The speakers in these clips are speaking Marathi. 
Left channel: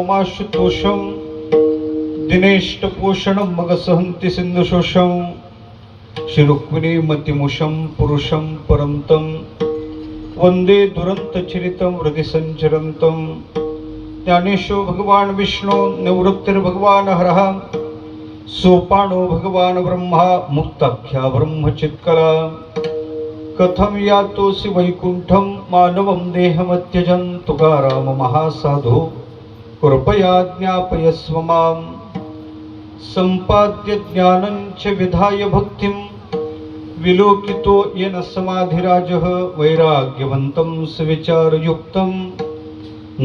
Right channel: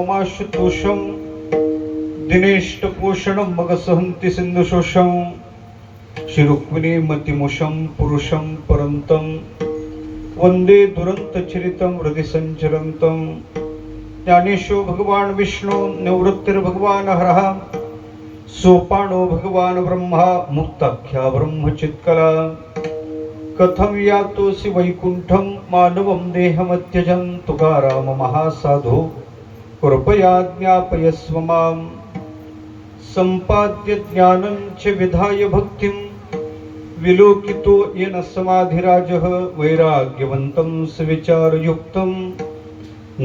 सोमाशुतोषं दिनेष्टपोषणं मगसहन्ति सिन्धुशोषं श्री मतिमुषं पुरुषं परन्तं वन्दे दुरन्तचरितं हृदि सञ्चरन्तं ज्ञानेशो भगवान् विष्णु निवृत्तिर्भगवान् हरः सोपानो भगवान् ब्रह्मा मुक्ताख्या ब्रह्मचित्कला कथं यातोऽसि वैकुण्ठं मानवं देहमत्यजन् तुकाराम महासाधो कृपया ज्ञापयस्व मां सम्पाद्य ज्ञानं च विधाय भक्तिं विलोकितो येन समाधिराजः वैराग्यवन्तं सविचारयुक्तं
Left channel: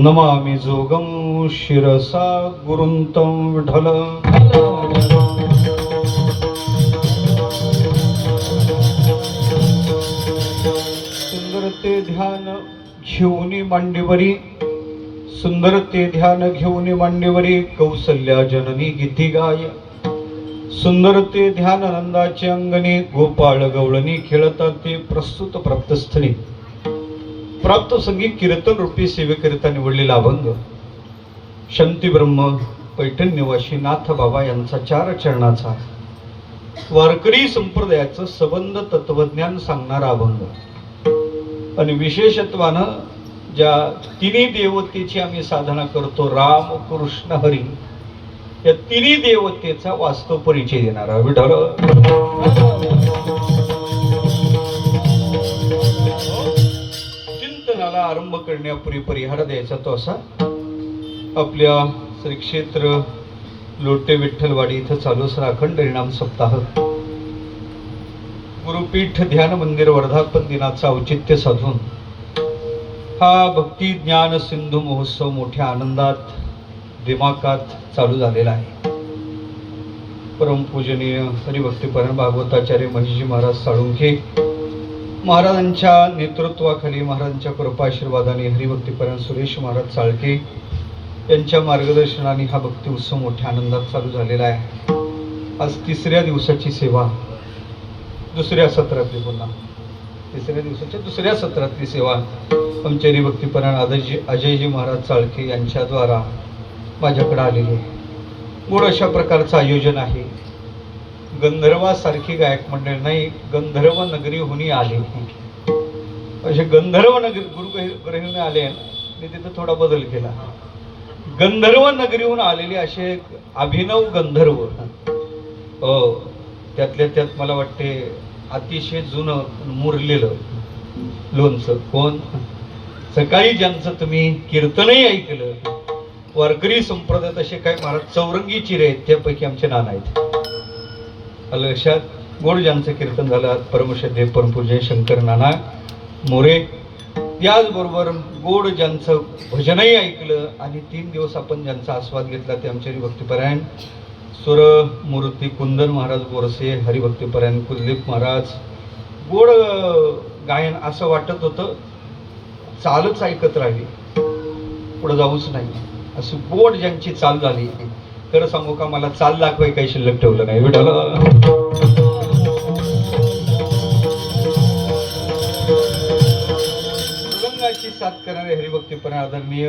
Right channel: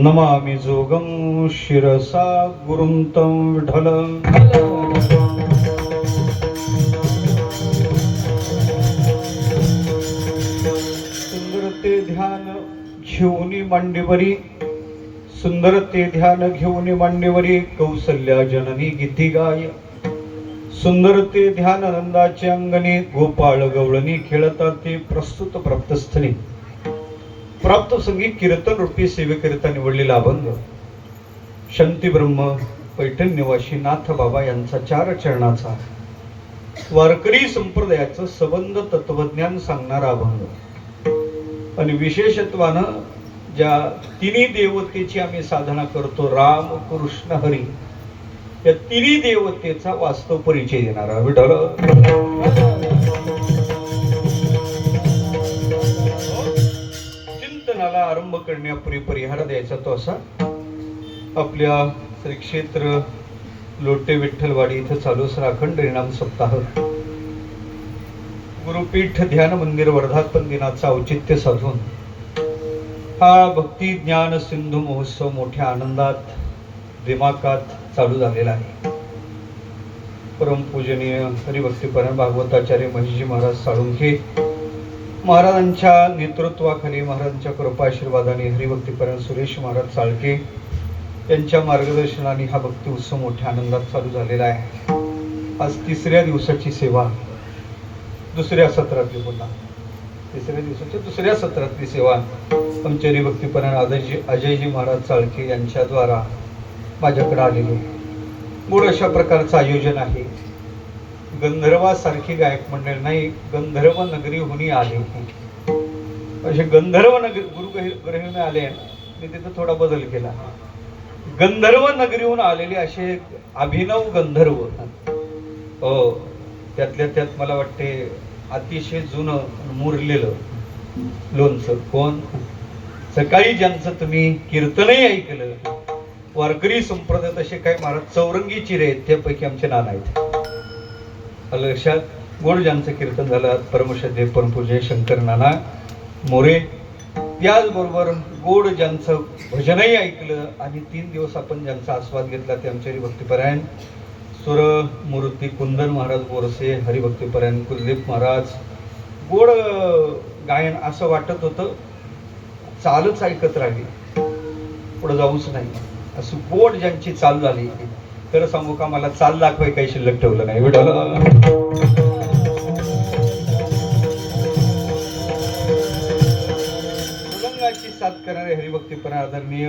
नमामि जोगं शिरसा गुरुं तं विठ्ठल। सुंदर ते ध्यान घेऊनी मांडीवरी सुंदर ते ध्यान घेऊनी मांडीवरी कौसल्या जननी गीती गाय सुंदर ते ध्यान नंदाचे अंगणी गोपाळ गवळणी खेळतात ते प्रस्तुत प्राप्तस्थळी प्राप्त संगीत कीर्तन रूपी सेवेकरिता निवडलेला अभंग शांती ब्रह्म पैठण निवासी नाथ बाबा यांचा 4 चरणाचा वारकरी संप्रदायाचं सबंध तत्वज्ञान सांगणारा अभंग आणि विशेषत्वानं ज्या तिन्ही देवतेची आम्ही साधना करतो राम कृष्ण हरी या तिन्ही देवतेचा वास्तव परिचय देणारा विठ्ठल। चिंतनाला आरंभ करण्यापूर्वी परिहार द्यायचा तो असा आपल्या श्री क्षेत्र लोटे विठ्ठलवाडी इथं चालू असणारा अखंड हरिनाम सप्ताह गुरुपीठ ध्यान मंदिर वर्धापन दिनाचा औचित्य साधून हा भक्ती ज्ञान सिंधू महोत्सव मोठ्या आनंदात दिमाकात चालू झालेला आहे। परमपूजनीय हरिभक्तीपरायण भागवताचार्य महेशजी महाराज साळुंखे महाराजांच्या नेतृत्वाखाली महाराजांच्या कृपाशीर्वादाने हरिभक्तीपरायण सुरेश महाराज चाळके यांच्या मार्गदर्शनाने हा भक्ती उत्सव मोठ्या आनंदात चालू झालेला आहे। आज 3ऱ्या दिवसाची सेवा दुसऱ्या सत्रातली पुन्हा 3ऱ्या दिवसाच्या दुसऱ्या सत्रातली सेवा आमचे हरिभक्तीपरायण अजयजी महाराज चाळके यांच्याद्वारा माझ्याकडे आलेली आहे। गोड अशा प्रकारचं आयोजन आहे। गंधर्वासारखी गायक मंडळ नाही गंधर्व नगरी हुनी आले असे गंधर्व नगरी गुरुग्रहून आले मी तिथं थोडा बदल केला गंधर्व नगरीहून आलेले असे अभिनव गंधर्व हो त्यातल्या त्यात मला वाटते अतिशय जुनं मुरलेलं लोणचं कोण सकाळी ज्यांचं तुम्ही कीर्तनही ऐकलं वारकरी संप्रदायात असे काही महाराज चौरंगी चिरे आहेत त्यापैकी आमचे नाना आहेत लक्षात गोड ज्यांचं कीर्तन झालं परमश्रद्धेय परमपूज्य शंकर नाना मोरे त्याचबरोबर गोड ज्यांचं भजनही ऐकलं आणि 3 दिवस आपण ज्यांचा आस्वाद घेतला ते आमचे हरिभक्तीपरायण सुर मूर्ती कुंदन महाराज बोरसे हरिभक्तीपरायण कुलदीप महाराज गोड गायन असं वाटत होतं चालच ऐकत राहावी पुढे जाऊच नाही असं गोड ज्यांची चाल झाली खरं सांगू का मला चाल दाखवाय काही शिल्लक ठेवलं नाही मृदंगाची साथ करणारे हरिभक्तीपरायण आदरणीय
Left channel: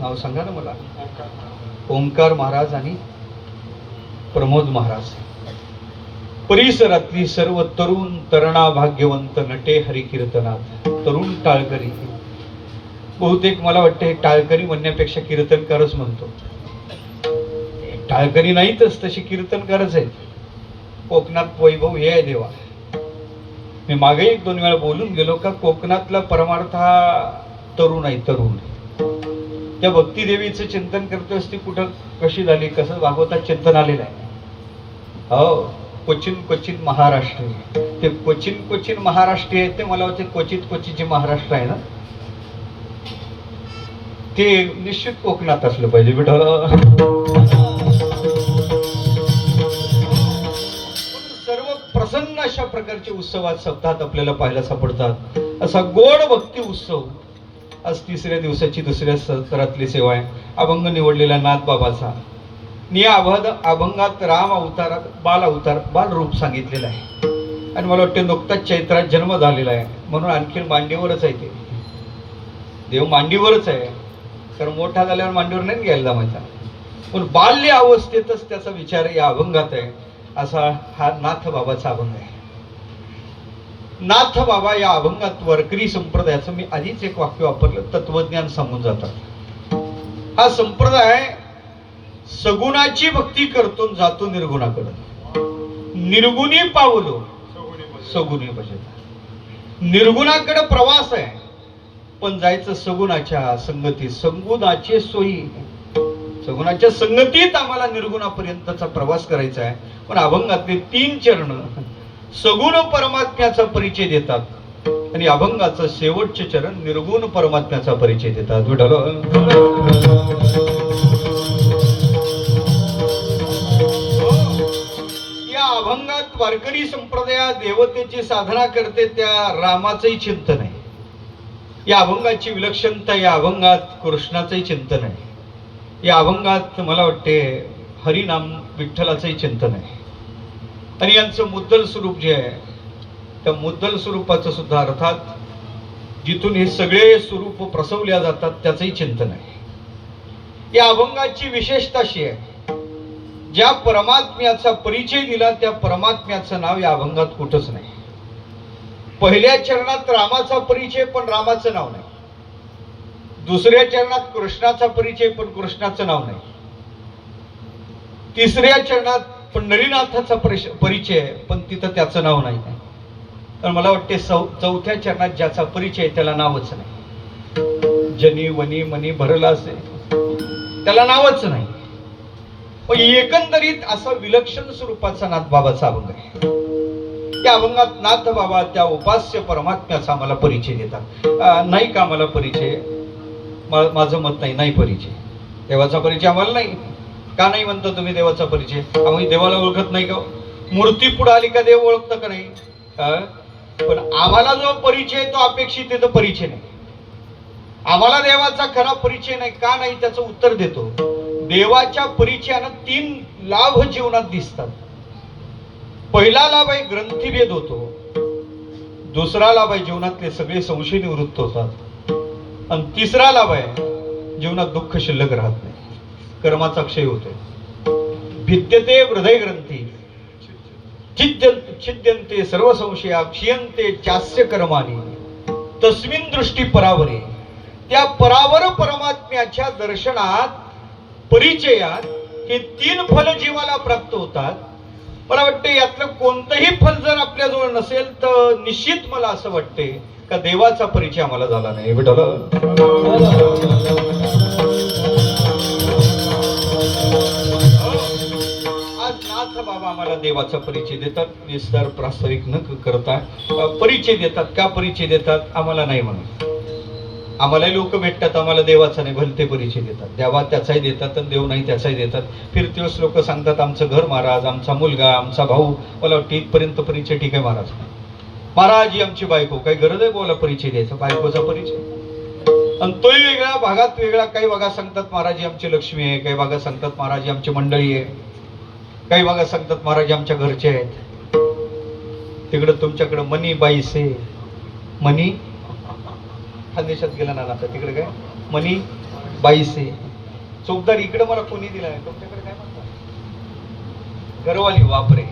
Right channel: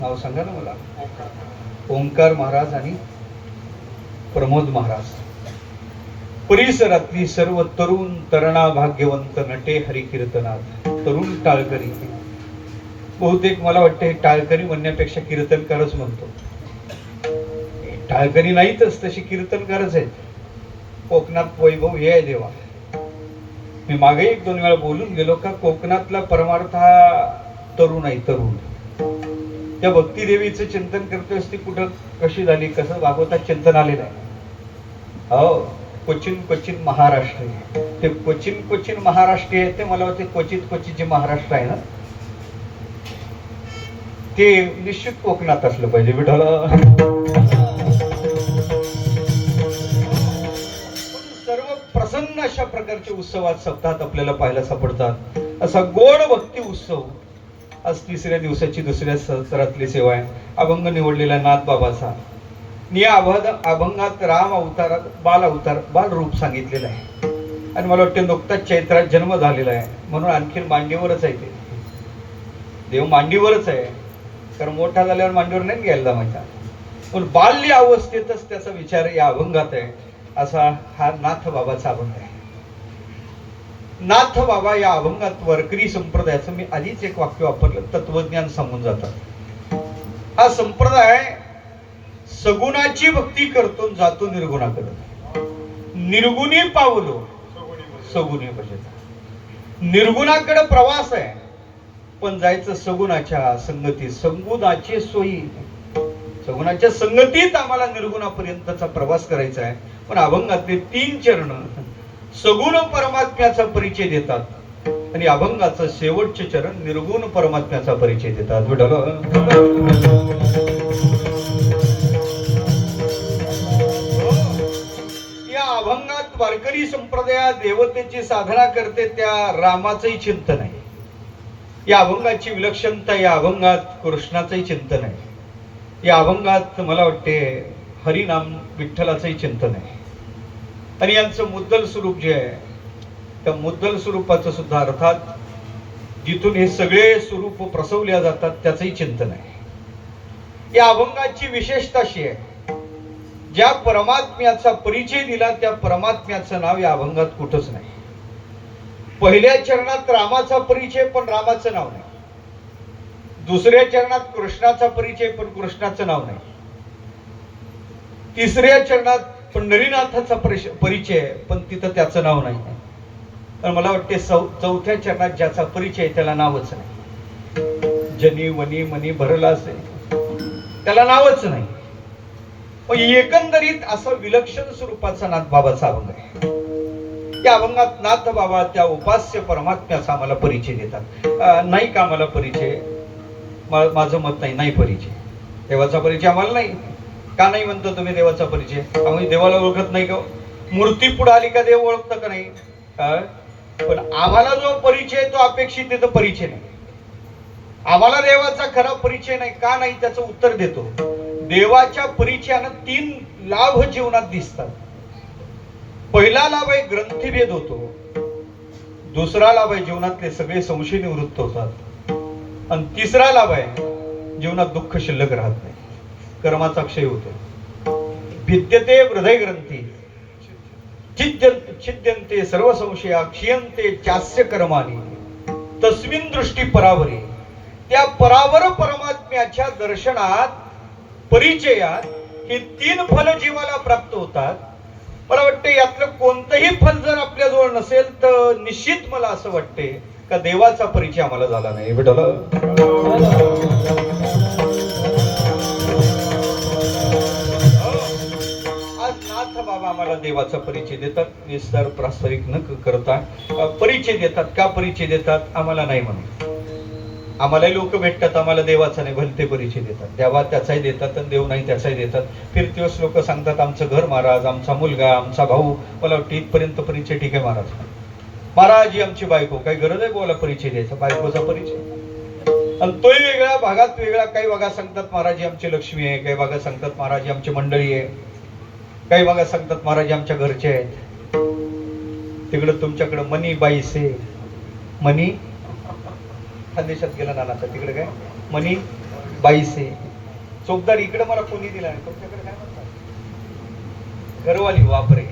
नाव सांगा ना मला ओंकार महाराज आणि प्रमोद महाराज परिसरातली सर्व तरुण तरणा भाग्यवंत नटे हरिकीर्तनात तरुण टाळकरी बहुतेक मला वाटते टाळकरी म्हणण्यापेक्षा कीर्तनकारच म्हणतो टाळकरी नाहीतच तशी कीर्तनकारच आहेत कोकणात वैभव हे आहे देवा मी मागे 1-2 वेळा बोलून गेलो का कोकणातला परमार्थ हा तरुण आहे तरुण त्या भक्ती देवीचं चिंतन करते असते कुठं कशी झाली कसं भागवतात चिंतन आलेलं आहे हो क्वचित महाराष्ट्र ते क्वचित महाराष्ट्र आहे ते मला वाटते क्वचित जे महाराष्ट्र आहे ना ते निश्चित कोकणात असलं पाहिजे विठ्ठल। सर्व प्रसन्न अशा प्रकारचे उत्सवात सप्ताहात आपल्याला पाहायला सापडतात असा गोड भक्ती उत्सव आज 3ऱ्या दिवसाची दुसऱ्या सत्रातली सेवा आहे। अभंग निवडलेला नाथ बाबाचा या अभंगात राम अवतारात बाल रूप सांगितलेलं आहे आणि मला वाटतं नुकताच चैत्रात जन्म झालेला आहे म्हणून आणखी मांडीवरच आहे ते देव मांडीवरच आहे, कारण मोठा झाल्यावर मांडीवर नाही घ्यायला जमायचा, पण बाल्य अवस्थेतच त्याचा विचार या अभंगात आहे. असा हा नाथ बाबाचा अभंग आहे. नाथ बाबा या अभंगात वारकरी संप्रदायाचं मी आधीच एक वाक्य वापरलं, तत्वज्ञान सांगून जातात. हा संप्रदाय सगुणाची भक्ती करतो जातो निर्गुणाकडे, निर्गुणी पावलो सगुणी भजता. निर्गुणाकडे प्रवास आहे, पण जायचं सगुणाच्या संगतीत. सगुणाची सोयी, सगुणाच्या संगतीत आम्हाला निर्गुणापर्यंतचा प्रवास करायचा आहे. पण अभंगातले 3 चरण सगुण परमात्म्याचा परिचय देतात आणि अभंगाचं शेवटचे चरण निर्गुण परमात्म्याचा परिचय देतात. या अभंगात वारकरी संप्रदायात देवतेची साधना करते त्या रामाचंही चिंतन आहे. या अभंगाची विलक्षणता, या अभंगात कृष्णाचंही चिंतन आहे. या अभंगात मला वाटते हरिनाम विठ्ठलाचंही चिंतन आहे. आणि यांचं मुद्दल स्वरूप जे आहे, त्या मुद्दल स्वरूपाचं सुद्धा, अर्थात जिथून हे सगळे स्वरूप प्रसवल्या जातात त्याचंही चिंतन आहे. या अभंगाची विशेषता अशी आहे, ज्या परमात्म्याचा परिचय दिला त्या परमात्म्याचं नाव या अभंगात कुठंच नाही. पहिल्या चरणात रामाचा परिचय पण रामाचं नाव नाही. दुसऱ्या चरणात कृष्णाचा परिचय पण कृष्णाचं नाव नाही. तिसऱ्या चरणात पंढरीनाथाचा परिचय पण तिथं त्याचं नाव नाही. तर मला वाटते चौथ्या चरणात ज्याचा परिचय त्याला नावच नाही. जनी वनी मनी भरला असे त्याला नावच नाही. पण एकंदरीत असं विलक्षण स्वरूपाचा नाथ बाबाचा अभंग आहे. या अभंगात नाथ बाबा त्या उपास्य परमात्म्याचा आम्हाला परिचय देतात. नाही का आम्हाला परिचय? माझं मत नाही, नाही परिचय. देवाचा परिचय आम्हाला नाही. का नाही म्हणतो तुम्ही देवाचा परिचय? आम्ही देवाला ओळखत नाही का? मूर्ती पुढे आली का देव ओळखतं का नाही? पण आम्हाला जो परिचय तो अपेक्षित आहे, तो परिचय नाही. आम्हाला देवाचा खरा परिचय नाही. का नाही? त्याचं उत्तर देतो. देवाच्या परिचयानं 3 लाभ जीवनात दिसतात. पहिला लाभ आहे ग्रंथीभेद होतो. दुसरा लाभ आहे जीवनातले सगळे संशय निवृत्त होतात. आणि तिसरा लाभ आहे जीवनात दुःख शिल्लक राहत नाही, कर्माचा क्षय होतो. भिद्यते हृदय ग्रंथी छिद्यन्ते सर्व संशया क्षीयन्ते चास्य कर्माणी तस्मिन् दृष्टी परावरे. त्या परावर परमात्म्याच्या दर्शनात, परिचयात हे 3 फल जीवाला प्राप्त होतात. मला वाटते यातलं कोणतंही फल जर आपल्याजवळ नसेल तर निश्चित मला असं वाटते का देवाचा परिचय आम्हाला झाला नाही. आज नाथ बाबा आम्हाला देवाचा परिचय देतात. विस्तार प्रास्ताविक न करता परिचय देतात. का परिचय देतात? आम्हाला नाही म्हणून. आम्हाला लोक भेटतात, आम्हाला देवाचा नाही, भलते परिचय देतात. देवा त्याचाही देतात आणि देव नाही त्याचाही देतात. फिरतीवस लोक सांगतात आमचं घर महाराज, आमचा मुलगा, आमचा भाऊ. मला वाटतं इथपर्यंत परिचय ठीक आहे महाराज. महाराज ही आमची बायको. काही गरज आहे बोला परिचय द्यायचा? बायकोचा परिचय आणि तोही वेगळा, भागात वेगळा. काही भागात सांगतात महाराज ही आमची लक्ष्मी आहे, काही भागात सांगतात महाराज ही आमची मंडळी आहे, काही भागात सांगतात महाराज आमच्या घरचे आहेत. तिकडं तुमच्याकडं मनी बाईसे, मनी खानदेशात गेला ना आता, तिकडे काय मनी बाईसे चोपदार. इकडे मला कोणी दिला आहे? तुमच्याकडे काय म्हणतात? घरवाली. वापरे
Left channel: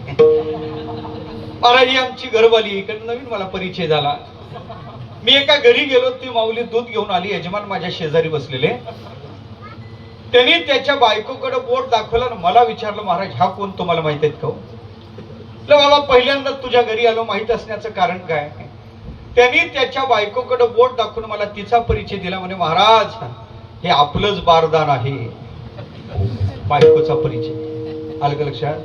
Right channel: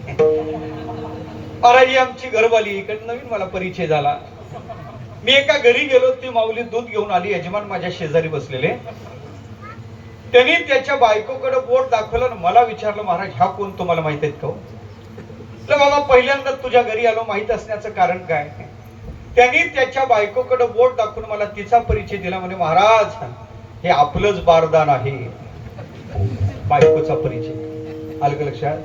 महाराज ही आमची घरवाली. इकडे नवीन मला परिचय झाला. मी एका घरी गेलो, ती माऊली दूध घेऊन आली. यजमान माझ्या शेजारी बसलेले. त्यांनी त्याच्या बायकोकडे बोट दाखवलं आणि मला विचारलं महाराज हा कोण, तुम्हाला माहित आहेत का? बाबा पहिल्यांदा तुझ्या घरी आलो, माहित असण्याचं कारण काय? त्यांनी त्याच्या बायकोकडे बोट दाखवून मला तिचा परिचय दिला. म्हणे महाराज हे आपलंच बारदान आहे. बायकोचा परिचय आलं का लक्षात?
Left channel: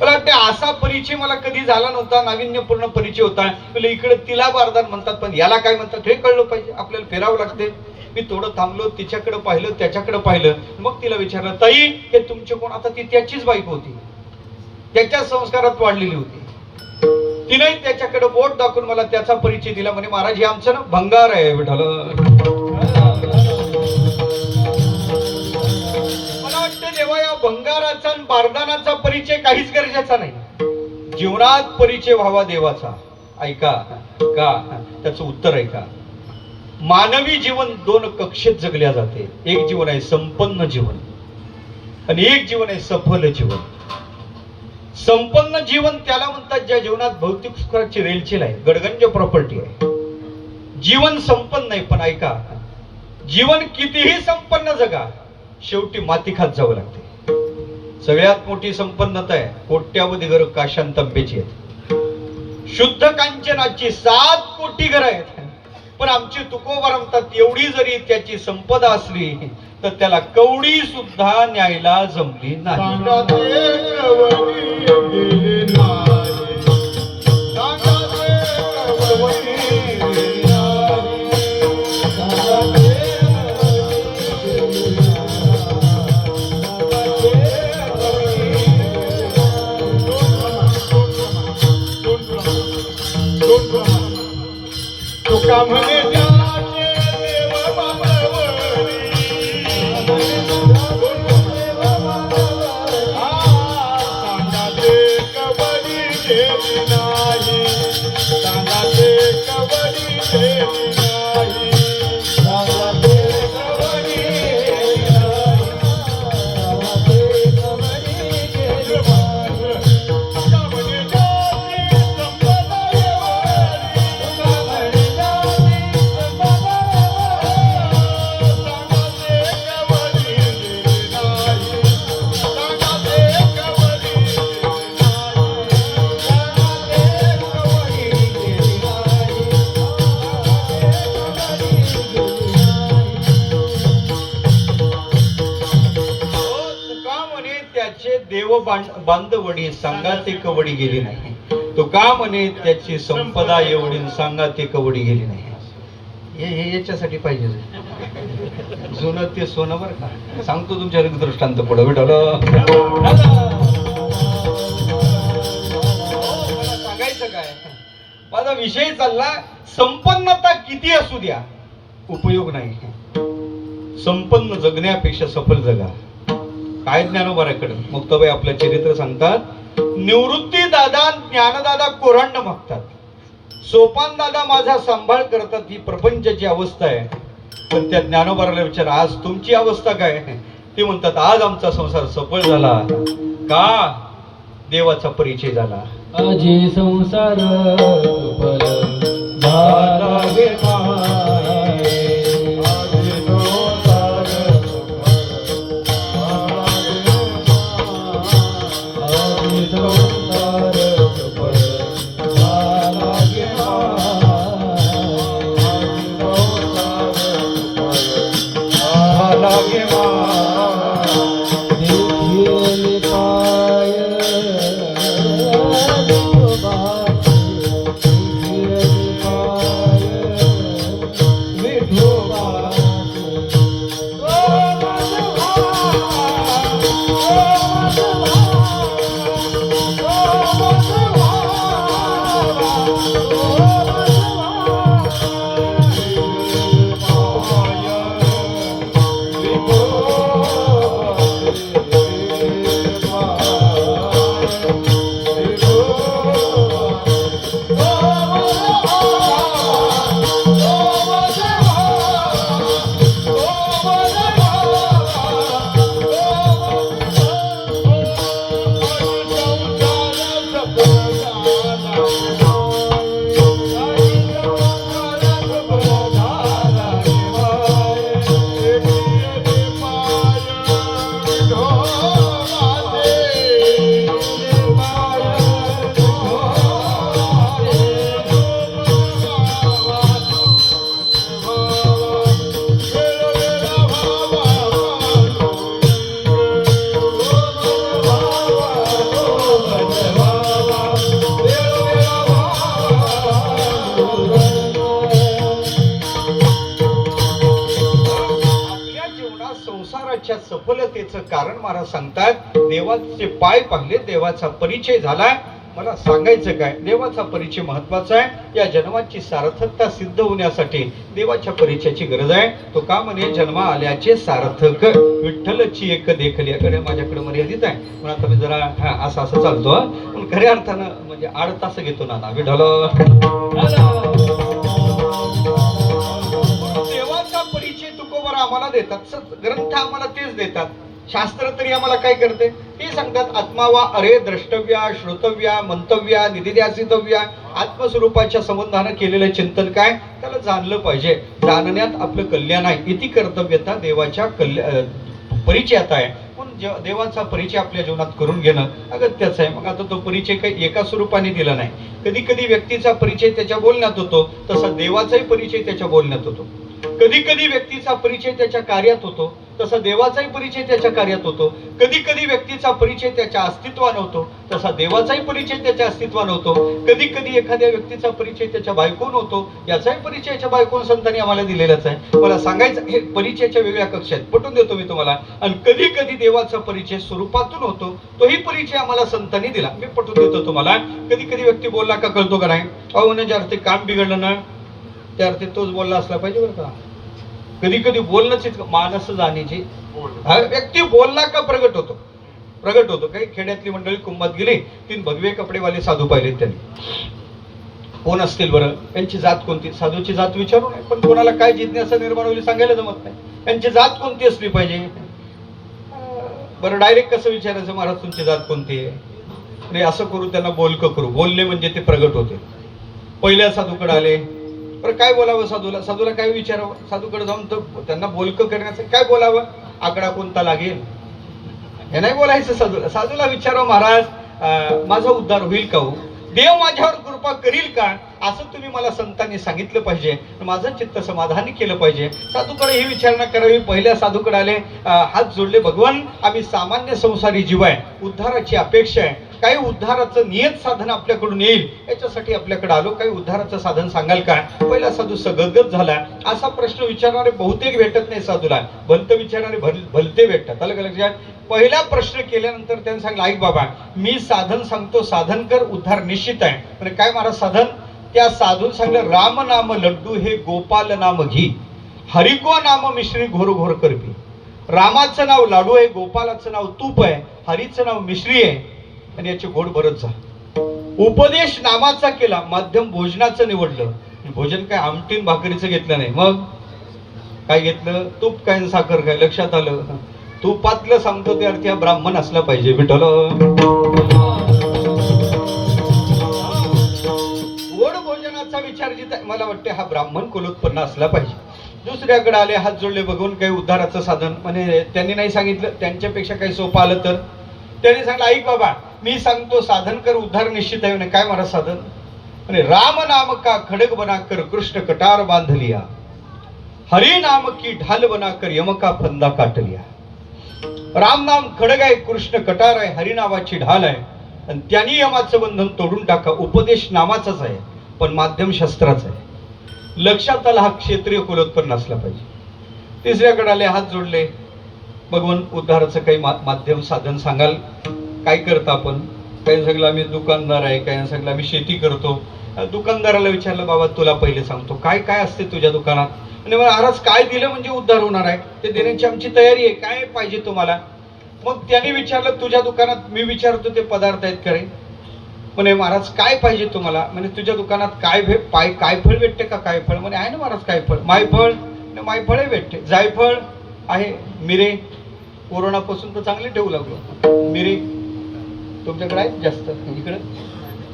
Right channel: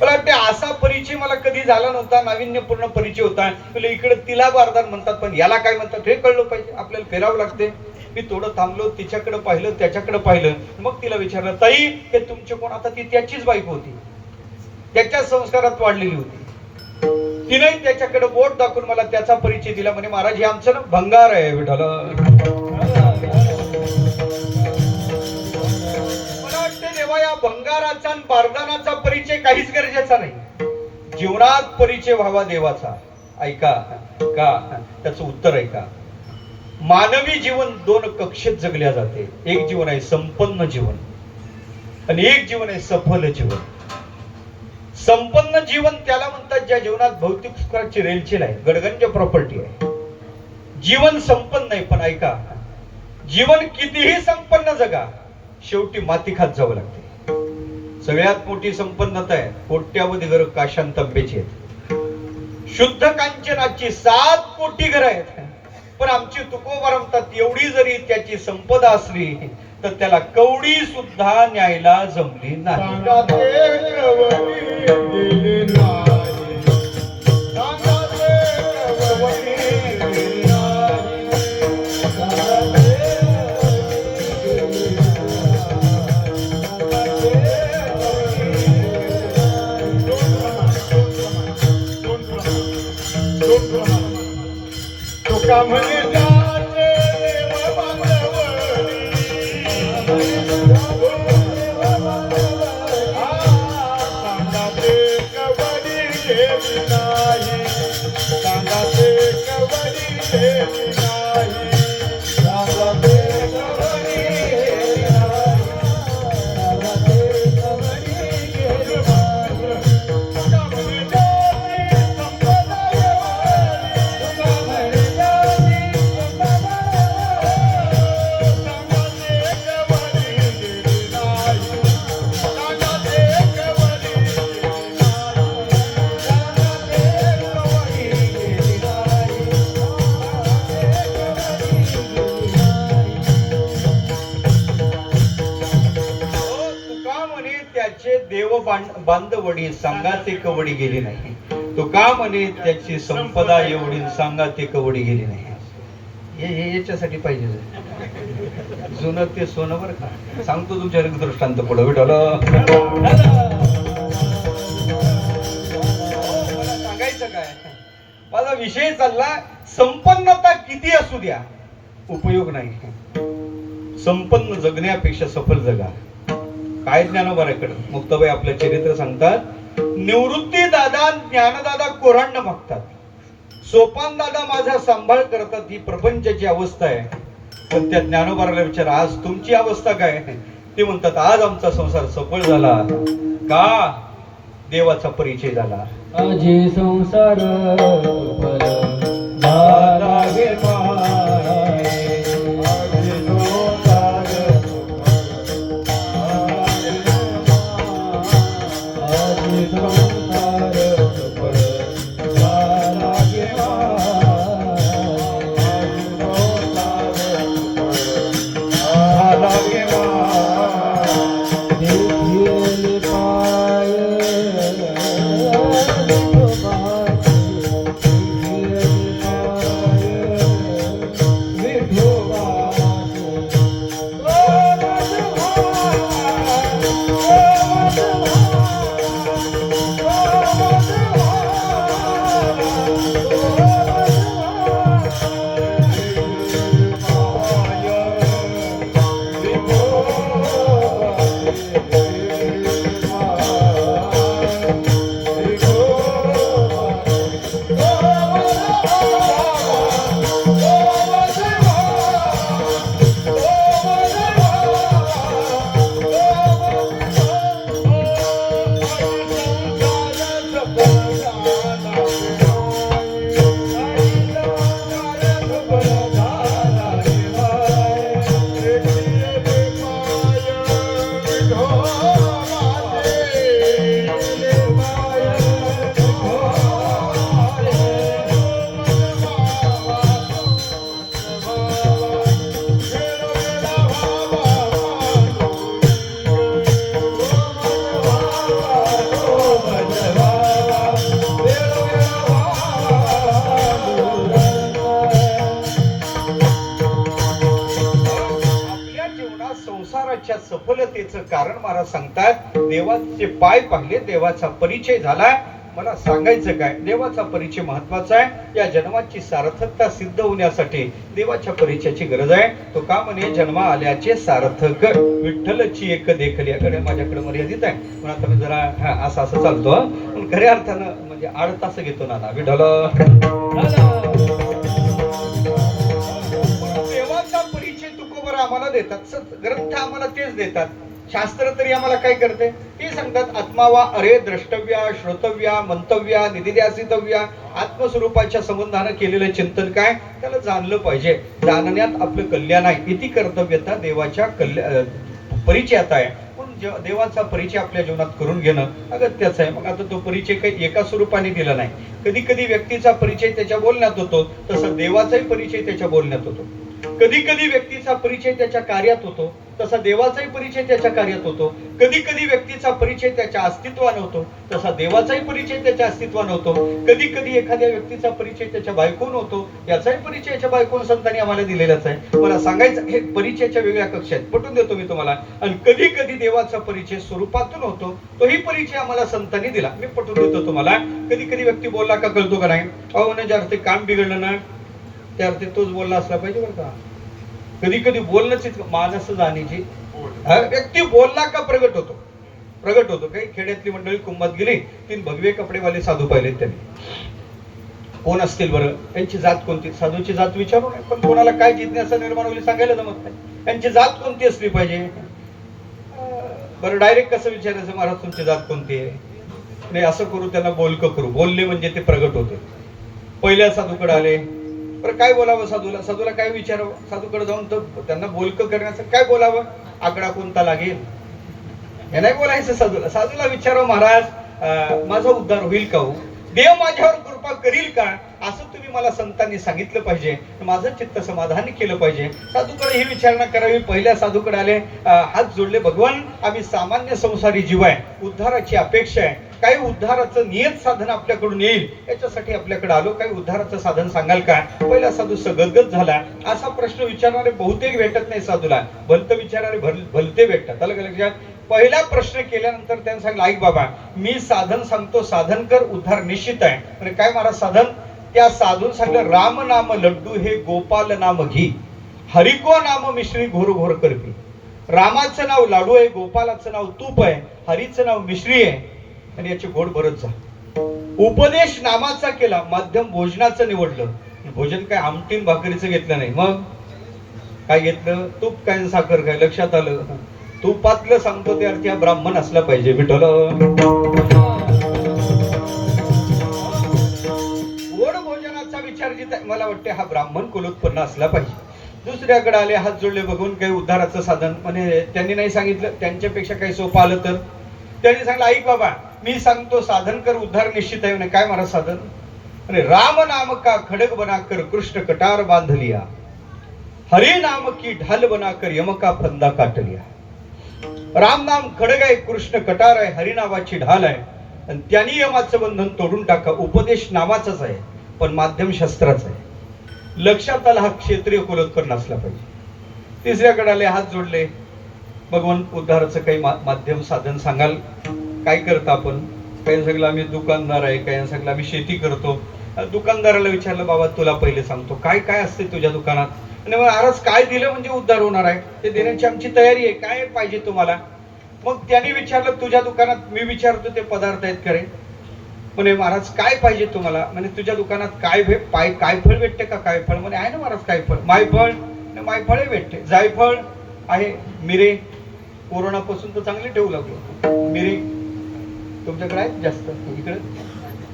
मला वाटते असा परिचय मला कधी झाला नव्हता. नाविन्यपूर्ण परिचय होता. इकडे तिला बारदान म्हणतात, पण याला काय म्हणतात हे कळलं पाहिजे. आपल्याला फिरावं लागते. मी थोडं थांबलो, तिच्याकडे पाहिलं, त्याच्याकडे पाहिलं. मग तिला विचारलं ताई हे तुमचे कोण? आता ती त्याचीच बायको होती, त्याच्या संस्कारात वाढलेली होती. तिने त्याच्याकडे बोट दाखवून मला त्याचा परिचय दिला. म्हणे महाराज हे आमचं ना भंगार आहे. विठ्ठल मला वाटतं देवा या भंगाराचा आणि बारदानाचा परिचय काहीच गरजेचा नाही. जीवनात परिचय व्हावा देवाचा. ऐका का? त्याचं उत्तर ऐका. मानवी जीवन दोन कक्षेत जगल्या जाते. एक जीवन आहे संपन्न जीवन आणि एक जीवन आहे सफल जीवन. संपन्न जीवन त्याला म्हणतात ज्या जीवनात भौतिक सुखाची रेलचेल आहे, गडगंज प्रॉपर्टी आहे. जीवन संपन्न नाही, पण ऐका, जीवन कितीही संपन्न जगा, शेवटी माती खात जावं लागते. सगळ्यात मोठी संपन्नता आहे कोट्यावधी घर काशांत तांब्याची आहेत, शुद्ध कांचनाची 7 कोटी घर आहेत. पण आमची तुकोबा म्हणतात एवढी जरी त्याची संपदा असली तर त्याला कवडी सुद्धा न्यायला जमली नाही. बांधवडी सांगा ते कवडी गेली नाही. तो का म्हणे त्याची संपदा एवढी सांगा ते कवडी गेली नाही. हे याच्यासाठी पाहिजे जुनं ते सोनं बरं का. सांगतो तुमच्या दृष्टांत पुढे भेटलं सांगायचं काय. माझा विषय चालला संपन्नता किती असू द्या उपयोग नाही. संपन्न जगण्यापेक्षा सफल जगा. काय ज्ञानोबाराकडे मुक्ताबाई आपलं चरित्र सांगतात. निवृत्ती दादा ज्ञानदादा कोरांड मागतात, सोपान दादा माझा सांभाळ करतात. ही प्रपंचाची अवस्था आहे. पण त्या ज्ञानोबाराला विचार आज तुमची अवस्था काय. ते म्हणतात आज आमचा संसार सफळ झाला का देवाचा परिचय झाला. आजी संसार सफलतेचं कारण महाराज सांगतात. देवाचे पाय पाहिले, देवाचा परिचय झाला. मला सांगायचं काय, देवाचा परिचय महत्वाचा आहे. या जन्माची सार्थकता सिद्ध होण्यासाठी देवाच्या परिचयाची गरज आहे. तो का म्हणे जन्मा आल्याचे सार्थक विठ्ठलची एक देखल्याकडे माझ्याकडे मर्यादित आहे. पण आता मी जरा असं असं चालतो, पण खऱ्या अर्थानं म्हणजे 8 तास घेतो ना विठ्ठल. देतात, ग्रंथ आम्हाला तेच देतात. शास्त्र तरी आम्हाला काय करते ते सांगतात. आत्मा वा अरे द्रष्टव्या श्रोतव्या मंतव्या निदिध्यासितव्या. आत्मस्वरूपाच्या संबंधानं केलेलं चिंतन काय, त्याला जाणलं पाहिजे. जाणण्यात आपलं कल्याण आहे. इति कर्तव्यता देवाच्या परिचयात आहे. देवाचा परिचय आपल्या जीवनात करून घेणं अगत्याचं आहे. मग आता तो परिचय काही एका स्वरूपाने दिला नाही. कधी कधी व्यक्तीचा परिचय त्याच्या बोलण्यात होतो, तसा देवाचाही परिचय त्याच्या बोलण्यात होतो. कधी कधी व्यक्तीचा परिचय त्याच्या कार्यात होतो, तसा देवाचाही परिचय त्याच्या कार्यात होतो. कधी कधी व्यक्तीचा परिचय त्याच्या अस्तित्वानं होतो, तसा देवाचाही परिचय त्याच्या अस्तित्वानं होतो. कधी कधी एखाद्या व्यक्तीचा परिचय त्याच्या बायकोन होतो, याचाही परिचय त्याच्या बायकोन संतांनी आम्हाला दिलेलाच आहे. मला सांगायचं हे परिचयाच्या वेगळ्या कक्षा आहेत, पटवून देतो मी तुम्हाला. आणि कधी कधी देवाचा परिचय स्वरूपातून होतो, तोही परिचय आम्हाला संतांनी दिला, मी पटवून देतो तुम्हाला. कधी कधी व्यक्ती बोलला का कळतो का नाही, अहो ना ज्या अर्थी काम बिघडलं ना त्या अर्थी तोच बोलला असला पाहिजे बरं का. कधी कधी बोलणंच मानस जाण्याची, व्यक्ती बोलला का प्रगट होतो. काही खेड्यातली मंडळी कुंभात गेली, 3 भगवे कपडेवाले साधू पाहिले त्यांनी. कोण असतील बरं, त्यांची जात कोणती, साधूची जात विचारू नये, पण कोणाला काय जिज्ञासा निर्माण होईल सांगायला जमत नाही. त्यांची जात कोणती असली पाहिजे. बरं डायरेक्ट कसं विचारायचं, महाराज तुमची जात कोणती आहे. नाही असं करू, त्यांना बोलकं करू. बोलले म्हणजे ते प्रगट होते. पहिल्या साधूकडे आले, बरं काय बोलावं साधूला काय विचारावं. साधूकडे जाऊन तर त्यांना बोलकं करण्याचं काय बोलावं, आकडा कोणता लागेल हे नाही बोलायचं. साधूला विचारावं, महाराज माझा उद्धार होईल का हो, देव माझ्यावर कृपा करील का, असं तुम्ही मला संतांनी सांगितलं पाहिजे, माझं चित्त समाधानी केलं पाहिजे. साधूकडे ही विचारणा करावी. पहिल्या साधूकडे आले, हात जोडले, भगवान आम्ही सामान्य संसारी जीव आहे, उद्धाराची अपेक्षा आहे, काही उद्धाराचं नियत साधन आपल्याकडून येईल याच्यासाठी आपल्याकडे आलो, काही उद्धाराचं साधन सांगाल का. पहिला साधू सगदगद झाला. असा प्रश्न विचारणारे बहुतेक भेटत नाही साधूला, भलत विचारणारे भलते भेटतात. अलग अलग. पहिला प्रश्न केल्यानंतर त्यांनी सांगितलं, ऐक बाबा मी साधन सांगतो, साधन कर, उद्धार निश्चित आहे. म्हणजे काय महाराज साधन. त्या साधून सांगलं, राम नाम लड्डू हे गोपाल नाम घी, हरिको नाम मिश्री घोर घोर करपी. रामाचं नाव लाडू आहे, गोपालाचं नाव तूप आहे, हरीचं नाव मिश्री आहे, आणि याचे गोड भरत जा. उपदेश नामाचा केला, माध्यम भोजनाचं निवडलं. भोजन काय आमटीन भाकरीचं घेतलं नाही, मग काय घेतलं, तूप काय साखर काय. लक्षात आलं, तुपातलं सांगतो त्या अर्थी हा ब्राह्मण असला पाहिजे. विठ्ठल गोड भोजनाचा विचार जिथे मला वाटते हा ब्राह्मण कुलोत्पन्न असला पाहिजे. दुसऱ्याकडे आले, हात जोडले, बघून काही उद्धाराचं साधन. म्हणजे त्यांनी नाही सांगितलं, त्यांच्यापेक्षा काही सोपं आलं तर त्यांनी सांगितलं, ऐक बाबा मी सांगतो साधन कर, उद्धार निश्चित आहे. काय महाराज साधन. म्हणजे राम नाम का खडक बना कर कृष्ण कटार बांध लिया, हरी नाम की ढाल बना कर यम का फंदा काट लिया. राम नाम खडग आहे, कृष्ण कटार आहे, हरी नावाची ढाल आहे, आणि त्यांनी यमाचं बंधन तोडून टाका. उपदेश नामाचाच आहे पण माध्यम शस्त्राचं आहे. लक्षात आला, हा क्षत्रिय कुलोत्पन्न असला पाहिजे. तिसऱ्याकडे आले, हात जोडले, भगवान उद्धाराचं काही माध्यम साधन सांगाल. काय करता आपण. काही सांगलं आम्ही दुकानदार आहे, काही सांगलं आम्ही शेती करतो. दुकानदाराला विचारलं, बाबा तुला पहिले सांगतो काय काय असते तुझ्या दुकानात. आणि महाराज काय दिलं म्हणजे उद्धार होणार आहे, ते देण्याची आमची तयारी आहे, काय पाहिजे तुम्हाला. मग त्यांनी विचारलं, तुझ्या दुकानात मी विचारतो ते पदार्थ आहेत करे. म्हणे महाराज काय पाहिजे तुम्हाला. म्हणजे तुझ्या दुकानात काय फळ भेटते का. काय फळ. म्हणे आहे ना महाराज काय फळ. मायफळ. मायफळे भेटते. जायफळ आहे. मिरे कोरोनापासून तर चांगले ठेवू लागलो. मिरे तुमच्याकडे आहेत जास्त.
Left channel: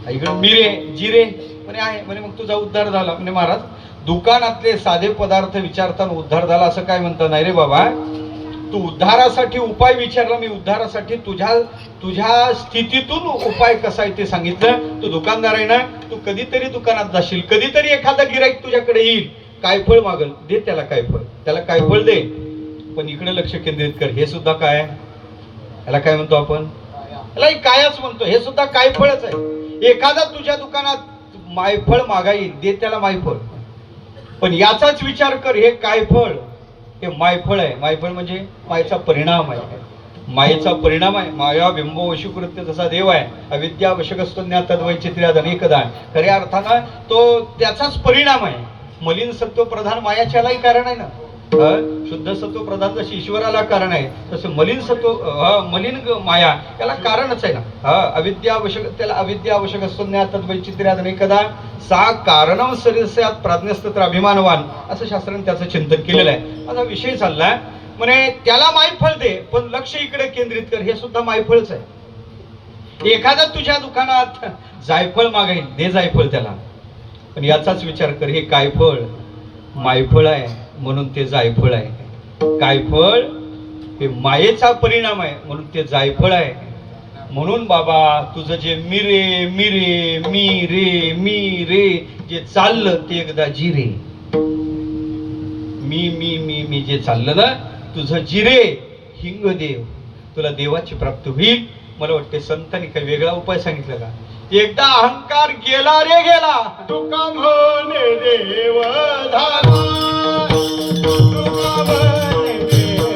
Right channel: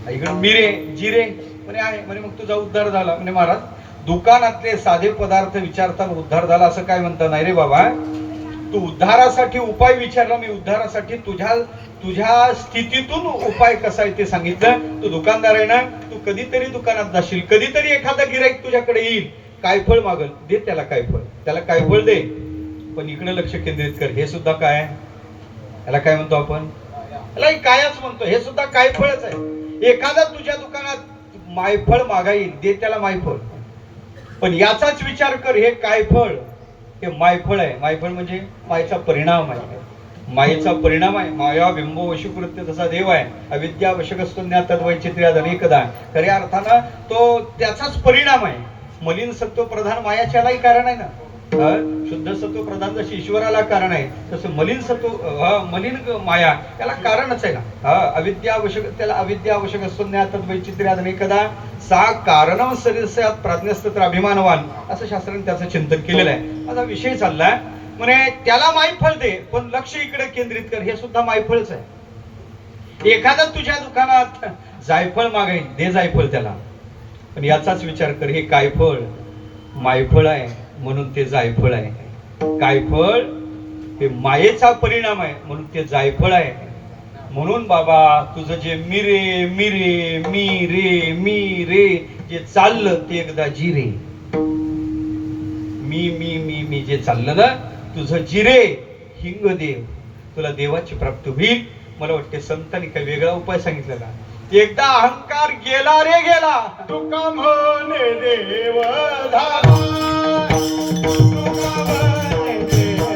इकडे मिरे जिरे म्हणे आहे. म्हणे मग तुझा उद्धार झाला. म्हणे महाराज दुकानातले साधे पदार्थ विचारताना उद्धार झाला असं काय म्हणता. नाही रे बाबा, तू उद्धारासाठी उपाय विचारला, मी उद्धारासाठी तुझ्या स्थितीतून उपाय कसा आहे ते सांगितलं. तू दुकानदार आहे ना, तू कधीतरी दुकानात जाशील, कधीतरी एखादा गिराईक तुझ्याकडे येईल, काय फळ मागल, दे त्याला काय फळ, त्याला काय फळ दे. पण इकडे लक्ष केंद्रित कर. हे सुद्धा काय, याला काय म्हणतो आपण, याला कायच म्हणतो. हे सुद्धा काय फळच आहे. एखादा तुझ्या दुकानात मायफळ मागाईल, दे त्याला मायफळ. पण याचाच विचार कर, हे काय फळ, हे मायफळ आहे. मायफळ म्हणजे मायेचा परिणाम आहे. मायेचा परिणाम आहे. माया बिंबो वशुकृत्य जसा देव आहे, अविद्या वशकस्तो ज्ञातद् वैचित्र्याद अनेकदा. खऱ्या अर्थानं तो त्याचाच परिणाम आहे. मलिन सत्व प्रधान मायाच्यालाही कारण आहे ना. शुद्ध सत्व प्रधान जशी ईश्वराला कारण आहे, तसं मलिन सत्व मलिन माया त्याला कारणच आहे ना. अविद्या आवश्यक, त्याला अविद्या आवश्यक असतो ज्ञातद् वैचित्र्याद अनेकदा सा कारणं सरिस्यात प्राज्ञस्तत्र अभिमानवान, असं शास्त्राने त्याचं चिंतन केलेलं आहे. माझा विषय चालला म्हणे त्याला मायफळ दे पण लक्ष इकडे केंद्रित कर, हे सुद्धा मायफळच आहे. एखादा तुझ्या दुकानात जायफळ मागेल, दे जायफळ त्याला, पण याचाच विचार कर, हे काय फळ? मायफळ आहे म्हणून ते जायफळ आहे. काय फळ? हे मायेचा परिणाम आहे म्हणून ते जायफळ आहे. म्हणून बाबा तुझं जे मिरे मिरे मी रे मी रे जे चाललं ते एकदा जिरे. मी जे चाललं ना तुझं जिरे, हिंग देव, तुला देवाची प्राप्ती होईल. मला वाटते संतांनी काही वेगळा उपाय सांगितला का? एकदा अहंकार गेला रे गेला, तुका म्हणे देव धारा, तुका म्हणे देव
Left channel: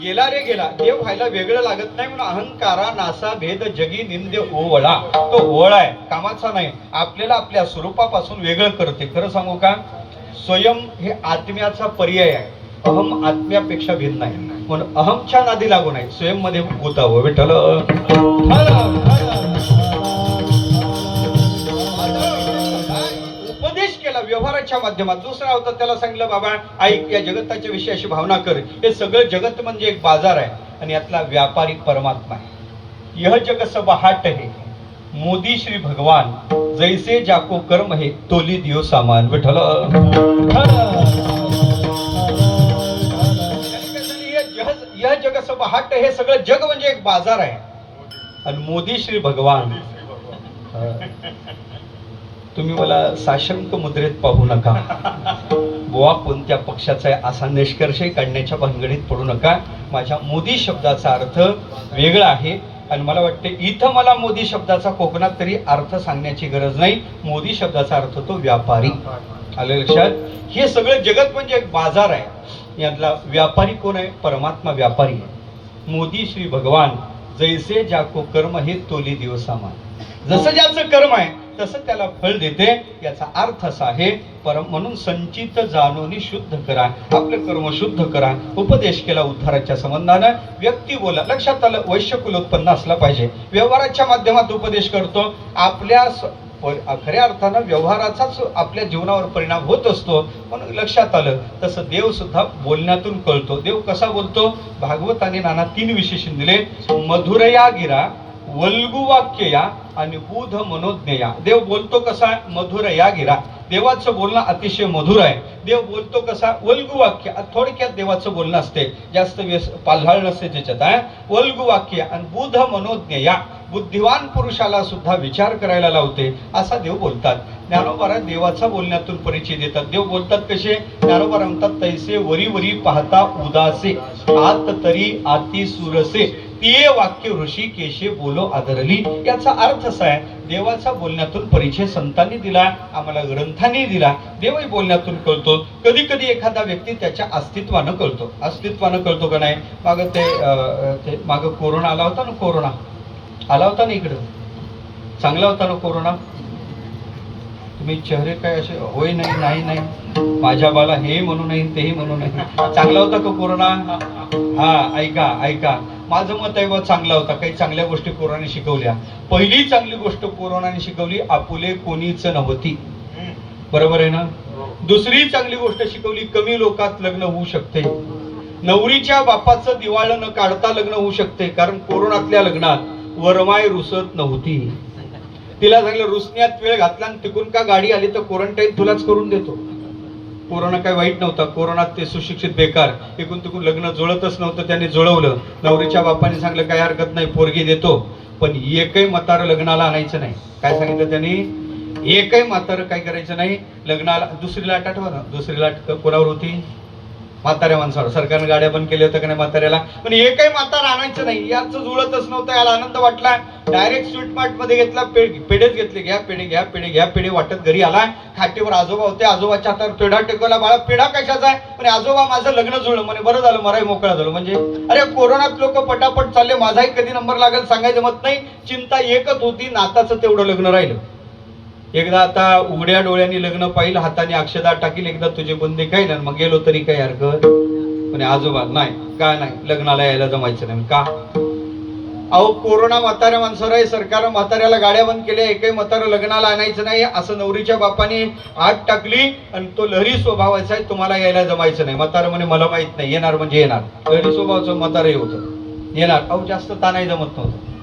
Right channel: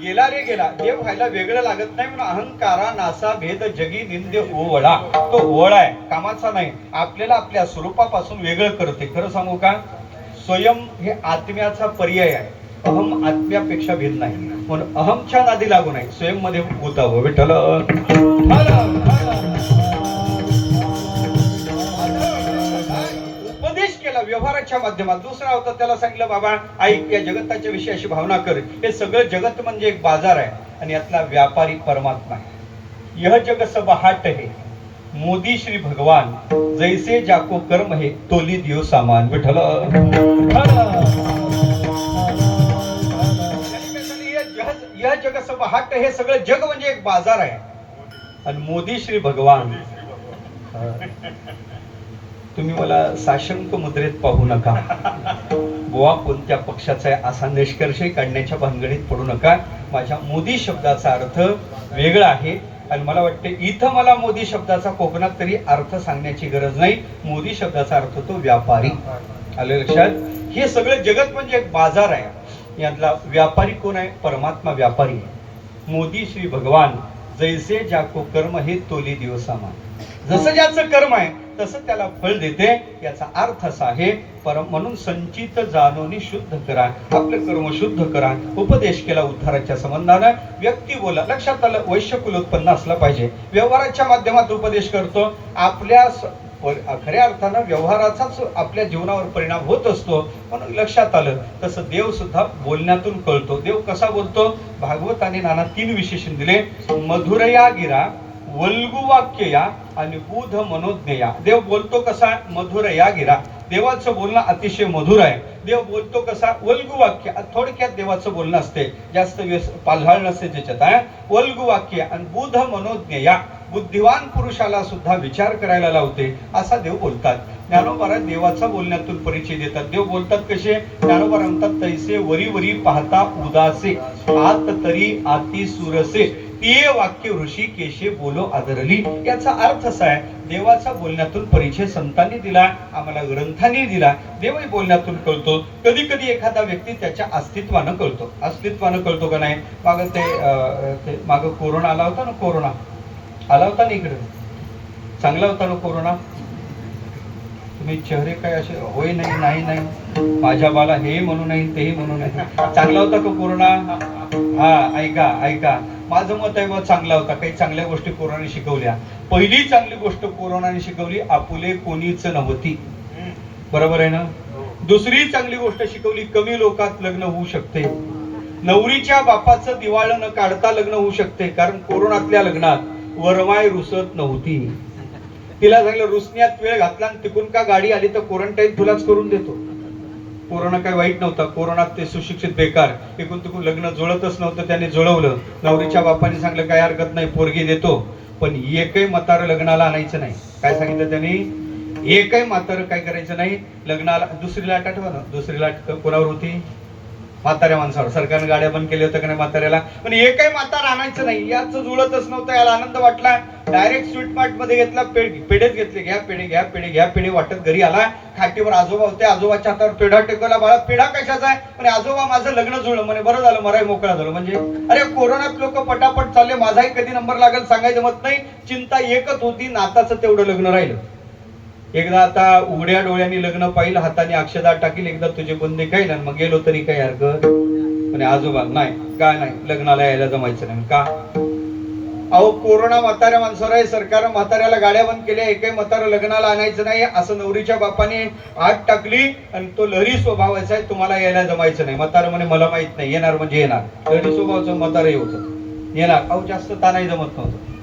गेला रे गेला. देव व्हायला वेगळं लागत नाही म्हणून अहंकारा नासा भेद जगी निंदे ओवळा, तो ओळ आहे, कामाचा नाही. आपल्याला आपल्या स्वरूपापासून वेगळं करते. खरं सांगू का, स्वयं हे आत्म्याचा पर्याय आहे. अहम आत्म्यापेक्षा भिन्न आहे म्हणून अहमच्या नादी लागू नाही, स्वयं मध्ये गुतावं. विठ्ठल उपदेश केला व्यवहाराच्या माध्यमात. दुसरा होता, त्याला सांगितलं बाबा ऐक, या जगताच्या विषयी अशी भावना कर, हे सगळं जगत म्हणजे एक बाजार आहे आणि यातला व्यापारी परमात्मा आहे. यह जग सब हाट है, मोदी श्री भगवान, जैसे जाको कर्म है तोली दियो सामान. विठ्ठल यह जग सब हाट, हे सगळं जग म्हणजे एक बाजार आहे आणि मोदी श्री भगवान. तुम्ही मला साशंक मुद्रेत पाहू नका, बुवा कोणत्या पक्षाचा आहे असा निष्कर्षही काढण्याच्या भानगडीत पडू नका. माझ्या मोदी शब्दाचा अर्थ वेगळा आहे आणि मला वाटते इथं मला मोदी शब्दाचा कोकणात तरी अर्थ सांगण्याची गरज नाही. मोदी शब्दाचा अर्थ तो व्यापारी. आले लक्षात? हे सगळं जगत म्हणजे एक बाजार आहे, यातला व्यापारी कोण आहे? परमात्मा व्यापारी आहे. मोदी श्री भगवान, जैसे जाको कर्म हे तोली दियो सामान. जसं ज्याचं कर्म आहे तसं त्याला फळ देते. याचा अर्थ असा आहे, म्हणून संचित जाणोनी शुद्ध करा, आपलं कर्म शुद्ध करा. उपदेश केला उद्धाराच्या संबंधानं. व्यक्ती बोला, लक्षात आलं, वैश्य कुलोत्पन्न असला पाहिजे. व्यवहाराच्या माध्यमात उपदेश करतो. आपल्या खऱ्या अर्थानं व्यवहाराचाच आपल्या जीवनावर परिणाम होत असतो. म्हणून लक्षात आलं, तसं देव सुद्धा बोलण्यातून कळतो. देव कसा बोलतो? भागवताने नाना 3 विशेषण दिले. मधुरया गिरा, वल्गु वाक्य या आणि बुध मनोज्ञया. देव बोलतो कसा? मधुर या गिरा. देवाचं बोलणं अतिशय मधुर आहे. देव बोलतो कसा? वल्गु वाक्य. थोडक्यात देवाचं बोलणं असते, जास्त पालहाळ नसते त्याच्यात. वल्गु वाक्य आणि बुध मनोज्ञया, बुद्धिवान पुरुषाला सुद्धा विचार करायला लावते, असा देव बोलतात. ज्ञानोबा देवाचा बोलण्यातून परिचय देतात. देव बोलतात कसे? ज्ञानोबा म्हणतात, तैसे वरी वरी पाहता उदासे, आत तरी आती सुरसे, ते वाक्य ऋषी केशे बोलो आदरली. याचा अर्थ असा आहे, देवाचा बोलण्यातून परिचय संतांनी दिला, आम्हाला ग्रंथांनी दिला. देवही बोलण्यातून कळतो. कधी कधी एखादा व्यक्ती त्याच्या अस्तित्वानं कळतो. अस्तित्वानं कळतो का नाही? मागं ते मागं कोरोना आला होता ना, कोरोना आला होता ना इकडं, चांगला होता ना कोरोना. तुम्ही चेहरे काय असे होय नाही नाही नाही, माझ्या बाला हे म्हणू नाही तेही म्हणू नाही. चांगला होता का कोरोना? हा, ऐका ऐका, माझं मत आहे, चांगला होता. काही चांगल्या गोष्टी कोरोनाने शिकवल्या. पहिली चांगली गोष्ट कोरोनाने शिकवली, आपुले कोणीच नव्हती. बरोबर आहे ना? दुसरी चांगली गोष्ट शिकवली, कमी लोकात लग्न होऊ शकते. नवरीच्या बापाचं दिवाळं न काढता लग्न होऊ शकते, कारण कोरोनातल्या लग्नात वरमाय रुसत नव्हती. तिला सांगितलं रुसण्यात वेळ घातला आणि तिकून का गाडी आली तर क्वारंटाईन तुलाच करून देतो. कोरोना काय वाईट नव्हता. कोरोनात ते सुशिक्षित बेकार, एकूण तिकून लग्न जुळतच नव्हतं, त्याने जुळवलं. नवरीच्या बापाने सांगितलं काय हरकत नाही, पोरगी देतो, पण एकही म्हातारं लग्नाला आणायचं नाही. काय सांगितलं त्यांनी? एकही म्हातारं काय करायचं नाही लग्नाला. दुसरी लाट आठवा ना, दुसरी लाट कोणावर होती? म्हाताऱ्या माणसावर सरकारने गाड्या बंद केल्या होत्या का नाही म्हाताऱ्याला, पण हे काही म्हातारा आणायचं नाही, याचं जुळतच नव्हतं. याला आनंद वाटला, डायरेक्ट स्वीट मार्ट मध्ये घेतला, पेढेच घेतले, घ्या पेढे घ्या पेढे घ्या पेढे वाटत घरी आला. खाटीवर आजोबा होते, आजोबाच्या हातावर पेढा टेकवला. बाळा पेढा कशाचा आहे म्हणे, आजोबा माझं लग्न जुळलं म्हणे. बरं झालं, मराही मोकळा झालो. म्हणजे अरे कोरोनात लोक पटापट चालले, माझाही कधी नंबर लागेल सांगायचं मत नाही. चिंता एकच होती, नाताचं तेवढं लग्न राहिलं. एकदा आता उघड्या डोळ्यांनी लग्न पाहिलं, हाताने अक्षदा टाकील, एकदा तुझे बंदे काही ना, मग गेलो तरी काही हरकत म्हणे. आजोबा नाही, काय नाही, लग्नाला यायला जमायचं नाही. का? अहो कोरोना म्हाताऱ्या माणसावर आहे, सरकारनं म्हाताऱ्याला गाड्या बंद केल्या, एकही म्हातारं लग्नाला आणायचं नाही असं नवरीच्या बापाने आत टाकली. आणि तो लहरी स्वभावाचा आहे, तुम्हाला यायला जमायचं नाही. म्हातारं म्हणे मला माहित नाही, येणार म्हणजे येणार. लहरी स्वभावाचं म्हातारही होतं, येणार. अहो जास्त तानाही जमत नव्हतं,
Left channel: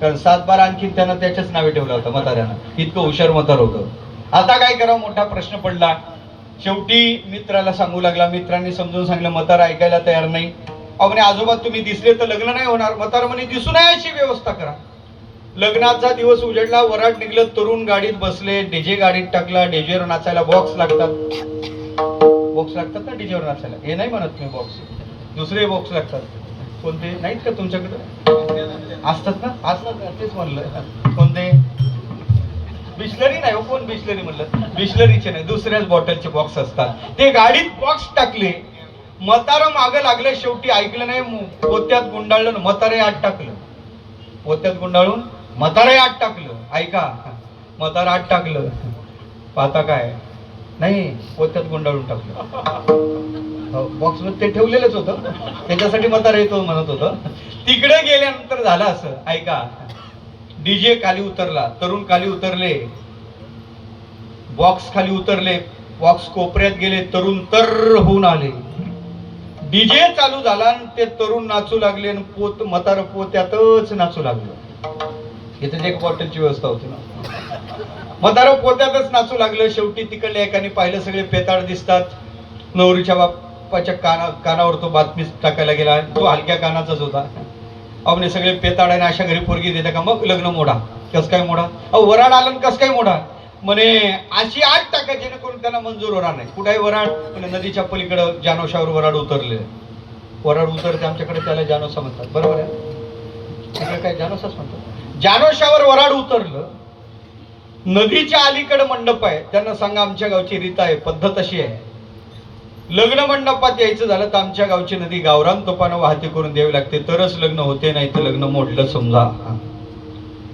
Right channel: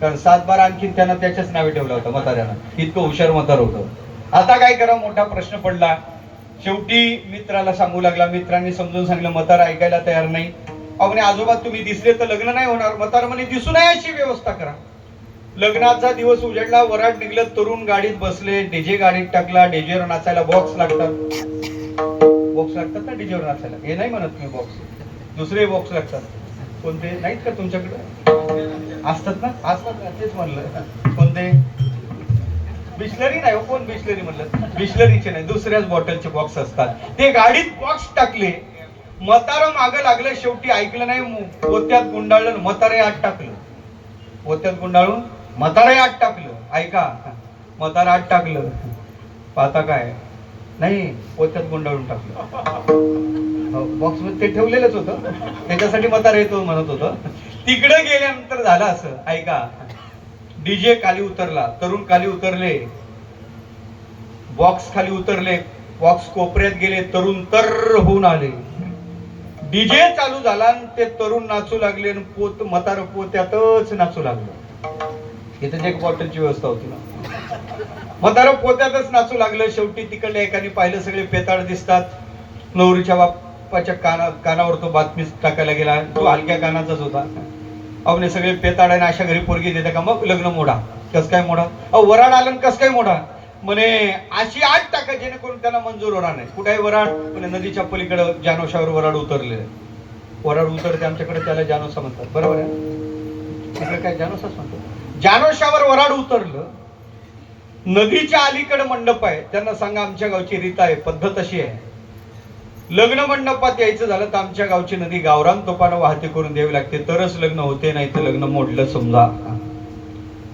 कारण 7-12 आणखी त्यांना त्याच्याच नावे ठेवलं होतं म्हाताऱ्यानं, इतकं हुशार म्हातार होतं. आता काय करावं, मोठा प्रश्न पडला. शेवटी मित्राला सांगू लागला, मित्रांनी समजून सांगितलं, म्हातारा ऐकायला तयार नाही. म्हणे आजोबा तुम्ही दिसले तर लग्न नाही होणार. म्हातारा म्हणे दिसू नये अशी व्यवस्था करा. लग्नाचा दिवस उजडला, वराड निघलं, तरुण गाडीत बसले, डीजे गाडीत टाकला. डीजेवर नाचायला बॉक्स लागतात, बॉक्स लागतात ना डीजेवर नाचायला, हे नाही म्हणत मी बॉक्स, दुसरे बॉक्स लागतात. कोणते नाहीत का तुमच्याकडे? असतात ना, असतात ना, तेच म्हणलं. कोणते? बिस्लरी नाही, कोण बिस्लरी म्हणलं? बिस्लरीचे नाही, दुसऱ्याच बॉटलचे बॉक्स असतात. ते गाडीत बॉक्स टाकले, म्हातारं मागं लागलं. शेवटी ऐकलं नाही, पोत्यात गुंडाळलं, म्हातारे आत टाकलं. पोत्यात गुंडाळून म्हातारे आत टाकलं. ऐका, म्हातारा आत टाकलं, आता काय नाही, पोत्यात गुंडाळून टाकलं. बॉक्स मध्ये ते ठेवलेलंच होतं, त्याच्यासाठी म्हातारा येतो म्हणत होतं. तिकडे गेल्यानंतर झालं असं, ऐका, डीजे खाली उतरला, तरुण खाली उतरले, बॉक्स खाली उतरले, बॉक्स कोपऱ्यात गेले, तरुण तर होऊन आले. डीजे चालू झाला आणि ते तरुण नाचू लागले आणि म्हातारं पोत्यातच नाचू लागलं. इथे एक बॉटलची व्यवस्था होती ना, म्हातारं पोत्यातच नाचू लागलं. शेवटी तिकडल्या एकाने पाहिलं, सगळे पेताळ दिसतात. नवरीच्या बापाच्या कानावर तो बातमी टाकायला गेला, तो हलक्या कानाचाच होता. अवने सगळे पेताळाने अशा घरी पोरगी देते का, मग लग्न मोडा. कस काय मोडा? वराड आलं, कस काय मोडा म्हणे, अशी आत टाका जेणेकरून त्यांना मंजूर होणार नाही. कुठे वराड म्हणे, नदीच्या पलीकडे जानोशावर वराड उतरले. वराड उतरते आमच्याकडे, त्याला जानोसा म्हणतात, बरोबर आहे? तिकडे काय जानोसाच म्हणतो. जानोशावर वराड उतरलं, नदीच्या अलीकडे मंडप आहे. त्यांना सांगा आमच्या गावची रीत आहे, पद्धत अशी आहे, लग्न मंडपात यायचं झालं तर आमच्या गावची नदी गावरान तोपानं वाहती करून द्यावी लागते, तरच लग्न होते, नाही तर लग्न मोडलं समजा.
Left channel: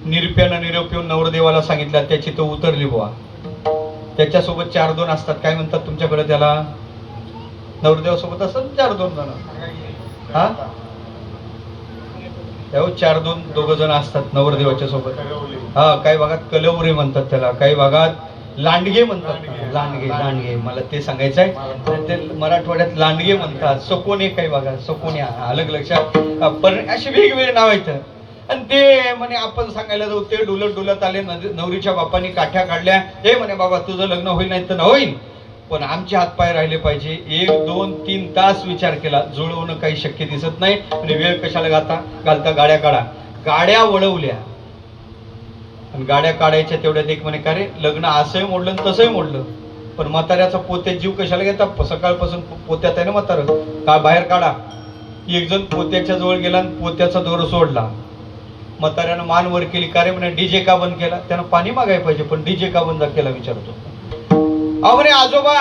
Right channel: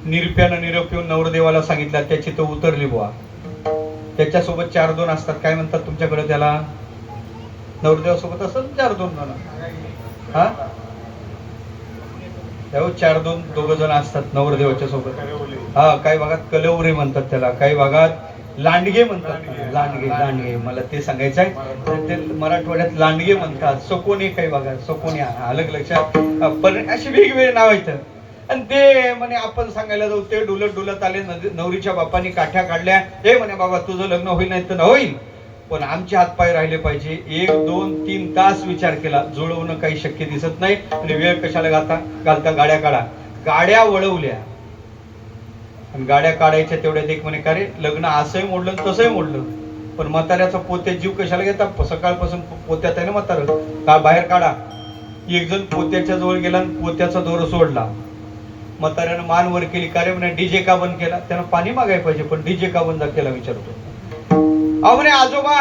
निरप्यानं निरोप येऊन नवरदेवाला सांगितलं, त्याची तो उतरली बुवा. त्याच्यासोबत 4-2 असतात, काय म्हणतात तुमच्याकडे त्याला? नवरदेवासोबत असतात 4-2 जण. हा, 4-2 दोघं जण असतात नवरदेवाच्या सोबत. हा, काही भागात कलवरे म्हणतात त्याला, काही भागात लांडगे म्हणतात. लांडगे मला ते सांगायचं आहे, ते मराठवाड्यात लांडगे म्हणतात. सकोने काही भागात, सकोने, अलग लक्षात. पण अशी वेगवेगळे नाव आहेत. आणि ते म्हणे आपण सांगायला जाऊ, ते डुलत आले. नवरीच्या बापानी काठ्या काढल्या. हे म्हणे बाबा तुझं लग्न होईल नाही तर होईल, पण आमचे हातपाय राहिले पाहिजे. 1, 2, 3 तास विचार केला, जुळवणं काही शक्य दिसत नाही. आणि वेळ कशाला घालता, गाड्या काढा. गाड्या वळवल्या आणि गाड्या काढायच्या तेवढ्यात एक म्हणे, का रे लग्न असंही मोडलं तसंही मोडलं, पण म्हाताऱ्याचा पोत्यात जीव कशाला घेता, सकाळपासून पोत्यात आहे ना म्हातारं, का बाहेर काढा. एक जण पोत्याच्या जवळ गेला आणि पोत्याचा दोर सोडला. म्हाताऱ्यानं मान वर केली, का रे म्हणे डीजे का बंद केला? त्यानं पाणी मागायला पाहिजे, पण डीजे का बंद केला विचारतो. म्हणे आजोबा,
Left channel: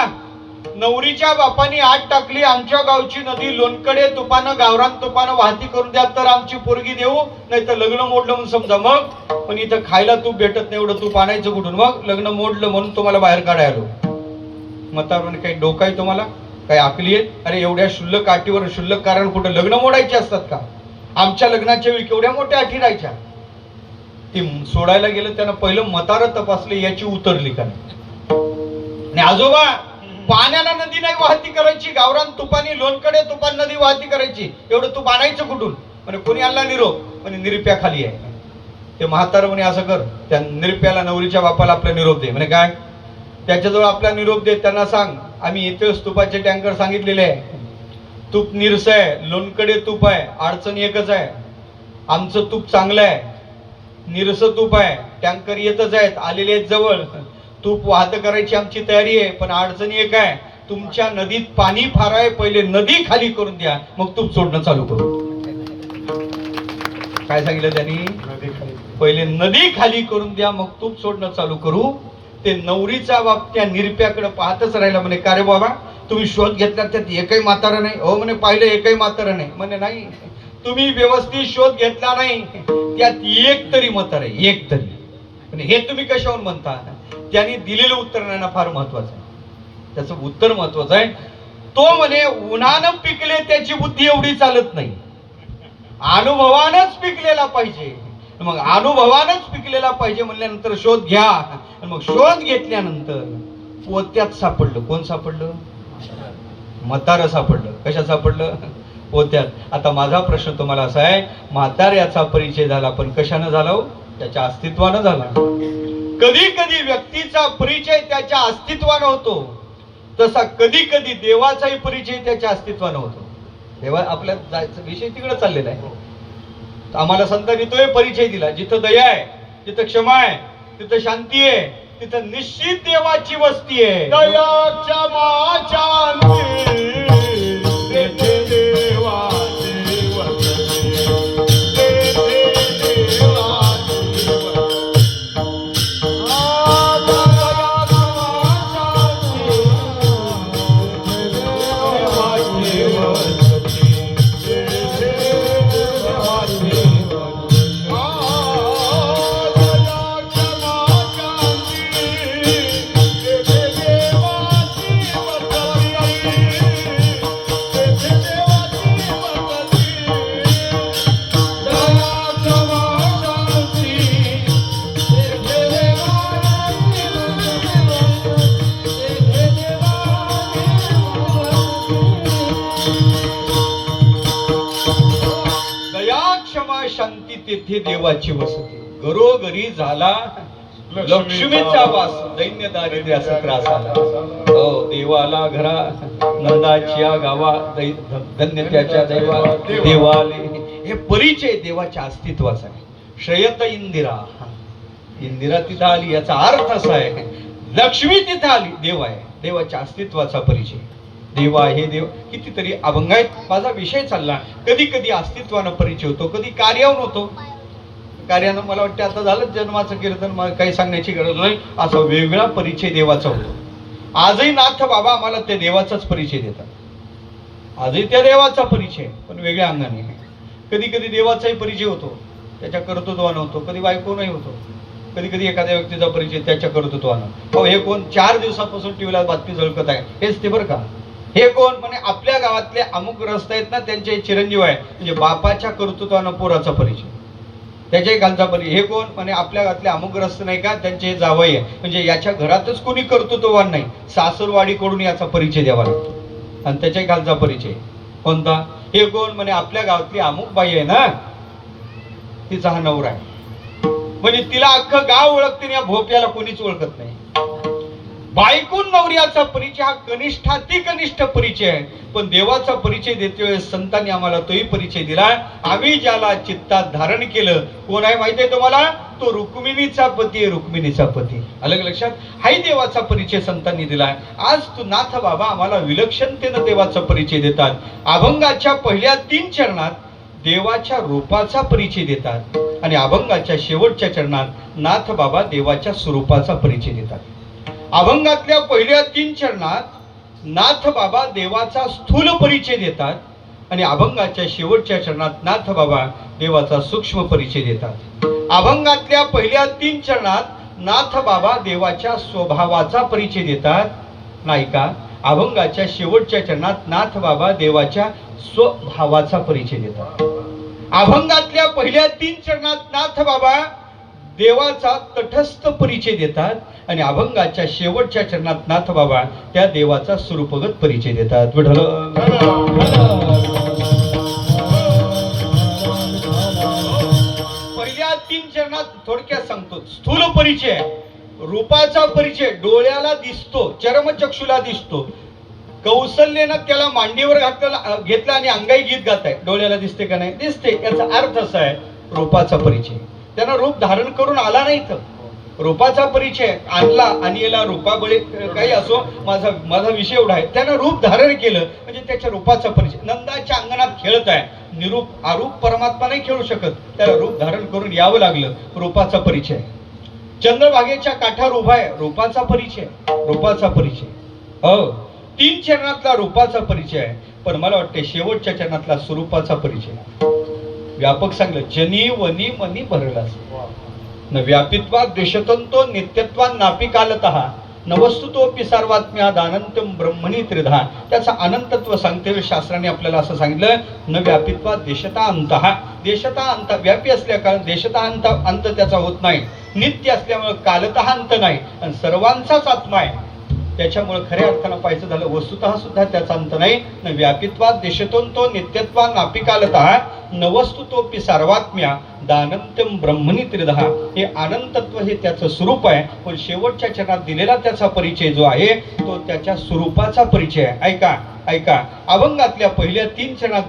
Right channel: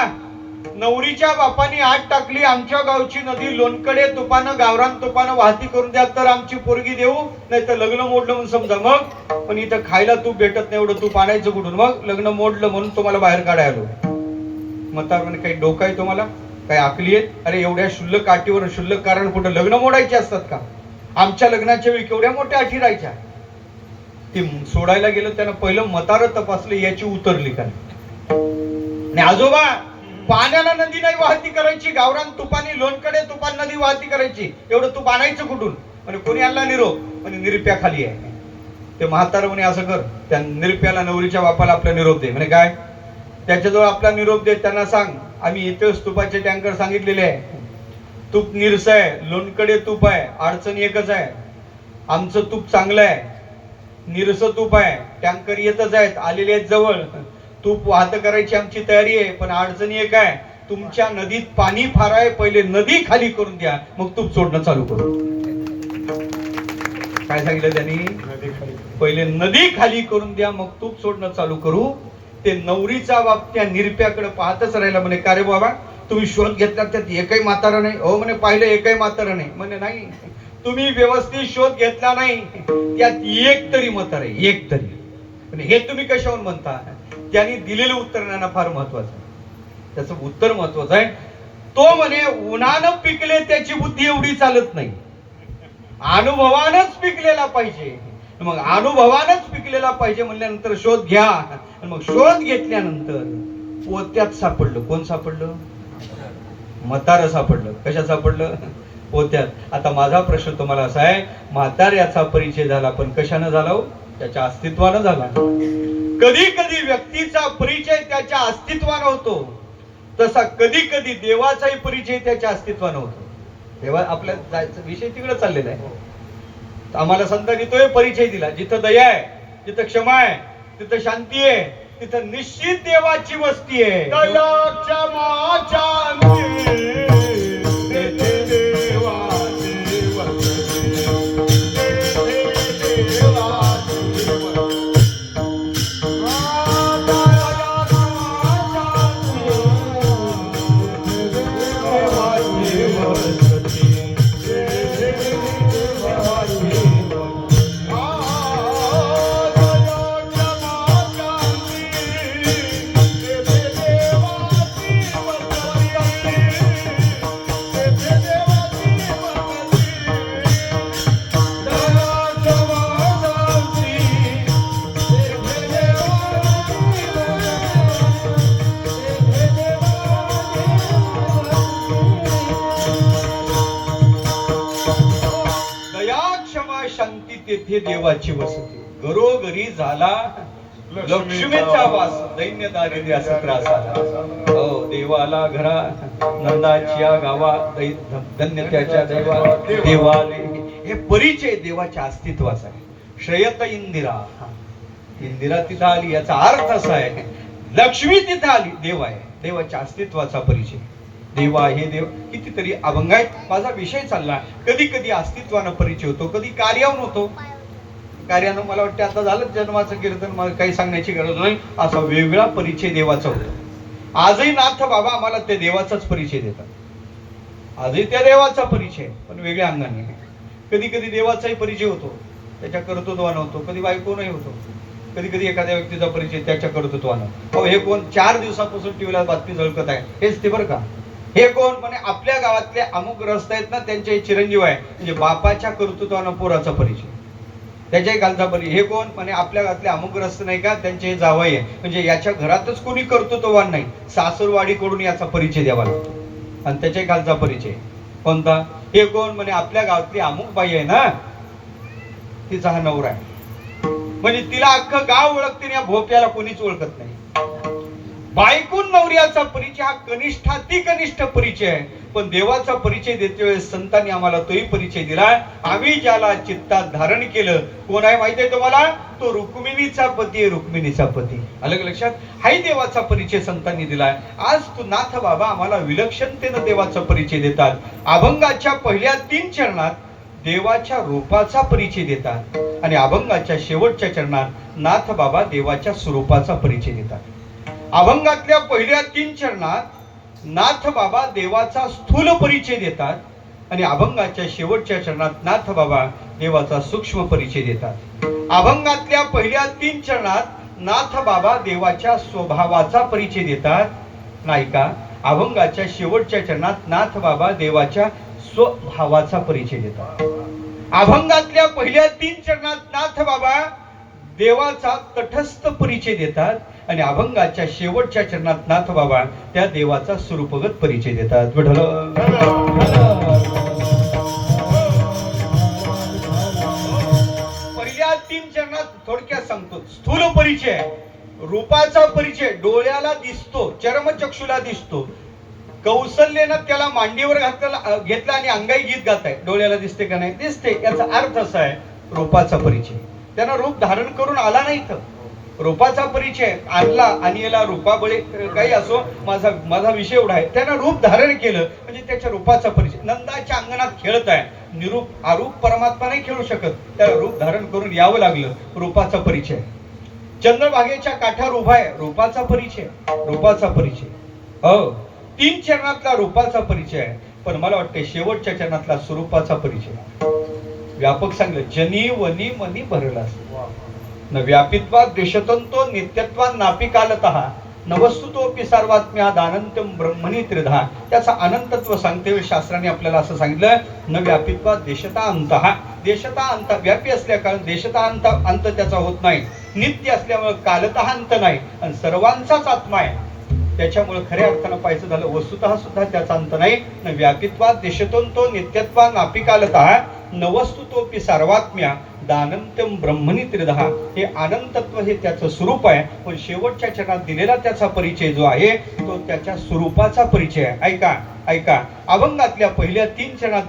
नवरीच्या बापानी आत टाकली, आमच्या गावची नदी लोणकडे तुपानं गावरान तुपानं वाहती करून द्या, तर आमची पोरगी देऊ, नाही तर लग्न मोडलं म्हणून समजा. मग पण इथं खायला तूप भेटत नाही, एवढं तूप आणायचं कुठून? मग लग्न मोडलं म्हणून तुम्हाला बाहेर काढायला आलो. म्हातारा म्हणे, काही डोकं आहे तुम्हाला, काही आकली आहे? अरे एवढ्या शुल्लक अटीवर शुल्लक कारण कुठं लग्न मोडायचे असतात का? आमच्या लग्नाच्या वेळी केवढ्या मोठ्या अटी राहायच्या. ती सोडायला गेलं, त्यानं पहिलं म्हातारं तपासलं, याची उतरली का नाही. आजोबा, पाण्याला नदी नाही वाहती करायची, गावरान तुपानी लोणकडे तुपान नदी वाहती करायची, एवढं तूप आणायचं कुठून? म्हणजे कोणी आणला निरोप? म्हणजे निरप्या खाली आहे. ते म्हातारं म्हणे असं कर, त्या निरप्याला नवरीच्या बापाला आपला निरोप दे. म्हणजे काय? त्याच्याजवळ आपला निरोप दे, त्यांना सांग आम्ही इथेच तुपाचे टँकर सांगितलेले आहे, तूप निरस आहे, लोणकडे तूप आहे, अडचण एकच आहे, आमचं तूप चांगलं आहे, निरस तूप आहे, टँकर येतच आहेत, आलेले आहेत जवळ, तूप वाहत करायची आमची तयारी आहे, पण अडचणी एक आहे, तुमच्या नदीत पाणी फार आहे, पहिले नदी खाली करून द्या, मग तूप सोडणं चालू करू. काय सांगितलं त्यांनी? पहिले नदी खाली करून द्या, मग तूप सोडणं चालू करू. ते नवरीचा बाप त्या निरप्याकडे पाहतच राहिला. म्हणे का रे बाबा, तुम्ही शोध घेतला त्यात एकही म्हातारा नाही? हो म्हणे, पाहिलं एकही म्हातारा नाही. म्हणे नाही, तुम्ही व्यवस्थित शोध घेतला नाही, त्यात एक तरी म्हातारा आहे, एक तरी. पण हे तुम्ही कशावर म्हणता? त्यांनी दिलेलं उत्तर त्यांना फार महत्वाचं आहे. त्याचं उत्तर महत्वाचं आहे. तो म्हणे उन्हानं पिकले त्याची बुद्धी एवढी चालत नाही, अनुभवानच पिकलेला पाहिजे. मग अनुभवानच पिकलेला पाहिजे म्हणल्यानंतर शोध घ्या. मग शोध घेतल्यानंतर पोत्यात सापडलं. कोण सापडलं? म्हातारं सापडलं. कशा सापडलं? पोत्यात. आता माझा प्रश्न तुम्हाला असा आहे, म्हाताऱ्याचा परिचय झाला, पण कशानं झाला हो? त्याच्या अस्तित्वानं झाला. कधी कधी व्यक्तीचा परिचय त्याच्या अस्तित्वानं होतो, तसा कधी कधी देवाचाही परिचय त्याच्या अस्तित्वानं होतो. देवा आपल्या जायचा विषय तिकडे चाललेला आहे. आम्हाला संतांनी तोही परिचय दिला. जिथं दया आहे, जिथं क्षमा आहे, तिथं शांती आहे, तिथं निश्चित देवाची वस्ती आहे. दया क्षमा शांती तेथे देवाची वस्ती. तेथे देवाची शांती तेथे देवाची वसती. घरोघरी झाला लक्ष्मीचा वास, दैन्य दारिद्र्याचा त्रास आला. हो, देवाला घरा, नंदाच्या गावा, धन्य त्याच्या देवाला देवाले. हे परिचय देवाच्या अस्तित्वाचा आहे. श्रेयत इंदिरा, इंदिरा तिथं आली याचा अर्थ असा आहे, लक्ष्मी तिथं आली, देव आहे. देवाच्या अस्तित्वाचा परिचय. देवा हे देव कितीतरी अभंग आहेत. माझा विषय चालला. कधी कधी अस्तित्वानं परिचय होतो, कधी कार्यावर होतो. कार्यानं मला वाटतं आता झालं जन्माचं कीर्तन, मला काही सांगण्याची गरज नाही. असा वेगळा परिचय देवाचा होतो. आजही नाथ बाबा आम्हाला त्या देवाचाच परिचय देतात. आजही त्या देवाचा परिचय, पण वेगळ्या अंगाने. कधी कधी देवाचाही परिचय होतो, त्याच्या कर्तृत्वानं होतो. कधी बायकोनही होतो. कधी कधी एखाद्या व्यक्तीचा परिचय त्याच्या कर्तृत्वानं. हो, हे कोण 4 दिवसापासून टीव्हीला बातमी झळकत आहे, हेच ते बरं का. हे कोण? म्हणे आपल्या गावातले अमुक रस्ते आहेत ना, त्यांचे चिरंजीव आहे. म्हणजे बापाच्या कर्तृत्वानं पोराचा परिचय, त्याच्याही खालचा परिचय. हे कोण? म्हणे आपल्या गावातले अमुक रस्ते नाही का, त्यांचे जावई आहे. म्हणजे याच्या घरातच कोणी कर्तृत्ववान नाही, सासरवाडीकडून याचा परिचय द्यावा लागतो. आणि त्याच्याही खालचा परिचय कोणता? हे कोण? म्हणे आपल्या गावातली अमुक बाई आहे ना, तिचा हा नवरा आहे. म्हणजे तिला अख्खं गाव ओळखते, या भोप्याला कोणीच ओळखत नाही. बायकून नवऱ्याचा परिचय हा कनिष्ठाती कनिष्ठ परिचय आहे. पण देवाचा परिचय देते वेळेस संतांनी आम्हाला तोही परिचय दिला. आम्ही ज्याला चित्तात धारण केलं, कोण आहे माहिती आहे तुम्हाला? तो रुक्मिणीचा पती आहे, रुक्मिणीचा पती. अलग लक्षात? हाही देवाचा परिचय संतांनी दिलाय. आज तू नाथ बाबा आम्हाला विलक्षणतेनं देवाचा परिचय देतात. अभंगाच्या पहिल्या 3 चरणात देवाच्या रूपाचा परिचय देतात आणि अभंगाच्या शेवटच्या चरणात नाथ बाबा देवाच्या स्वरूपाचा परिचय देतात. अभंगातल्या पहिल्या 3 चरणात नाथ बाबा देवाचा स्थूल परिचय देतात आणि अभंगाच्या शेवटच्या चरणात नाथ बाबा देवाचा सूक्ष्म परिचय देतात. अभंगातल्या पहिल्या 3 चरणात नाथ बाबा देवाच्या स्वभावाचा परिचय देतात, नाही का? अभंगाच्या शेवटच्या चरणात नाथ बाबा देवाच्या स्वभावाचा परिचय देतात. अभंगातल्या पहिल्या 3 चरणात नाथ बाबा देवाचा तटस्थ परिचय देतात आणि अभंगाच्या शेवटच्या चरणात नाथ बाबा त्या देवाचा स्वरूपगत परिचय देतात. पहिल्या 3 चरणात थोडक्यात सांगतो. स्थूल परिचय, रूपाचा परिचय, डोळ्याला दिसतो, चर्मचक्षुला दिसतो. कौशल्यानं त्याला मांडीवर घेतला आणि अंगाई गीत गाताय. डोळ्याला दिसते का नाही? दिसते. याचा अर्थ असा आहे रूपाचा परिचय. त्यानं रूप धारण करून आला नाही तर रूपाचा परिचय आणला आणि याला रूपाबळे काही असो, माझा माझा विषय एवढा आहे, त्यानं रूप धारण केलं म्हणजे त्याच्या रूपाचा परिचय. नंदाच्या अंगणात खेळत आहे, निरूप आरूप परमात्मा नाही खेळू शकत, त्याला रूप धारण करून यावं लागलं, रूपाचा परिचय. चंद्रभागेच्या काठावर उभा आहे, रूपाचा परिचय, रूपाचा परिचय. हो, 3 चरणातला रूपाचा परिचय आहे, पण मला वाटतं शेवटच्या चरणातला स्वरूपाचा परिचय. व्यापक सांगलं, जनी वनी मनी भरला न व्यापित्वात देशतंतो नित्यत्वात नापिकालतः न वस्तुतोपि सर्वात्म्याद अनंतम ब्रह्मणी त्रिधा. त्याचं अनंतत्व सांगते शास्त्राने आपल्याला असं सांगितलं, न व्यापित्वात देशता अंतः. देशता अंत, व्यापी असल्या कारण देशता अंत त्याचा होत नाही, नित्य असल्यामुळे कालतः अंत नाही, आणि सर्वांचाच आत्मा आहे. त्याच्यामुळे खऱ्या अर्थानं पाहायचं झालं, वस्तुतः सुद्धा त्याचा अंत नाही. न व्यापित्वात देशतंतो नित्यत्वात नापिकालतः न वस्तुतोपि सर्वात्म्या दानंत्यम ब्रह्मणी त्रिधा. हे अनंतत्व हे त्याचं स्वरूप आहे, पण शेवटच्या चरणात दिलेला त्याचा परिचय जो आहे तो त्याच्या स्वरूपाचा परिचय आहे. ऐका ऐका, अभंगातल्या पहिल्या 3 चरणात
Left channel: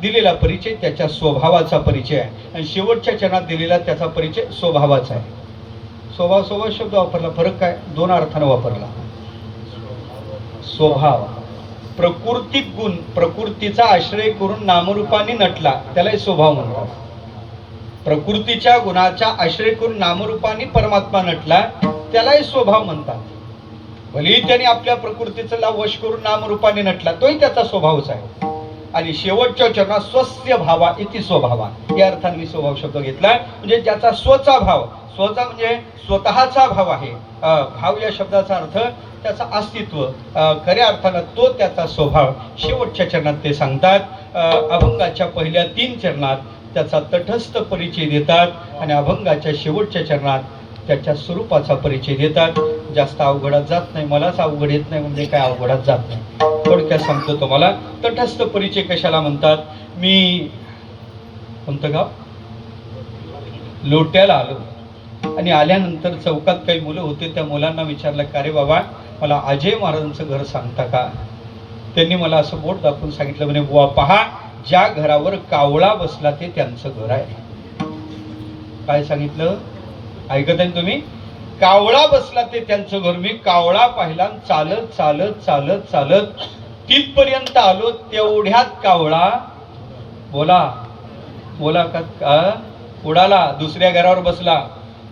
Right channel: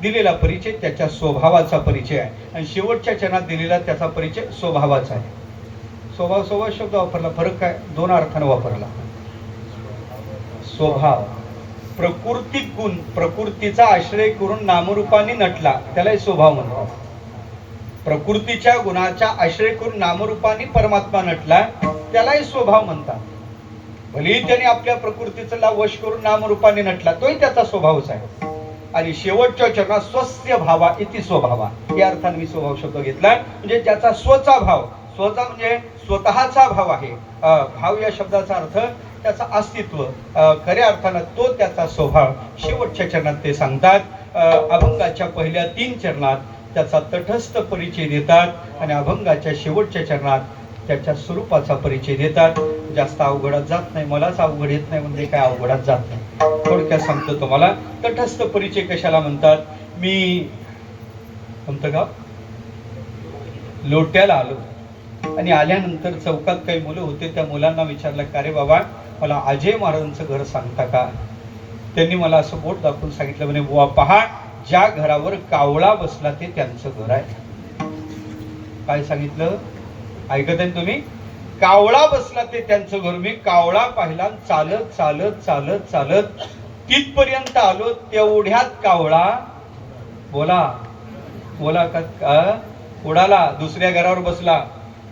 दिलेला परिचय त्याच्या स्वभावाचा परिचय आहे, आणि शेवटच्या चरणात दिलेला त्याचा परिचय स्वभावाचा आहे. स्वभाव शब्द वापरला, फरक काय? 2 अर्थानं वापरला. स्वभाव, प्रकृती गुण, प्रकृतीचा आश्रय करून नामरूपाने नटला त्यालाही स्वभाव म्हणतात. प्रकृतीच्या गुणाचा आश्रय करून नामरूपाने परमात्मा नटला त्यालाही स्वभाव म्हणतात. भलेही त्याने आपल्या प्रकृतीचा वश करून नामरूपाने नटला, तोही त्याचा स्वभावच आहे. आणि शेवटच्या चरणात स्वस्य भावा इति स्वभावा, या अर्थाने मी स्वभाव शब्द घेतला, म्हणजे ज्याचा स्वचा भाव, स्वचा म्हणजे स्वतःचा भाव आहे. भाव या शब्दाचा अर्थ त्याचा अस्तित्व, खऱ्या अर्थानं तो त्याचा स्वभाव. शेवटच्या चरणात ते सांगतात. अभंगाच्या पहिल्या 3 चरणात त्याचा तटस्थ परिचय देतात, आणि अभंगाच्या शेवटच्या चरणात त्याच्या स्वरूपाचा परिचय देतात. जास्त अवघडात जात नाही, मलाच अवघड येत नाही म्हणजे काय अवघडात जात नाही. थोडक्यात सांगतो तुम्हाला, तटस्थ परिचय कशाला म्हणतात. मी कोणतं गाव, लोट्याला आलो, आणि आल्यानंतर चौकात काही मुलं होते, त्या मुलांना विचारलं, का रे बाबा मला अजय महाराजांचं घर सांगता का. त्यांनी मला असं बोट दाखवून सांगितलं, म्हणे बुवा पहा, ज्या घरावर कावळा बसला ते त्यांचं घर आहे. काय सांगितलं, ऐकत आहे तुम्ही? कावळा बसला ते त्यांचं घर. मी कावळा पाहिला, चालत चालत चालत चालत तिथपर्यंत आलो, तेवढ्यात कावळा बोला बोला का उडाला, दुसऱ्या घरावर बसला.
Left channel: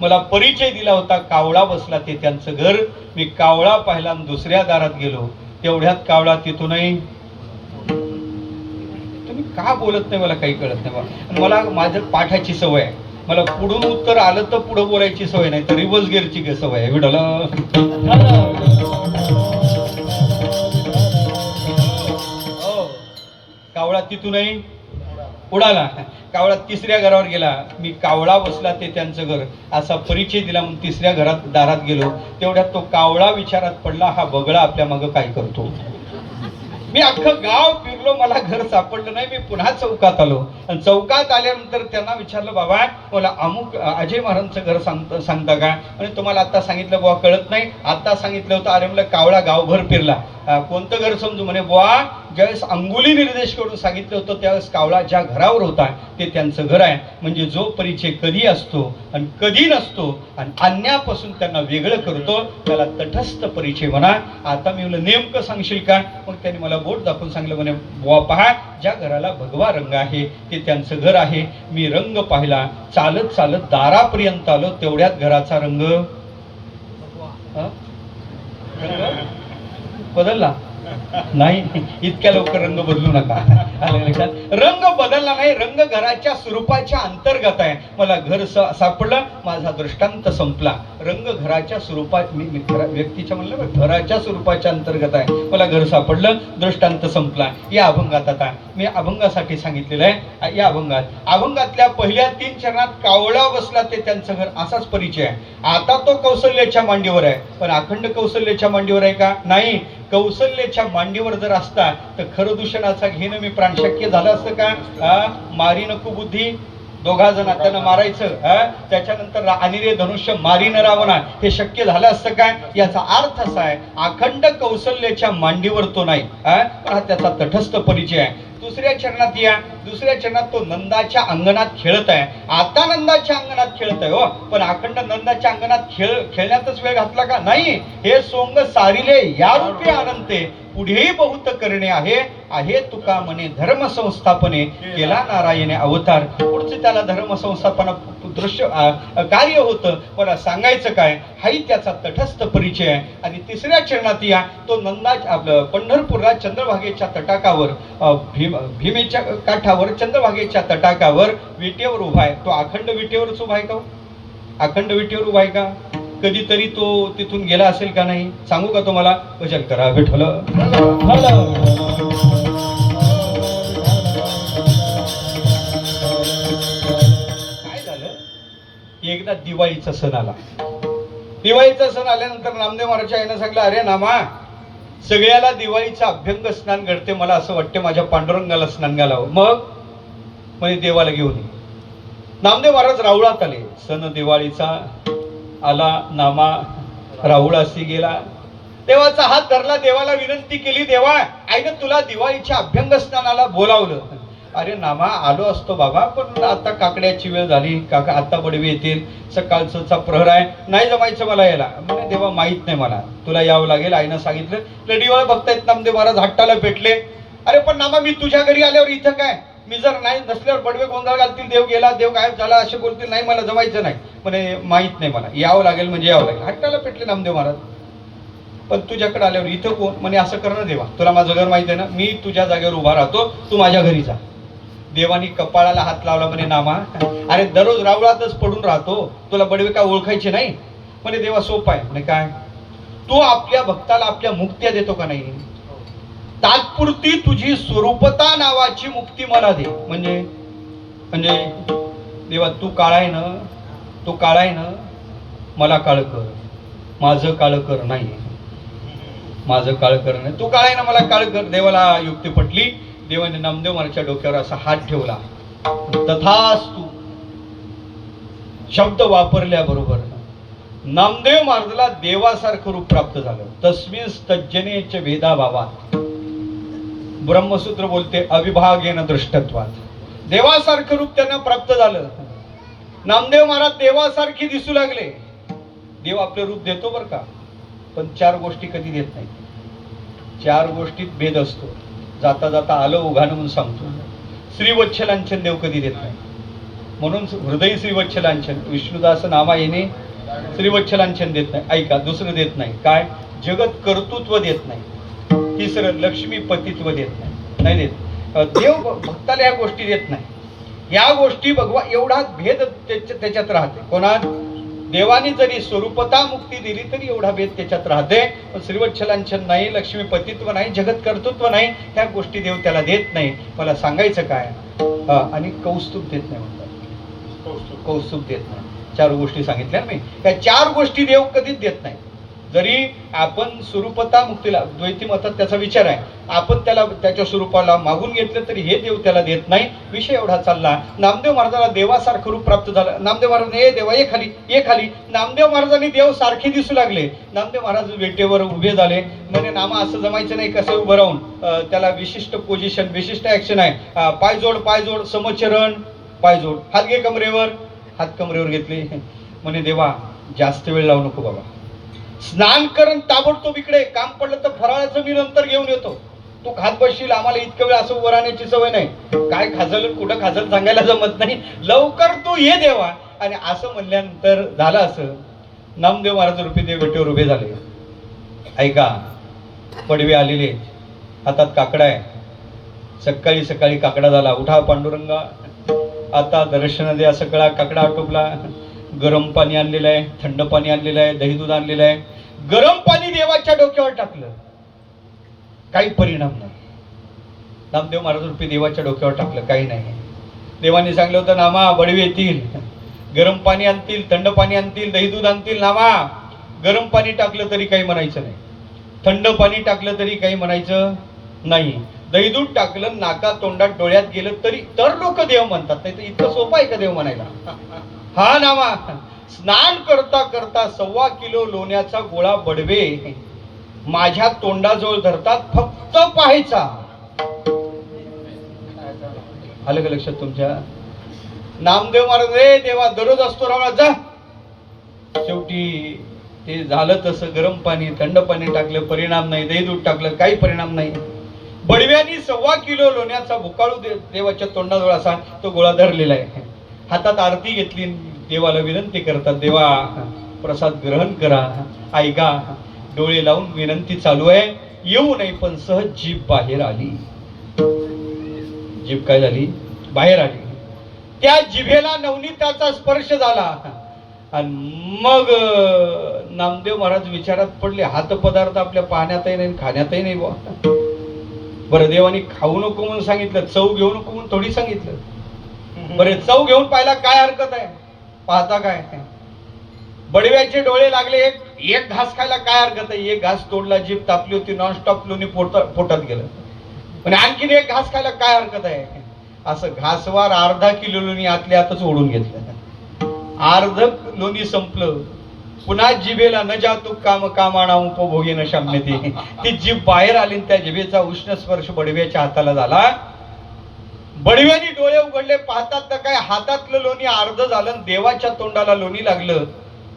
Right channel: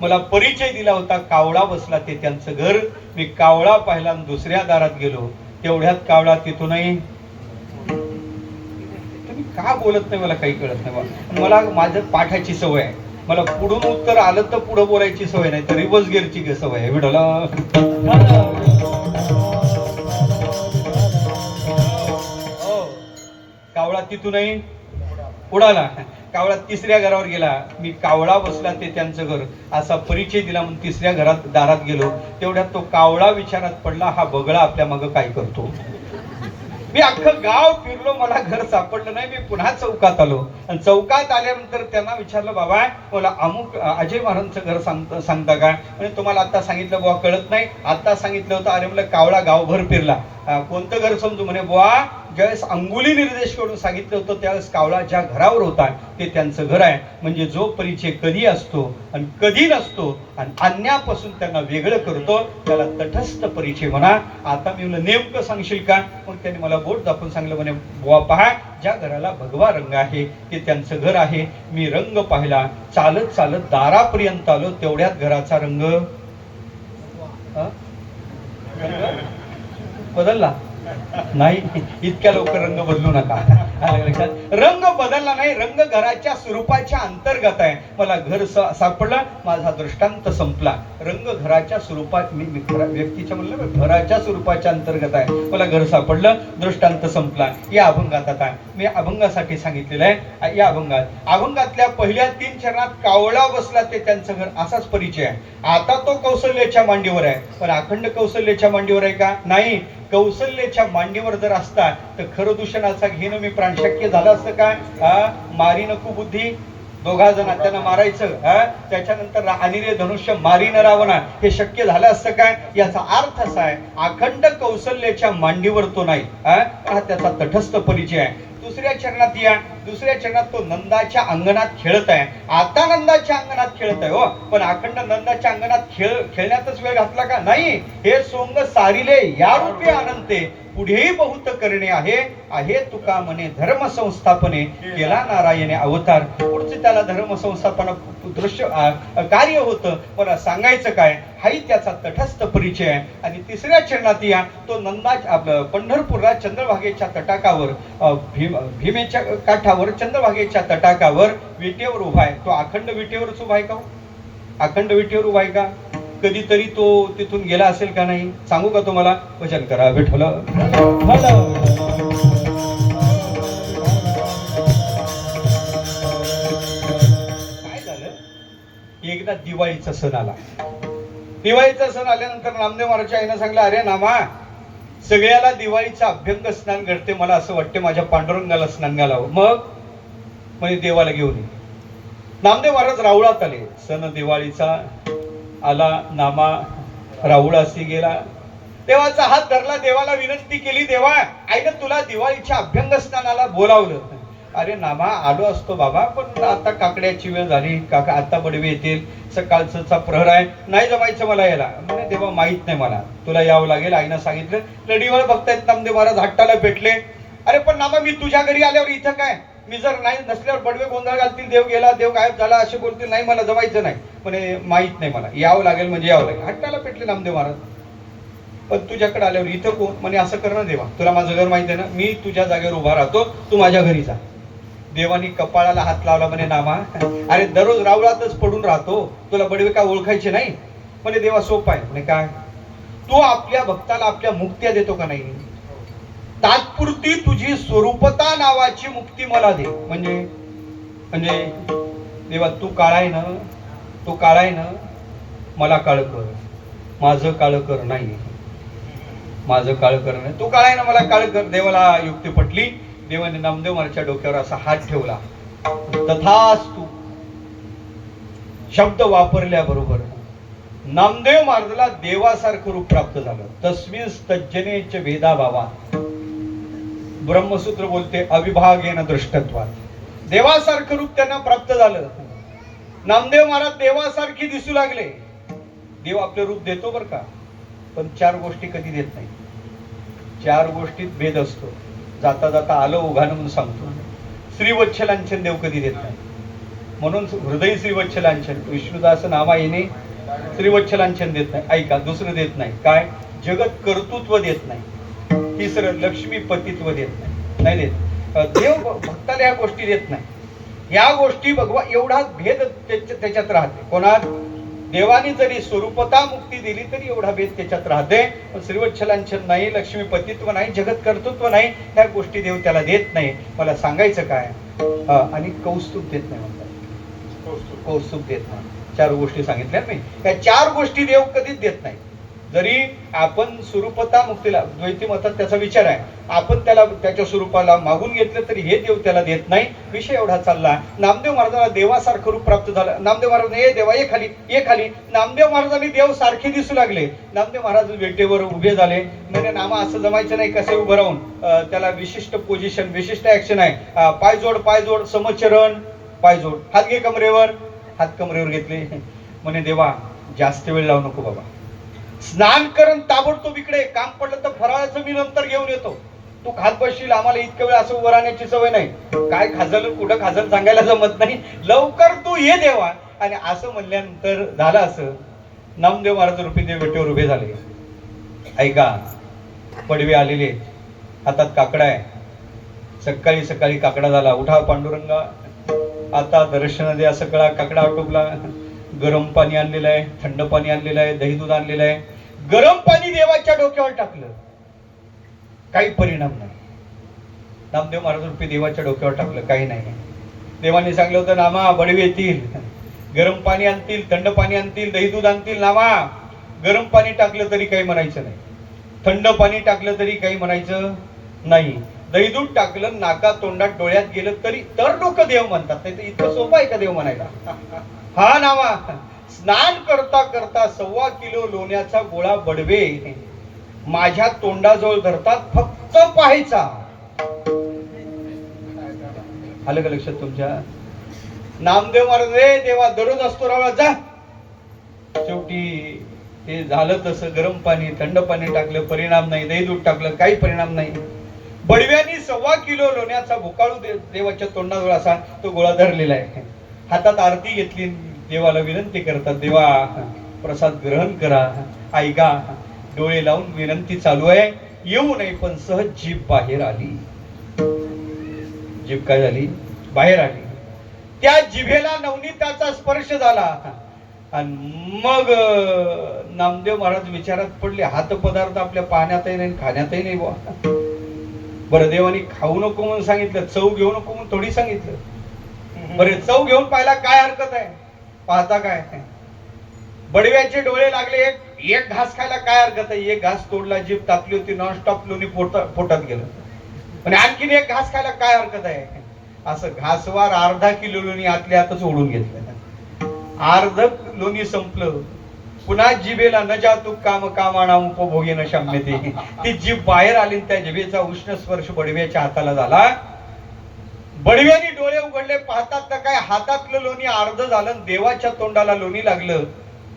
मला परिचय दिला होता, कावळा बसला ते त्यांचं घर. मी कावळा पाहिला, दुसऱ्या दारात गेलो, तेवढ्यात कावळा तिथूनही. तुम्ही का बोलत नाही मला काही कळत नाही. मला माझं पाठाची सवय आहे, मला पुढून उत्तर आलं तर पुढं बोलायची सवय नाही, तर रिव्हर्स गिअरची सवय आहे. विठला कावळा तिथूनही उडाला. कावळा तिसऱ्या घरावर गेला. मी कावळा बसला ते त्यांचं घर असा परिचय दिला, म्हणून तिसऱ्या घरात दारात गेलो, तेवढ्यात तो कावळा विचारात पडला, हा बगळा आपल्या मागं काय करतो. मी अख्खं गाव फिरलो, मला घर सापडलं नाही. मी पुन्हा चौकात आलो, आणि चौकात आल्यानंतर त्यांना विचारलं, बाबा मला अमुक अजय महाराजांचं घर सांगता का. म्हणजे तुम्हाला आता सांगितलं बुवा, कळत नाही, आता सांगितलं होतं. अरे म्हणलं कावळा गावभर फिरला, कोणतं घर समजू. म्हणे बुवा ज्यावेळेस अंगुली निर्देश करून सांगितलं होतं त्यावेळेस कावळा ज्या घरावर होता ते त्यांचं घर आहे. म्हणजे जो परिचय कधी असतो आणि कधी नसतो आणि अन्यापासून त्यांना वेगळं करतो त्याला तटस्थ परिचय म्हणा. आता मी म्हणलं नेमकं सांगशील का. मग त्यांनी मला बोट दाखवून सांगलं, म्हणे बुवा पहा, ज्या घराला भगवा रंग आहे ते त्यांचं घर आहे. मी रंग पाहिला, चालत चालत दारापर्यंत आलो, तेवढ्यात घराचा रंग बदलला नाही. इतक्या लवकर रंग बदलू नका. रंग बदलला नाही, रंग घराच्या स्वरूपाच्या अंतर्गत आहे. मला घर सापडलं, माझा दृष्टांत संपला. रंग घराच्या स्वरूपात, मी व्यक्तीच्या म्हणलं घराच्या स्वरूपाच्या अंतर्गत आहे. मला घर सापडलं, दृष्टांत संपला. या अभंगात आता मी अभंगासाठी सांगितलेलं आहे. या अभंगातल्या पहिल्या 3 चरणात कावळा बसला ते त्यांचं घर असाच परिचय आहे. आता तो कौशल्याच्या मांडीवर आहे, पण अखंड कौशल्याच्या मांडीवर आहे का. नाही. कौशल्याच्या मांडीवर जर असता तर खरं दूषणाचा घेणं मी प्राण शक्य झालं असतं का. मारी नको बुद्धी, 2 जण त्यांना मारायचं, त्याच्यानंतर अनिरे धनुष्य मारी न रावणा, हे शक्य झालं असतं का. याचा अर्थ असा आहे, अखंड कौशल्याच्या मांडीवर तो नाही, हा त्याचा तटस्थ परिचय आहे. दुसऱ्या चरणात या. दुसऱ्या चरणात तो नंदाच्या अंगणात खेळत आहे. आता नंदाच्या अंगणात खेळत आहे हो, पण अखंड नंदाच्या अंगणात खेळण्यातच वेळ घातला का? नाही. हे सोंग सारिले या रूपे अनंते, पुढेही बहुत करणे आहे. आहे तुका म्हणे धर्म संस्थापने, केला नारायणे अवतार. पुढचे त्याला धर्म संस्थापना दृश्य कार्य होतं. पण सांगायचं काय, हाही त्याचा तटस्थ परिचय आहे. आणि तिसऱ्या चरणात या. तो नंदा आपलं पंढरपूरला चंद्रभागेच्या तटाकावर, भीमेच्या काठावर चंद्रभागेच्या तटाकावर विटेवर उभा आहे. तो अखंड विटेवरच उभा आहे का? अखंड विटेवर उभा आहे का? कधीतरी तो तिथून गेला असेल का? नाही. सांगू का तुम्हाला? वचन करा विठ्ठल. काय झालं, एकदा दिवाळीचा सण आला. दिवाळीचा सण आल्यानंतर नामदेव महाराजच्या आईनं सांगितलं, अरे नामा, सगळ्याला दिवाळीचं अभ्यंग स्नान घडते, मला असं वाटते माझ्या पांडुरंगाला स्नान घालावं. मग म्हणजे देवाला घेऊन ये. नामदेव महाराज रावळात आले. सण दिवाळीचा आला. नामा राहुळासी गेला. देवाचा हात धरला. देवाला विनंती केली, देवा, आईनं तुला दिवाळीच्या अभ्यंग स्नानाला बोलावलं. अरे नामा, आलो असतो बाबा, पण आता काकड्याची वेळ झाली. काका आता बडवे येतील, सकाळचा प्रहर आहे, नाही जमायचं मला यायला. म्हणजे देवा माहित नाही, मला तुला यावं लागेल. आईनं सांगितलं. लढीवर बघतायत नामदेव महाराज हट्टाला पेटले. अरे पण नामा, मी तुझ्या घरी आल्यावर इथं काय? मी जर नाही नसल्यावर बडवे गोंधळ घालतील, देव गेला, देव गायब झाला असे बोलतील. नाही, मला जमायचं नाही. म्हणजे माहित नाही, मला यावं लागेल म्हणजे यावं लागेल. हट्टाला पेटले नामदेव महाराज. पण तुझ्याकडे आल्यावर इथं कोण? म्हणे असं कर ना देवा, तुला माझं घर माहिती आहे ना, मी तुझ्या जागेवर उभा राहतो, तू माझ्या घरी जा. देवानी कपाळाला हात लावला. म्हणे नामा, अरे दररोज रावळातच पडून राहतो, तुला बडवे का ओळखायचे नाही? म्हणे देवा सोपं आहे. म्हणे काय? तू आपल्या भक्ताला आपल्या मुक्त्या देतो का नाही? तात्पुरती तुझी स्वरूपता नावाची मुक्ती मला दे. म्हणजे देवा, तू काळा आहे ना, तू काळा आहे ना, मला काळ कर. माझं काळ कर नाही, माझं काळ कर नाही. तू काळा आहे ना, मला काळ कर. देवाला युक्ती पटली. देवाने नामदेव महाराजच्या डोक्यावर असा हात ठेवला. तथास्तु शब्द वापरल्याबरोबर नामदेव महाराजला देवासारखं रूप प्राप्त झालं. तस्मिन् तज्जनेच भेदाभावात. ब्रह्मसूत्र बोलते अविभागेन दृष्टत्वात. देवासारखं रूप त्यांना प्राप्त झालं. नामदेव महाराज देवासारखी दिसू लागले. देव आपलं रूप देतो बरं का, पण 4 गोष्टी कधी देत नाही. 4 गोष्टीत भेद असतो. जाता जाता आलं उघानं म्हणून सांगतो. श्रीवत्सलांचन देव कधी देत नाही. म्हणून हृदय श्रीवत्सलांचन, विष्णुदास नामा येणे श्रीवत्सलांचन देत नाही. ऐका, दुसरं देत नाही. काय? जगत कर्तृत्व देत नाही. तिसरं लक्ष्मी पतित्व देत नाही. नाही देत. देव भक्ताला या गोष्टी देत नाही. या गोष्टी बघवा, एवढा भेद त्याच्यात राहते. कोणात? देवानी जरी स्वरूपता मुक्ती दिली तरी एवढा भेद त्याच्यात राहते. पण श्रीवत्सलांचन नाही, लक्ष्मी पतित्व नाही, जगत कर्तृत्व नाही, ह्या गोष्टी देव त्याला देत नाही. मला सांगायचं काय? आणि कौस्तुभ देत नाही म्हणतात. कौस्तुभ देत नाही. 4 गोष्टी सांगितल्या मी. त्या 4 गोष्टी देव कधीच देत नाही. जरी आपण स्वरूपता मुक्तीला, द्वैती मतात त्याचा विचार आहे, आपण त्याला त्याच्या स्वरूपाला मागून घेतलं तरी हे देव त्याला देत नाही. विषय एवढा चालला. नामदेव महाराजांना देवासारखं रूप प्राप्त झालं. नामदेव महाराज, ए देवा ये खाली, ये खाली. नामदेव महाराजांनी देव सारखे दिसू लागले. नामदेव महाराज वेटेवर उभे झाले. म्हणजे नामा असं जमायचं नाही, कसं उभं राहून. त्याला विशिष्ट पोझिशन, विशिष्ट ऍक्शन आहे. पायजोड, पायजोड, समोच्चरण, पायजोड. हात घे कमरेवर. हात कमरेवर घेतले. म्हणे देवा, जास्त वेळ लावू नको बाबा, स्नान करून ताबडतोब इकडे, काम पडलं तर फराळाचं मी नंतर घेऊन येतो. तू खात बसशील, आम्हाला इतकं वेळ असं उभं राहण्याची सवय नाही. काय खाजल कुठं खाजल सांगायला जमत नाही. लवकर तू ये देवा. आणि असं म्हणल्यानंतर झालं असं, नामदेव महाराज रूपी देव विटेवर उभे झाले. ऐका, पडवे आलेले, हातात काकडा आहे. सकाळी सकाळी काकडा झाला. उठा पांडुरंगा, आता दर्शन द्या. सगळा काकडा आटोपला. गरम पाणी आणलेलं आहे, थंड पाणी आणलेलं आहे, दही दूध आणलेलं आहे. गरम पाणी देवाच्या डोक्यावर टाकलं, काही परिणाम नाही. नामदेव महाराज रूपी देवाच्या डोक्यावर टाकलं, काही नाही. देवाने सांगितलं होतं, नामा बडवे येतील, गरम पाणी आणतील, थंड पाणी आणतील, दही दूध आणतील. नामा, गरम पाणी टाकलं तरी काही म्हणायचं नाही, थंड पाणी टाकलं तरी काही म्हणायचं नाही, दही दूध टाकलं नाका तोंडात डोळ्यात गेलं तरी तर लोक देव म्हणतात. नाही तर इतकं सोपं आहे का देव म्हणायला? हा नामा, स्नान करता करता 1.25 किलो लोण्याचा गोळा बडवे माझ्या तोंडाजवळ धरतात, फक्त पाहायचा. आलं का लक्षात तुमच्या? नामदेव महाराज रे देवा दररोज असतो रावळा जा. शेवटी ते झालं तसं, गरम पाणी थंड पाणी टाकलं परिणाम नाही, दही दूध टाकलं काही परिणाम नाही. बडव्यांनी 1.25 किलो लोण्याचा भुकाळू देवाच्या तोंडाजवळ असा तो गोळा धरलेला आहे. हातात आरती घेतली, देवाला विनंती करतात, देवा प्रसाद ग्रहण करा. ऐका, डोळे लावून विनंती चालू आहे, येऊ नाही. पण सहज जीभ बाहेर आली. जीभ काय झाली? बाहेर आली. त्या जिभेला नवनीताचा स्पर्श झाला आणि मग नामदेव महाराज विचारात पडले, हात पदार्थ आपल्या पाहण्यातही नाही खाण्यातही नाही बुवा. बरं, देवानी खाऊ नको म्हणून सांगितलं, चव घेऊ नको म्हणून थोडी सांगितलं. बरे, चव घेऊन पाहिला काय हरकत आहे? पाहता काय? बडव्याचे डोळे लागले. एक घास खायला काय हरकत आहे? एक घास तोडला, जीभ तापली होती, नॉनस्टॉप लोणी पोटात गेलं. आणि आणखीन एक घास खायला काय हरकत आहे? असं घासवार अर्धा किलो लोणी आतल्या आतच ओढून घेतलं. अर्ध लोणी संपलं. पुन्हा जिभेला न जातू काम कामाणा उपभोगी न शाम्यते. ती जीभ बाहेर आली, त्या जिभेचा उष्ण स्पर्श बडव्याच्या हाताला झाला. बडव्यानी डोळे उघडले, पाहतात तर काय हातातलं लोणी अर्ध झालं, देवाच्या तोंडाला लोणी लागलं.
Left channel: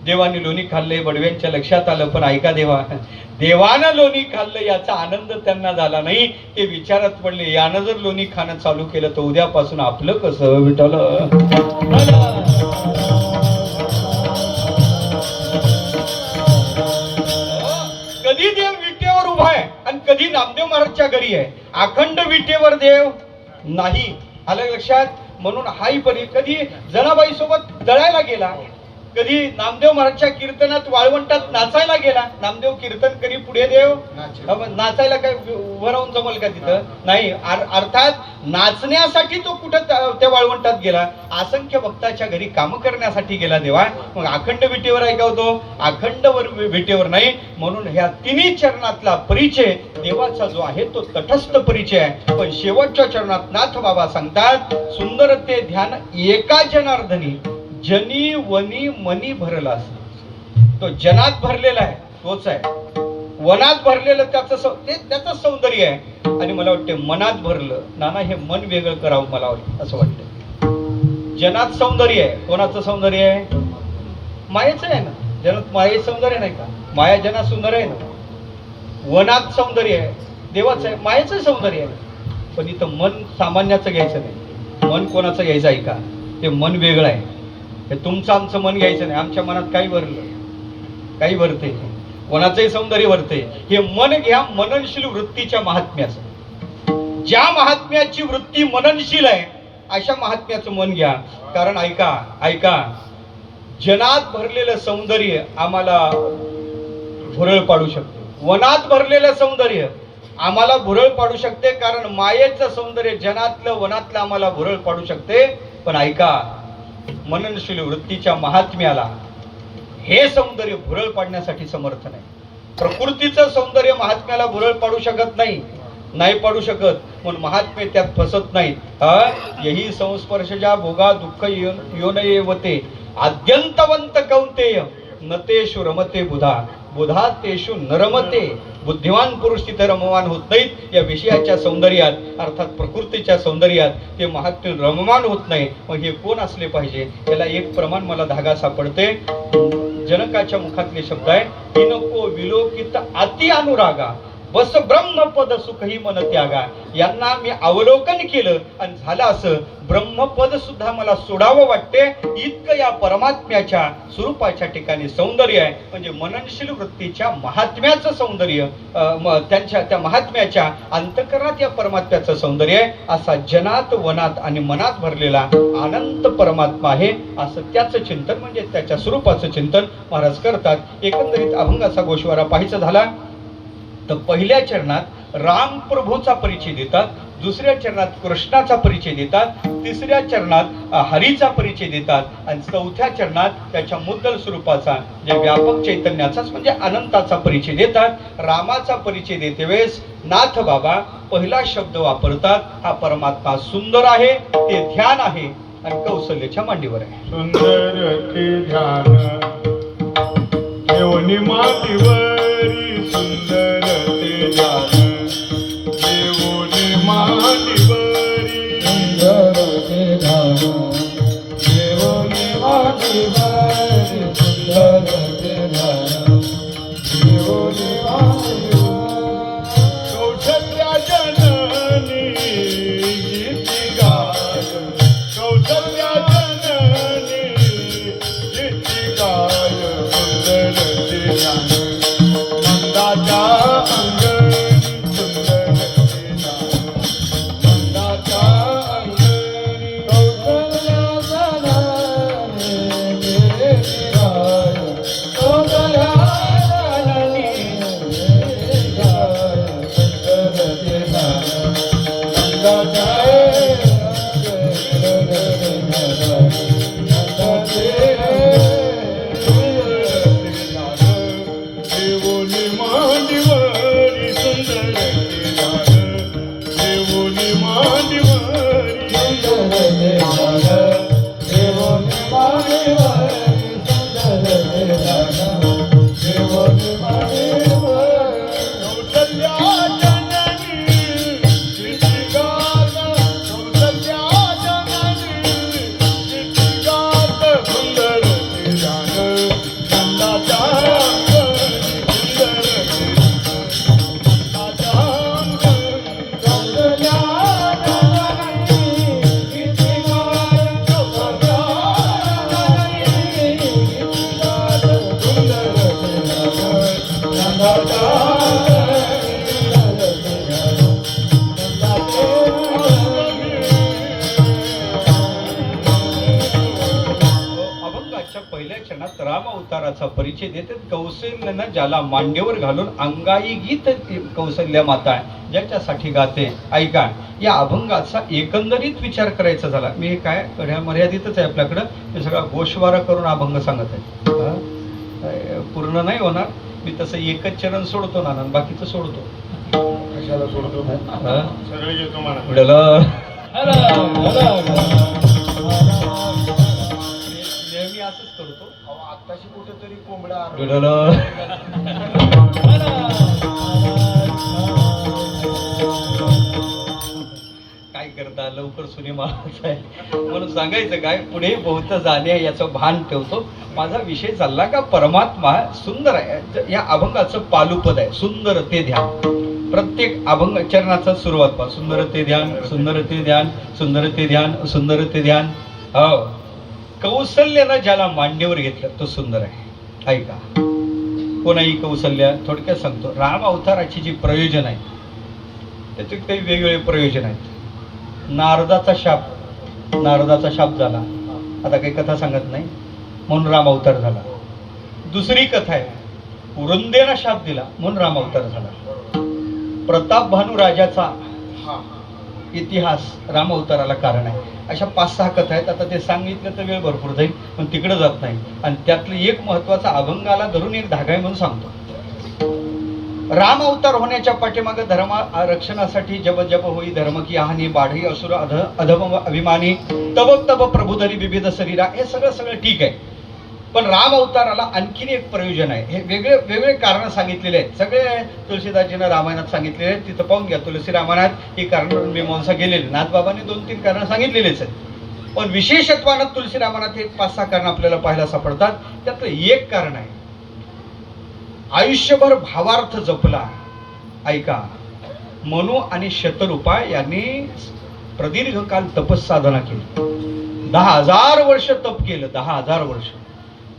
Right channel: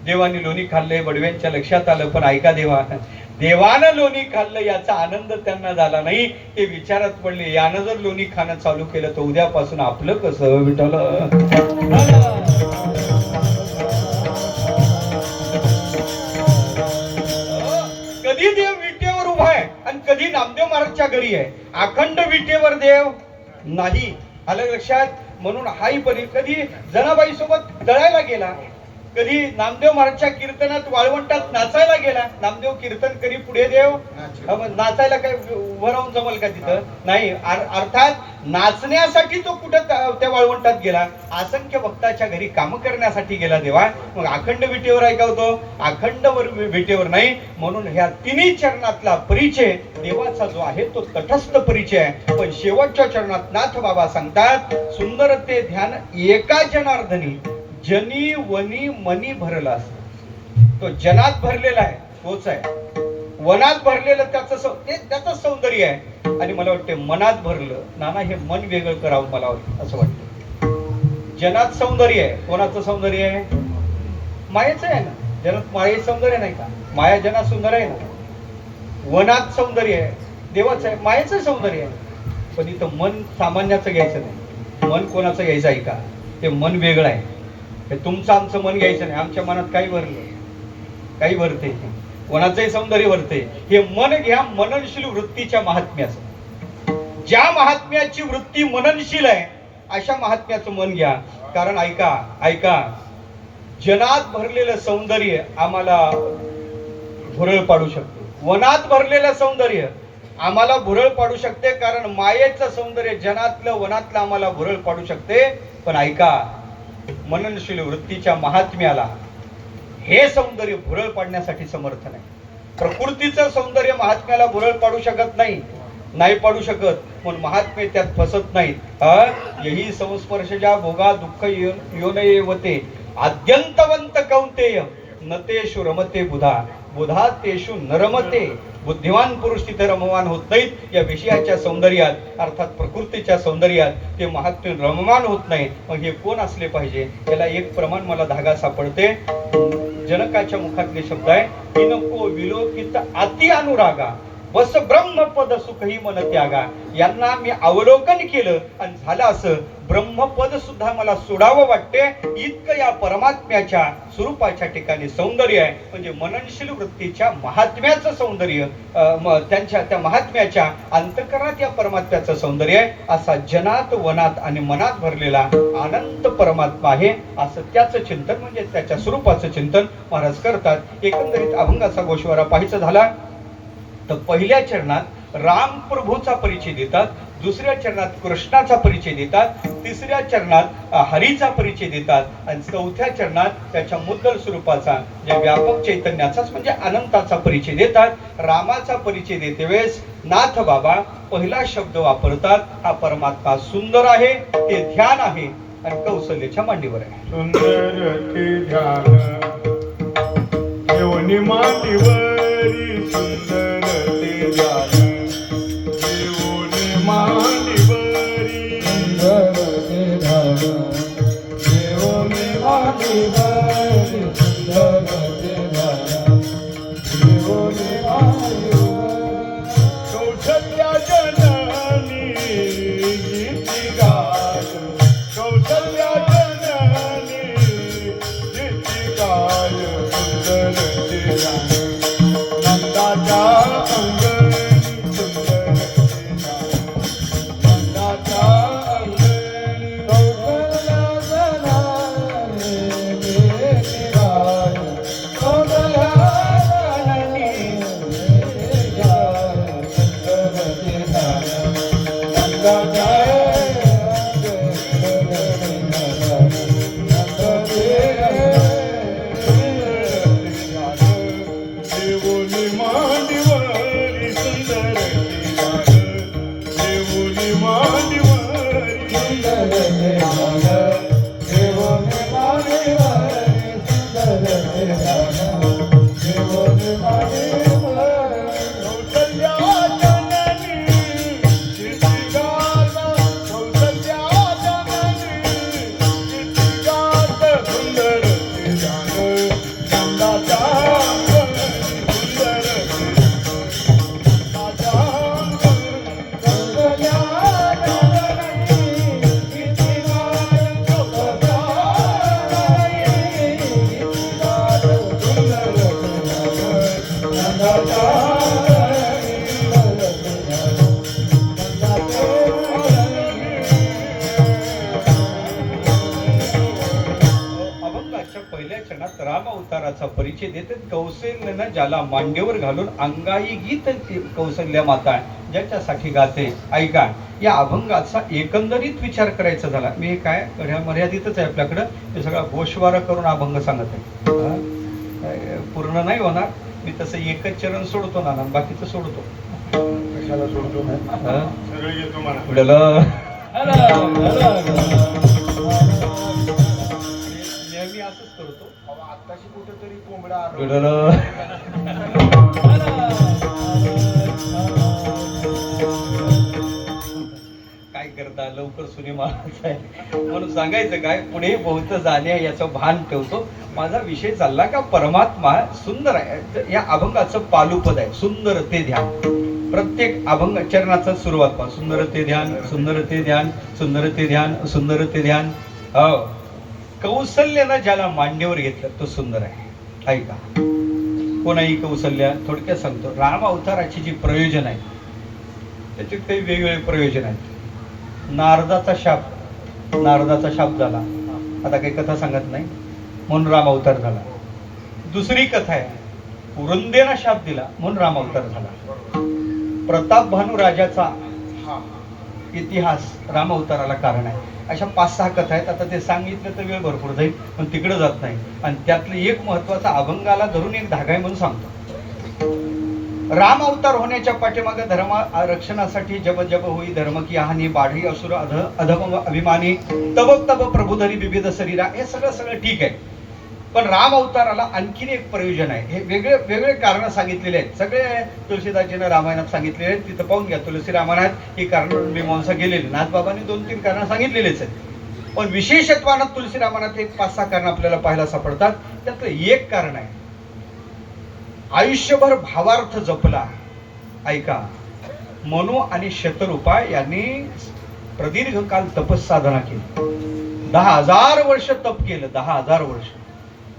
देवाने लोणी खाल्ले, बडव्यांच्या लक्षात आलं. पण ऐका, देवानं लोणी खाल्लं याचा आनंद त्यांना झाला नाही. ते विचारात पडले, यानं जर लोणी खाणं चालू केलं तर उद्यापासून आपलं कसं? विठ्ठल कधी देव विटेवर उभा आहे आणि कधी नामदेव महाराजच्या घरी आहे. अखंड विटेवर देव नाही. आलं लक्षात? म्हणून हाही परी कधी जनाबाई सोबत दळायला गेला, कधी नामदेव महाराजच्या कीर्तनात वाळवंटात नाचायला गेला. नामदेव कीर्तन करी पुढे देव नाचायला काय उभं जमल का तिथं? नाही. अर्थात नाचण्यासाठी तो कुठं त्या वाळवंटात गेला? असंख्य भक्ताच्या घरी काम करण्यासाठी गेला देवा. मग अखंड विटेवर आहे का होतो? अखंड विटेवर नाही. म्हणून ह्या तिन्ही चरणातला परिचय देवाचा जो आहे तो तटस्थ परिचय आहे. पण शेवटच्या चरणात नाथ बाबा सांगतात, सुंदर ते ध्यान एका जनार्दनी जनी वनी मनी भरला. तो जनात भरलेला आहे तोच आहे, वनात भरलेलं त्याचं सौंदर्य आहे. आणि मला वाटते मनात भरलं नाना हे मन वेगळं करावं मला असं वाटतं. जनात सौंदर्य आहे. कोणाचं सौंदर्य आहे? मायेचं आहे ना. जनात माये सौंदर्य नाही का? माया जनात सुंदर आहे ना. वनात सौंदर्य आहे देवाचं आहे, मायेचं सौंदर्य आहे. पण इथं मन सामान्याचं घ्यायचं नाही. मन कोणाचं घ्यायचं आहे का? ते मन वेगळं आहे. हे तुमचं आमचं मन घ्यायचं नाही. आमच्या मनात काही भरलं, काही भरते, कोणाचंही सौंदर्य भरते. हे मन घ्या मननशील वृत्तीच्या महात्म्याचं. ज्या महात्म्याची वृत्ती मननशील आहे अशा महात्म्याचं मन घ्या. कारण ऐका, जनात भरलेलं सौंदर्य आम्हाला भुरळ पाडू शकते. वनात भरलेलं सौंदर्य आम्हाला भुरळ पाडू शकते. कारण मायेचं सौंदर्य जनातलं वनातलं आम्हाला भुरळ पाडू शकते. पण ऐका, मननशील वृत्तीच्या महात्म्याला हे सौंदर्य भुरळ पाडण्यासाठी समर्थ नाही. प्रकृतीचं सौंदर्य महात्म्याला भुरळ पाडू शकत नाही पाडू शकत. म्हणून महात्मे त्यात फसत नाहीत. यही संस्पर्शजा भोगा दुःख योनयेवते आद्यंतवंत कौंतेय नतेषु रमते बुधा तेषु नरमते. बुद्धिमान पुरुष तिथे रममान होत नाहीत या विषयाच्या सौंदर्यात, अर्थात प्रकृतीच्या सौंदर्यात ते महात्म्य रममान होत नाही. मग हे कोण असले पाहिजे? याला एक प्रमाण मला धागा सापडते. जनकाच्या मुखातले शब्द आहे, नको विलोकित अति अनुरागा बस ब्रह्मपद सुखही मन त्यागा. यांना मी अवलोकन केलं आणि झालं असं, ब्रह्मपद सुद्धा मला सोडावं वाटते. इतकं या परमात्म्याच्या स्वरूपाच्या ठिकाणी सौंदर्य आहे. म्हणजे मननशील वृत्तीच्या महात्म्याचं सौंदर्य, त्या महात्म्याच्या अंतःकरणात या परमात्म्याचं सौंदर्य आहे. असा जनात वनात आणि मनात भरलेला अनंत परमात्मा आहे. असं त्याचं चिंतन म्हणजे त्याच्या स्वरूपाचं चिंतन महाराज करतात. एकंदरीत अभंगाचा गोषवारा पाहायचा झाला तर पहिल्या चरणात राम प्रभूचा परिचय देतात, दुसऱ्या चरणात कृष्णाचा परिचय देतात, तिसऱ्या चरणात हरीचा परिचय देतात आणि चौथ्या चरणात त्याच्या मुद्दल स्वरूपाचा जे व्यापक चैतन्याचाच म्हणजे अनंताचा परिचय देतात. रामाचा परिचय देते वेळेस नाथ बाबा पहिला शब्द वापरतात, हा परमात्मा सुंदर आहे, ते ध्यान आहे आणि कौशल्याच्या मांडीवर आहे. सुंदर ते ध्यान देवनी मातीवरी, सुंदर ते ध्यान देवनी मातीवरी, सुंदर कौसल्या जननी गीती गाय कौसल्या जननी गीती गाय सुंदर ते ध्यान नंदाच्या अंगणी सुंदर ते ध्यान नंदाच्या अंगणी कौसल्या जननी गीती गाय कौसल्या जननी गीती गाय सुंदर ते ध्यान नंदाच्या देवोनी मांडीवरी सुंदर ते ध्यान देवोनी मांडीवरी कौसल्या जननी गीती गात कौसल्या जननी गीती गात सुंदर ते ध्यान नंदाच्या अंगणी सुंदर ते नंदाच्या अंगणी अभंगाच्या पहिल्या क्षणात राम अवताराचा परिचय देतात. कौशल्यानं ज्याला मांडीवर घालून अंगाई गीत कौशल्या माता ज्याच्यासाठी गाते. ऐका, या अभंगाचा एकंदरीत विचार करायचा झाला, मी काय घड्या मर्यादितच आहे आपल्याकडं, हे सगळा गोषवारा करून अभंग सांगत आहे. पूर्ण नाही होणार, मी तसं एकच चरण सोडतो ना, बाकीचं सोडतो. कशाला सोडतो हा? सगळे घेतो मला पुढलं नेहमी असंच करतो. आत्ताशी कुठेतरी कोंबड्या पुढलं काय करता, लवकर सुनी मारायचं आहे म्हणून सांगायचं काय, पुढे बहुत झाले याचं भान ठेवतो. माझा विषय चालला का परमात्मा सुंदर आहे. या अभंगाचं पालुपद आहे सुंदर ते ध्यान. प्रत्येक अभंग चरणाचा सुरुवात पहा, सुंदर ते ध्यान, सुंदर ते ध्यान, सुंदर ते ध्यान, सुंदर ते ध्यान. हो, कौशल्यानं ज्याला मांडीवर घेतलं तो सुंदर आहे. ऐका, कोणाही कौशल्या थोडक्यात सांगतो. राम अवताराची जी प्रयोजन आहे त्याचे काही वेगवेगळे प्रयोजन आहेत. नारदाचा शाप झाला, आता काही कथा सांगत नाही म्हणून राम अवतार झाला. दुसरी कथा आहे, पुरंदेला शाप दिला म्हणून राम अवतार झाला. प्रताप भानू राजाचा इतिहास राम अवताराला कारण आहे. अशा 5-6 कथा आहेत. आता ते सांगितलं तर वेळ भरपूर जाईल, पण तिकडे जात नाही. आणि त्यातले एक महत्वाचा अभंगाला धरून एक धागा आहे म्हणून सांगतो. राम अवतार होण्याच्या पाठीमागे धर्म रक्षणासाठी जब जब होई धर्म की हानी बाढी असुर अधम अभिमानी तब तब प्रभुधरी विविध शरीरा, हे सगळं ठीक आहे. पण राम अवताराला आणखीन एक प्रयोजन आहे. हे वेगळे कारण सांगितलेले आहेत. सगळे तुलसीदासजीनं रामायणात सांगितलेले आहेत. तिथं पाहून घ्या, तुलसी रामायणात ही कारण मीमांसा गेलेली. नाथबाबांनी 2-3 कारण सांगितलेलेच आहेत. पण विशेषत्वानं तुलसी रामायणात एक 5-6 कारण आपल्याला पाहायला सापडतात. त्यातलं एक कारण आहे, आयुष्यभर भावार्थ जपला. ऐका, मनु आणि शतरूपा यांनी प्रदीर्घ काल तपस्साधना केली. 10,000 वर्ष तप केलं. 10,000 वर्ष.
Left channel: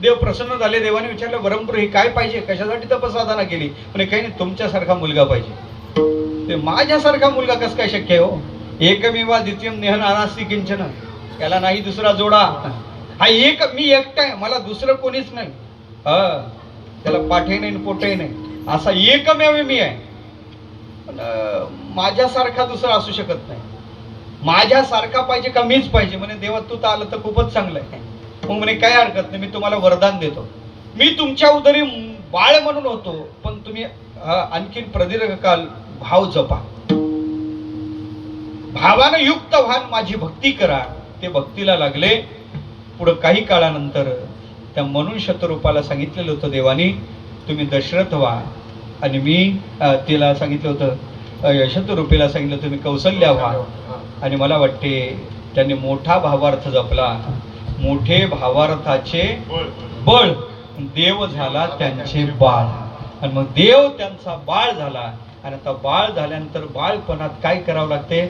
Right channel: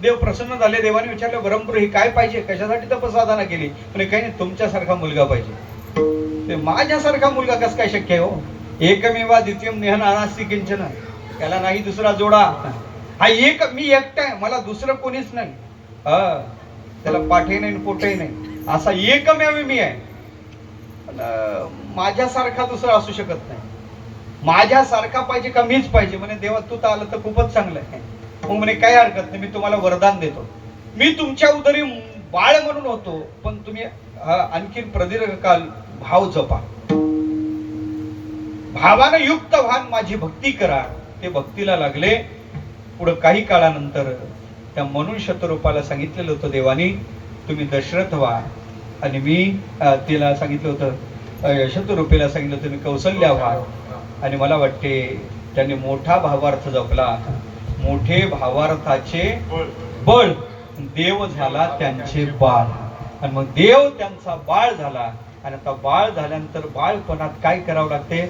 देव प्रसन्न झाले. देवाने विचारलं, वरमपुर ही काय पाहिजे, कशासाठी तपस्साधना केली? म्हणजे काही नाही, तुमच्यासारखा मुलगा पाहिजे. ते माझ्यासारखा मुलगा कसं काय शक्य आहे हो? एकमेवा द्वितीयम नेहन अनास्ति किंचन, त्याला नाही दुसरा जोडा. हा एक, मी एकटा आहे, मला दुसरं कोणीच नाही. त्याला पाठही नाही पोटही नाही, असा एकमेव मी आहे. पण माझ्यासारखा दुसरा असू शकत नाही. माझ्यासारखा पाहिजे का मीच पाहिजे? म्हणे देवा तू तर आलं तर खूपच चांगलं आहे. मग म्हणे काय हरकत नाही, मी तुम्हाला वरदान देतो. मी तुमच्या उदरी बाळ म्हणून होतो, पण तुम्ही आणखीन प्रदीर्घ काल भाव जपा. भावानं युक्त व्हान माझी भक्ती करा. ते भक्तीला लागले. पुढे काही काळानंतर त्या म्हणून शतरूपाला सांगितलेलं होतं देवानी, तुम्ही दशरथ व्हा. आणि मी तिला सांगितलं होतं, शतरूपेला सांगितलं तुम्ही कौशल्या व्हा. आणि मला वाटते त्यांनी मोठा भावार्थ जपला. मोठे भावार्थाचे बळ देव झाला त्यांचे बाळ. आणि मग देव त्यांचा बाळ झाला. आणि आता बाळ झाल्यानंतर बाळपणात काय करावं लागते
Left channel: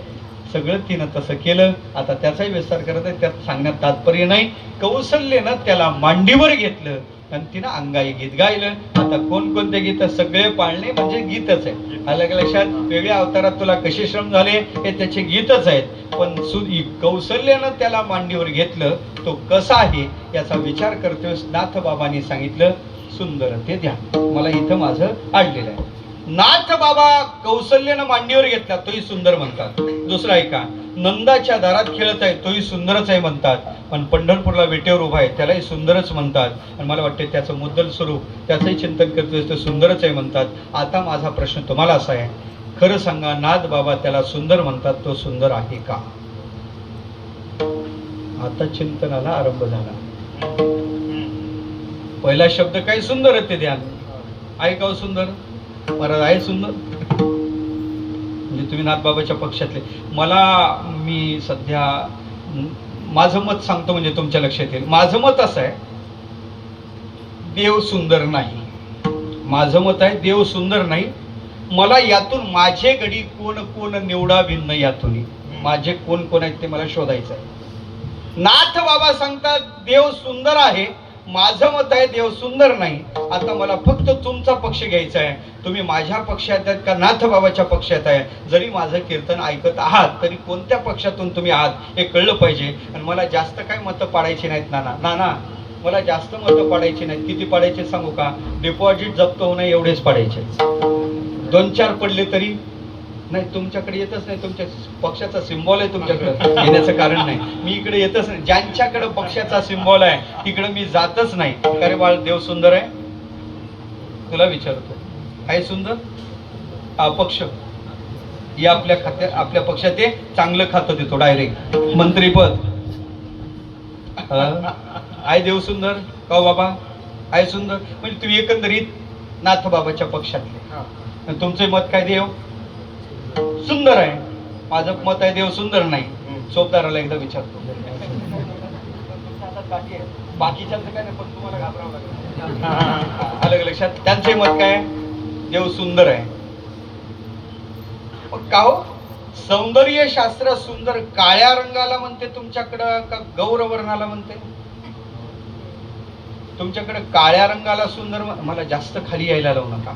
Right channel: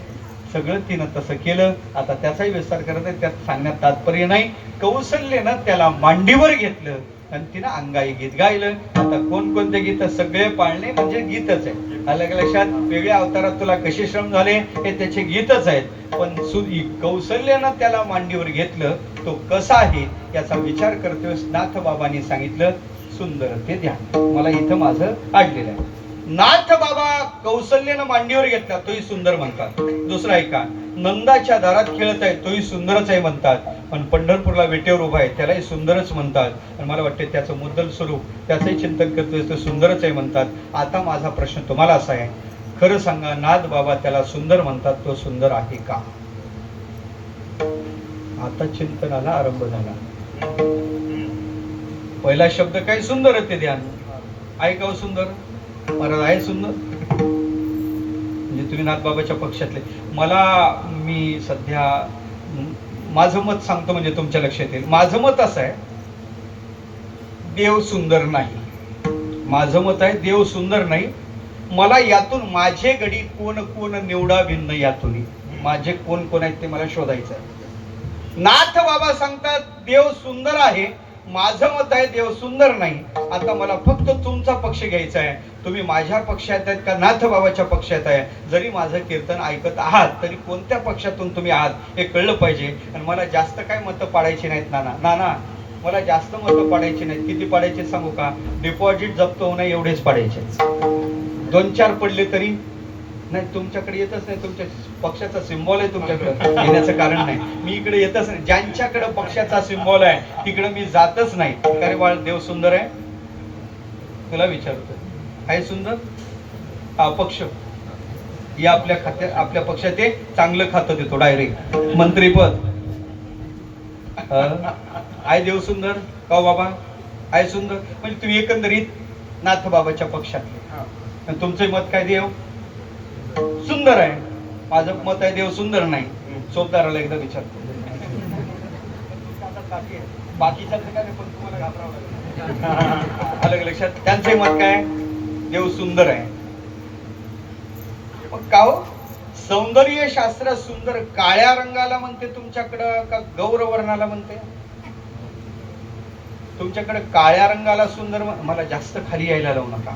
सगळं तिनं तसं केलं. आता त्याचाही विस्तार करत आहे, त्यात सांगण्यात तात्पर्य नाही. कौशल्यनं त्याला मांडीवर घेतलं आणि तिनं अंगाई गीत गायलं. आता कोणकोणते गीत सगळे पाळणे म्हणजे गीतच आहे. अलग लक्षात वेगळ्या अवतारात तुला कसे श्रम झाले हे त्याचे गीतच आहेत. पण कौशल्यानं त्याला मांडीवर घेतलं तो कसा आहे याचा विचार करतोय. नाथ बाबांनी सांगितलं सुंदर ते ध्यान. मला इथं माझं आडलेलं आहे. नाथ बाबा कौशल्यानं मांडीवर घेतला तोही सुंदर म्हणतात. दुसरा ऐका, नंदाच्या दारात खेळत आहे तोही सुंदरच आहे म्हणतात. पण पंढरपूरला वेटेवर उभा आहे त्यालाही सुंदरच म्हणतात. आणि मला वाटते त्याचं मुद्दल स्वरूप त्याचंही चिंतन करतोय तो सुंदरच आहे म्हणतात. आता माझा प्रश्न तुम्हाला असा आहे, खरं सांगा नाथ बाबा त्याला सुंदर म्हणतात तो सुंदर आहे का? आता चिंतनाला आरंभ झाला. पहिला शब्द काय सुंदर ते ध्यान. ऐकाव सुंदर महाराज आहे सुंदर म्हणजे तुम्ही नाथबाबाच्या पक्षातले. मी सध्या माझं मत सांगतो म्हणजे तुमच्या लक्षात येईल. माझं मत असं आहे देव सुंदर नाही. माझं मत आहे देव सुंदर नाही. मला यातून माझे गडी कोण कोण निवडा भिन्न यातून माझे कोण कोण आहेत ते मला शोधायचं आहे. नाथ बाबा सांगतात देव सुंदर आहे. माझं मत आहे देव सुंदर नाही. आता मला फक्त तुमचा पक्ष घ्यायचा आहे. तुम्ही माझ्या पक्षात आहेत का नाथ बाबाच्या पक्षात आहे? जरी माझं कीर्तन ऐकत आहात तरी कोणत्या पक्षातून तुम्ही आहात हे कळलं पाहिजे. आणि मला जास्त काय मतं पाडायची नाहीत नाना मला जास्त मतं पाडायची नाहीत. किती पाडायचे सांगू का? डिपॉझिट जप्त होणं एवढेच पाडायचे. 2-4 पडले तरी नाही. तुमच्याकडे येतच नाही. तुमच्या पक्षाचा सिम्बॉल आहे तुमच्याकडे येण्याचं कारण नाही. मी इकडे येतच नाही. ज्यांच्याकडे पक्षाचा सिम्बॉल आहे तिकडे मी जातच नाही. अरे बाळ देव सुंदर आहे तुला विचारतोय आहे सुंदर? अपक्ष या आपल्या पक्षात ते चांगलं खातं देतो डायरेक्ट मंत्रीपद. आहे देव सुंदर का बाबा? आहे सुंदर म्हणजे तुम्ही एकंदरीत नाथ बाबाच्या पक्षातले. तुमचे मत काय? देव सुंदर आहे. माझं मत आहे देव सुंदर नाही. चौकदाराला एकदा विचारतो. बाकीच्यांचं काय नाही पण तुम्हाला घाबरावं लागेल. अलग लक्षात त्यांचे मत काय? देव सुंदर आहे. का हो सौंदर्य शास्त्र सुंदर काळ्या रंगाला म्हणते तुमच्याकडं का गौरवर्णाला म्हणते? तुमच्याकडे काळ्या रंगाला सुंदर. मला जास्त खाली यायला लावू नका.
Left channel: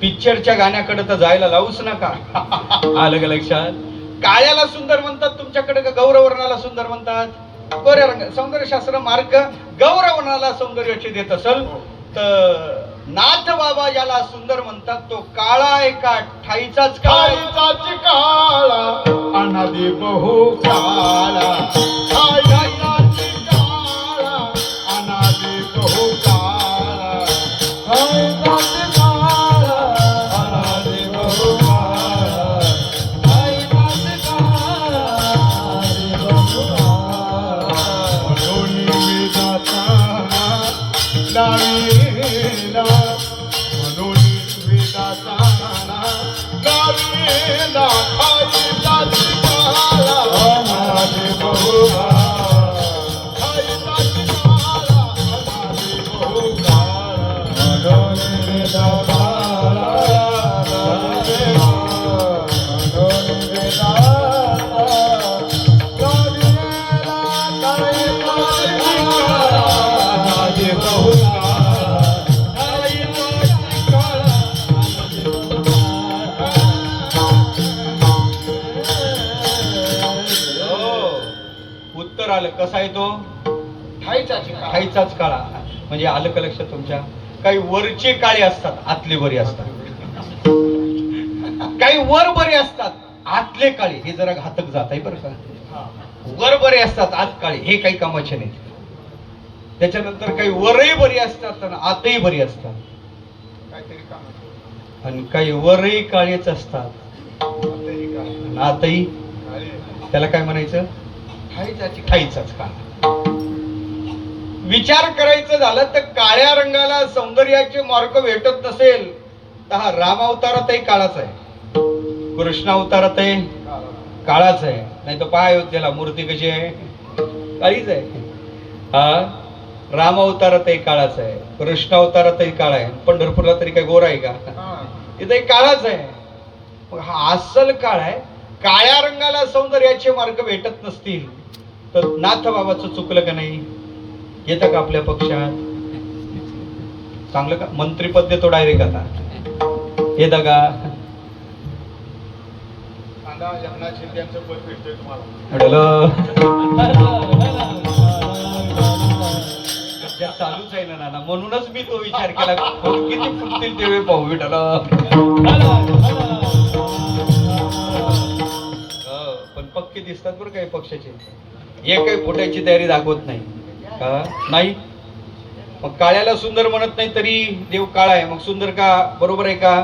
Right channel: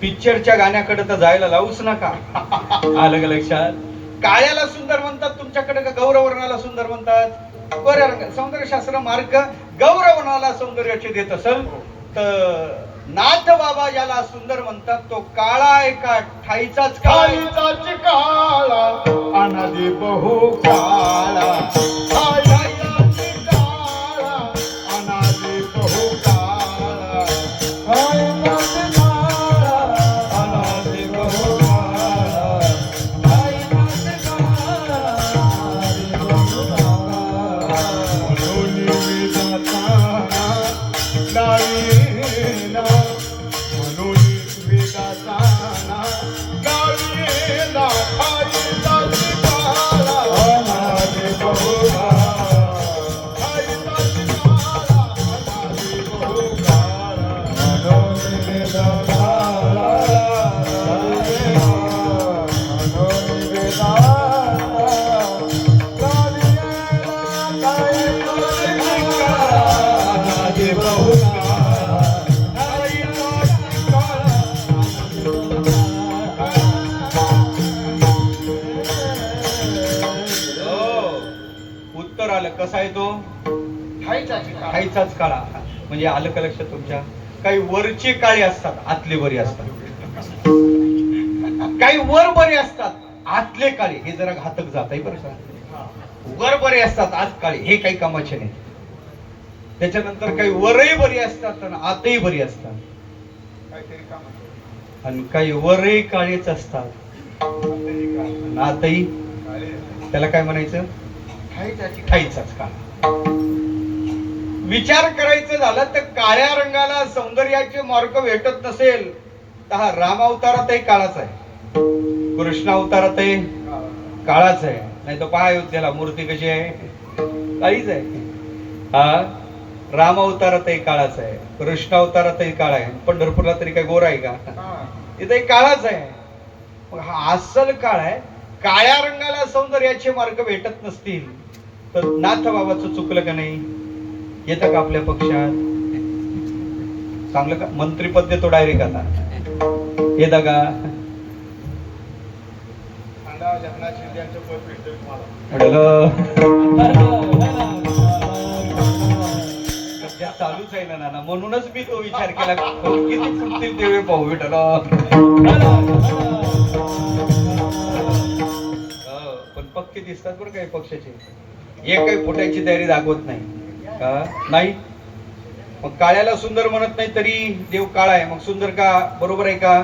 पिक्चरच्या गाण्याकडे तर जायला लावूच नका. आलं का लक्षात? काळ्याला सुंदर म्हणतात तुमच्याकडे का गौरवर्णाला सुंदर म्हणतात? गोऱ्या रंग सौंदर्यशास्त्र मार्क गौरवर्णाला सौंदर्याचे देत असेल तर नाथ बाबा ज्याला सुंदर म्हणतात तो काळा आहे का ठाईचाच काळा अनादी बहु काळा अनादी बहु कसा आहे तो? ठाईचाच काळा. म्हणजे आलं का लक्षात तुमच्या? काही वरचे काळे असतात आतले बरे असतात. काही वर बरे असतात आतले काळे. हे जरा घातक जात आहे बरं का. वर बरे असतात आत काळे हे काही कामाचे नाही. त्याच्यानंतर काही वरही बरी असतात आणि आतही बरी असतात. आणि काही वरही काळेच असतात आणि आतही त्याला काय म्हणायचं? ठाईचाच काळा. विचार करायचं झालं तर काळ्या रंगाला सौंदर्याचे मार्ग भेटत नसेल तर हा राम अवतारातही काळाच आहे. कृष्ण अवतारातही काळाच आहे. नाही तर पहा अयोध्येला मूर्ती कशी आहे? काळीच आहे. हा राम अवतारातही काळाच आहे. कृष्ण अवतारातही काळा आहे. पंढरपूरला तरी काय गोरा आहे का? इथं एक काळाच आहे. मग हा अस्सल काळ आहे. काळ्या रंगाला सौंदर्याचे मार्ग भेटत नसतील तर नाथ बाबाचं चुकलं का नाही? येतं का आपल्या पक्षात? चांगलं का? मंत्रीपद देतो डायरेक्ट आता. येतं का? जगन्नाथ शिंदेचं पद भेटतंय तुम्हाला. चालूच आहे ना नाना, म्हणूनच मी तो विचार केला किती फुटतील तेव्हा पाहू विठाला. पण पक्के दिसतात बरं काही पक्षाचे. एक काही फुटायची तयारी दाखवत नाही का? नाही. मग काळ्याला सुंदर म्हणत नाही तरी देव काळा आहे, मग सुंदर का? बरोबर आहे का?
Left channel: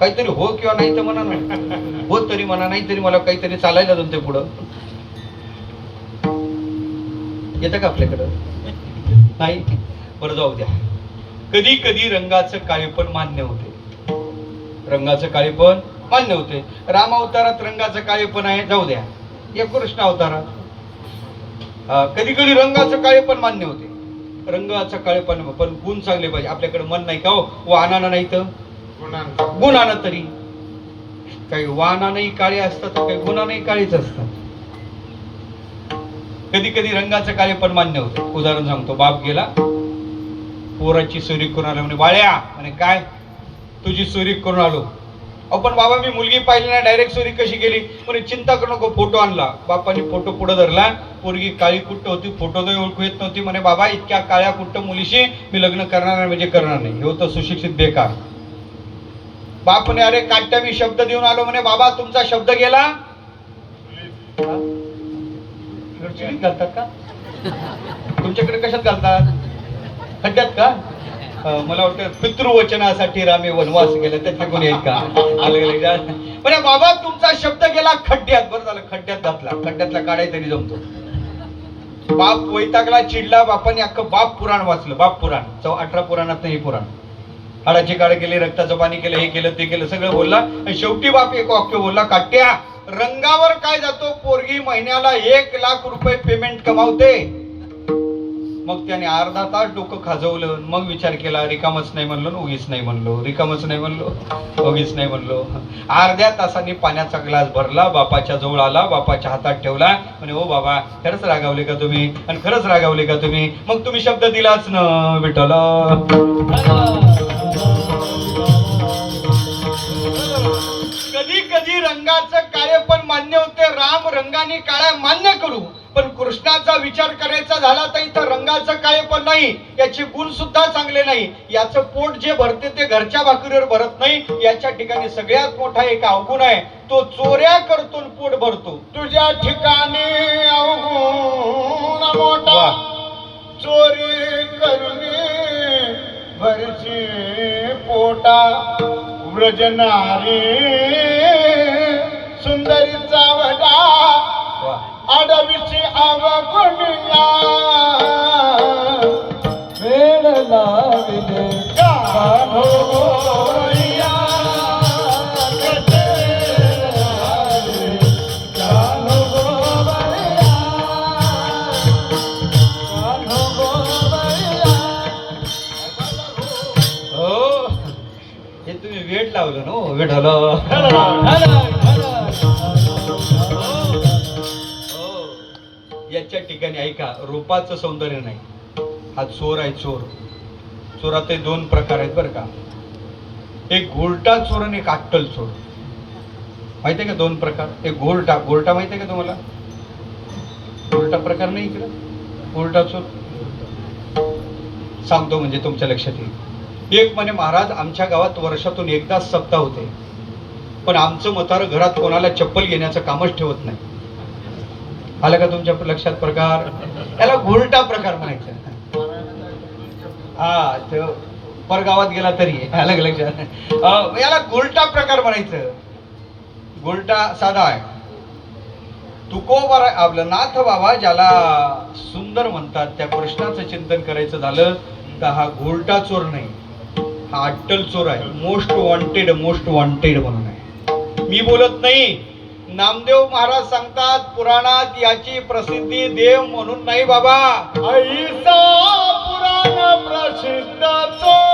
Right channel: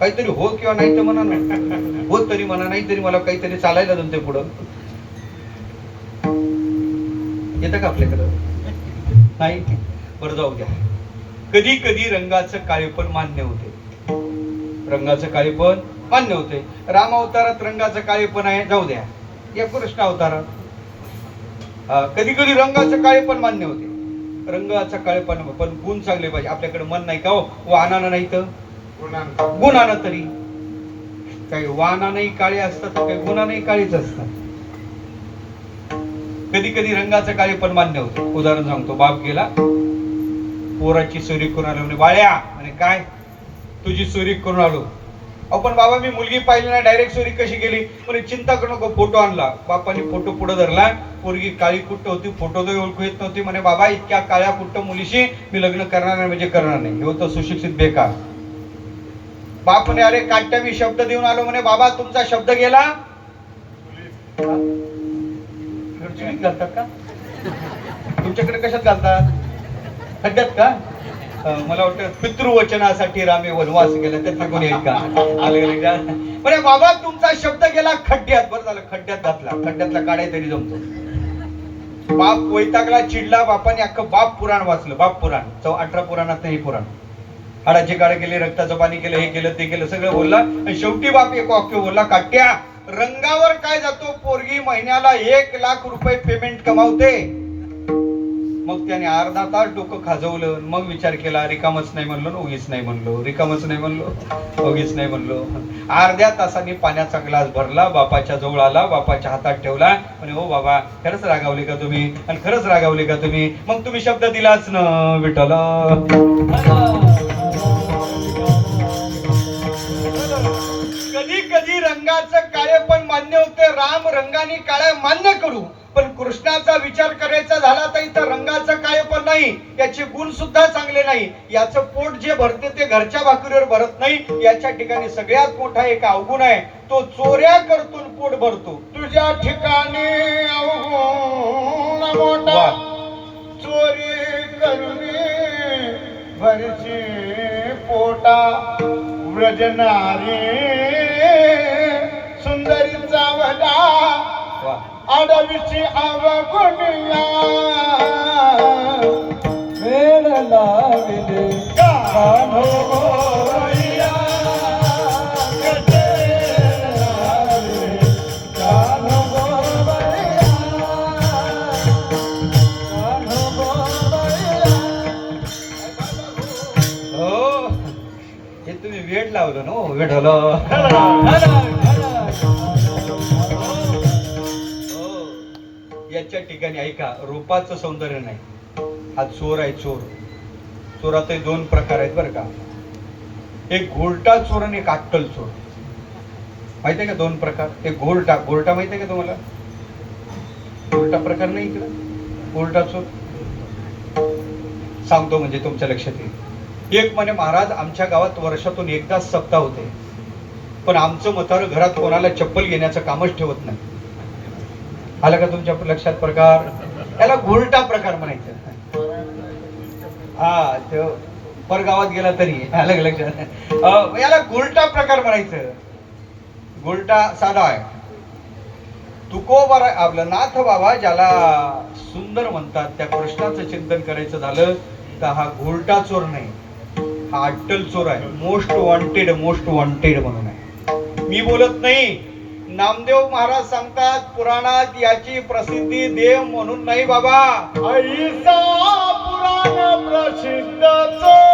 काहीतरी हो किंवा नाही तर म्हणा ना. हो तरी म्हणा, नाही तरी मला काहीतरी चालायला जमते पुढं. येतं का आपल्याकडं? नाही. बरं जाऊ द्या. कधी कधी रंगाचं काळेपण मान्य होते. रंगाचं काळेपण मान्य होते. राम अवतारात रंगाचं काळेपण आहे, जाऊ द्या. या कृष्ण अवतारात कधी कधी रंगाचं काळेपण मान्य होते. रंगाचं काळेपण पण गुण चांगले पाहिजे. आपल्याकडे मन नाही का हो? वाहनानं नाही तर गुणानं तरी. काही वाहनानंही काळे असतात, काही गुणानंही काळीच असतात. कधी कधी रंगाचं काळेपण मान्य होतं. उदाहरण सांगतो. बाप गेला, पोराची चोरी करून आलो. म्हणे बाळ्या, म्हणे काय? तुझी चोरी करून आलो. पण बाबा मी मुलगी पाहिली ना, डायरेक्ट चोरी कशी गेली? म्हणे चिंता करू नको, फोटो आणला. बापाने फोटो पुढे धरला. पोरगी काळी कुट्ट होती, फोटो तर ओळखू येत नव्हती. म्हणे बाबा इतक्या काळ्या कुट्ट मुलीशी मी लग्न करणार नाही म्हणजे करणार नाही. हे होतं सुशिक्षित बेकार. बाप म्हणे अरे काट्या मी शब्द देऊन आलो. म्हणे बाबा तुमचा शब्द गेला. घालतात का तुमच्याकडे? कशात घालतात? खड्ड्यात का? मला वाटतं पितृवचनासाठी रामे वनवास गेला त्यातले कोणी आहेत का? म्हणे बाबा तुमचा शब्द गेला खड्ड्यात. बरं झालं खड्ड्यात घातला. खड्ड्यातला काढाय तरी जमतो. बाप वैतागला, चिडला. बापाने अख्खं बाप पुराण वाचलं. बाप पुराण 18 पुराणात हे पुराण. हाडाचे काळे केले, रक्ताचं पाणी केलं, हे केलं ते केलं, सगळं बोलला. शेवटी बाप एक वाक्य बोलला, काट्या रंगावर काय जातो? पोरगी महिन्याला 1 लाख रुपये पेमेंट कमावते. मग त्याने अर्धा तास डोकं खाजवलं. मग विचार केला, रिकामच नाही म्हणलो, उगीच नाही म्हणलो, रिकामच नाही म्हणलो, उगीच नाही म्हणलो. अर्ध्या तासाने पाण्याचा ग्लास भरला, बापाच्या जवळ आला, बापाच्या हातात ठेवला. म्हणे हो बाबा खरंच रागावले का तुम्ही? आणि खरंच रागावले का तुम्ही? मग तुम्ही शब्द दिलाच ना विठ्ठल. कधी कधी रंगाचं काळेपण मान्य होते. राम रंगाने काळा मान्य करू, पण कृष्णाचा विचार करायचा झाला तर इथं रंगाचं काळेपण नाही, याचे गुण सुद्धा चांगले नाही. याचं पोट जे भरते ते घरच्या भाकरीवर भरत नाही. याच्या ठिकाणी सगळ्यात मोठा एक अवगुण आहे, तो चोऱ्या करतो पोट भरतो. तुझ्या ठिकाणी अवगुण मोठा, चोरी करून भरची पोटा. व्रजनारी सुंदरीचा वडा, आडवीची अवगुणला. वेळ लाविले कान्होया, हे तुम्ही वेळ लावलं ना विठ्ठल. याच्या ठिकाणी ऐका, रूपाचं सौंदर्य नाही. हा चोर आहे. चोर चोरात 2 प्रकार आहेत बरं का. एक घोरटा चोर आणि एक अट्टल चोर. माहितीये का 2 प्रकार? एक घोरटा. घोरटा माहितीये का तुम्हाला? घोरटा प्रकार नाही इकडं. घोरटा चोर सांगतो म्हणजे तुमच्या लक्षात येईल. एक म्हणे महाराज आमच्या गावात वर्षातून एकदाच सप्ताह होते, पण आमचं म्हातारं घरात कोणाला चप्पल घेण्याचं कामच ठेवत नाही. आलं का तुमच्या लक्षात प्रकार? याला घोरटा प्रकार म्हणायचं. हा तो परगावात गेला तरी आलं का लक्षात? याला घोरटा प्रकार म्हणायचं. घोरटा साधा आहे. तुकोबा आपलं नाथ बाबा ज्याला सुंदर म्हणतात, त्या कृष्णाचं चिंतन करायचं झालं तर हा घोरटा चोर नाही, हा अट्टल चोर आहे. मोस्ट वॉन्टेड, मोस्ट वॉन्टेड म्हणून आहे. मी बोलत नाही. नामदेव महाराज सांगतात पुराणात याची प्रसिद्धी देव म्हणून नाही बाबा. ऐसा पुराण प्रसिद्ध चोर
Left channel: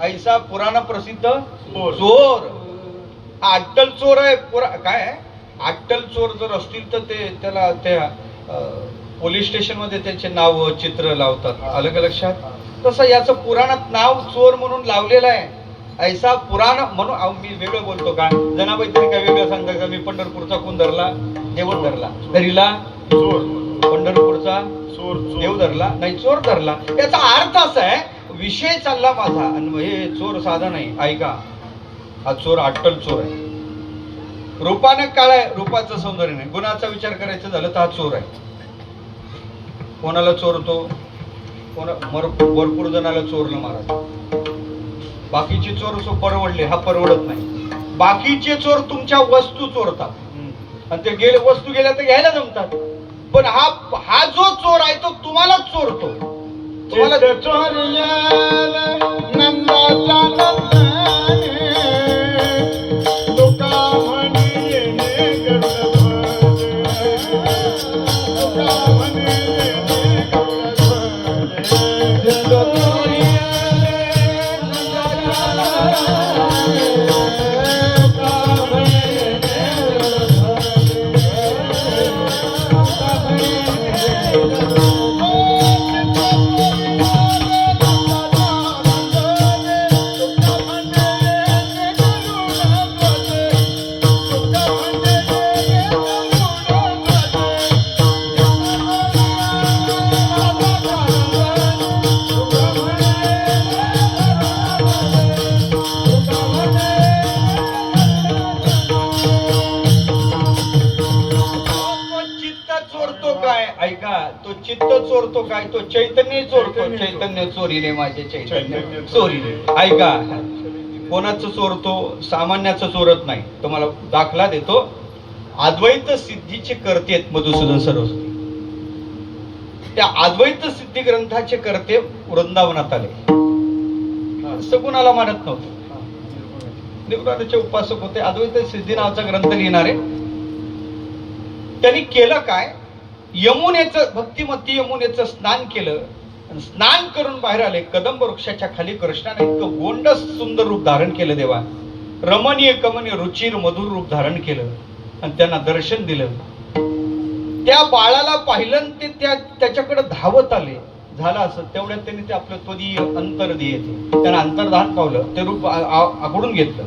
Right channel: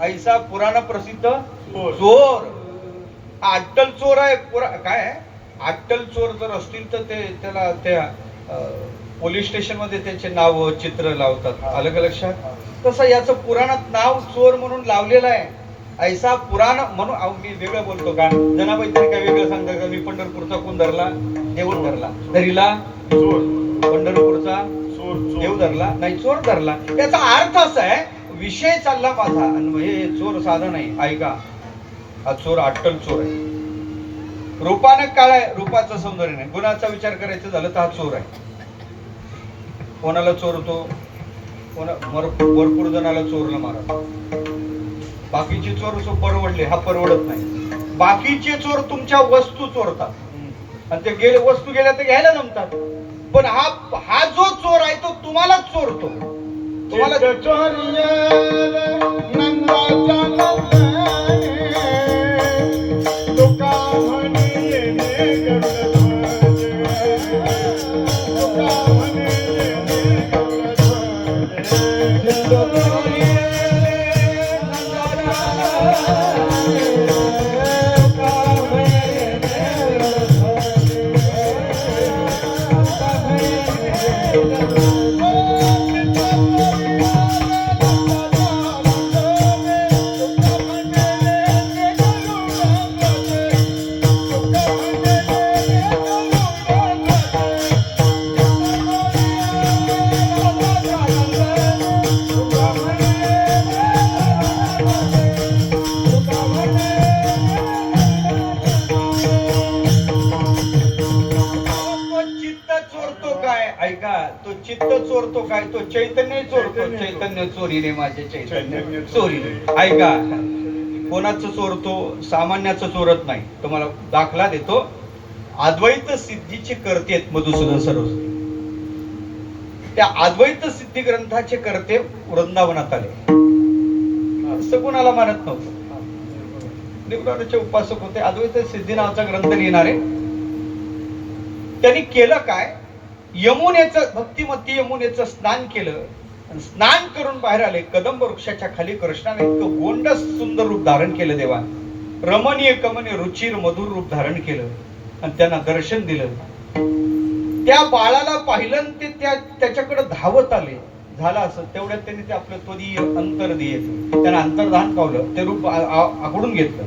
ऐसा पुराण प्रसिद्ध चोर. हा अट्टल चोर आहे. काय आहे? अट्टल चोर जर असतील तर ते त्याला त्या पोलीस स्टेशन मध्ये त्याचे नाव चित्र लावतात. आलं का लक्षात? तसं याचं पुराणात नाव चोर म्हणून लावलेलं आहे. ऐसा पुराण म्हणून. अहो मी वेगळं बोलतो का? जनाबाई तरी काय वेगळं सांगता का? मी पंढरपूरचा कोण धरला? देव धरला. धरीला चोर. पंढरपूरचा चोर. देव धरला नाही, चोर धरला. त्याचा अर्थ असा आहे, विषय चालला माझा आणि हे चोर साधा नाही. ऐका, हा चोर अट्टल चोर आहे. रूपानं काळ आहे, रूपाचं सौंदर्य नाही. गुणाचा विचार करायचं झालं तर हा चोर आहे. कोणाला चोरतो? भरपूर जणाला चोरलं महाराज. बाकीचे चोर परवडले, हा परवडत नाही. बाकीचे चोर तुमच्या वस्तू चोरतात आणि ते वस्तू गेल्या तर घ्यायला जमतात. पण हा जो चोर आहे तो तुम्हालाच चोरतो. तुम्हाला चोरियल नंदाच्या नंदने तुका म्हणे येणे गडबडे. तुका म्हणे येणे गडबडे. तो चित्त चोरतो काय? तो चैतन्य चोरतो. चैतन्य चोरीने माझे चैतन्य चोरीने. ऐका, कोणाचं चोरतो? सामान्याचं चोरत नाही. तुम्हाला दाखला देतो. अद्वैत सिद्धीचे कर्ते आहेत मधुसूदन सरस्वती. त्या अद्वैत सिद्धी ग्रंथाचे कर्ते वृंदावनात आले. असं कोणाला मानत नव्हतं. निवृत्तीचे उपासक होते. अद्वैत सिद्धी नावाचा ग्रंथ लिहिणारे. त्यांनी केलं काय? यमुनेचं, भक्तिमती यमुनेचं स्नान केलं. स्नान करून बाहेर आले. कदंब वृक्षाच्या खाली कृष्णाने इतकं गोंड सुंदर रूप धारण केलं. देवा रमणीय कमनीय रुचिर मधुर रूप धारण केलं आणि त्यांना दर्शन दिलं. त्या बाळाला पाहिलं ते त्याच्याकडे धावत आले. झालं असं तेवढ्यात त्यांनी ते आपलं त्वदीय अंतर्दीय त्यांना अंतर्धान पावलं. ते रूप आकडून घेतलं.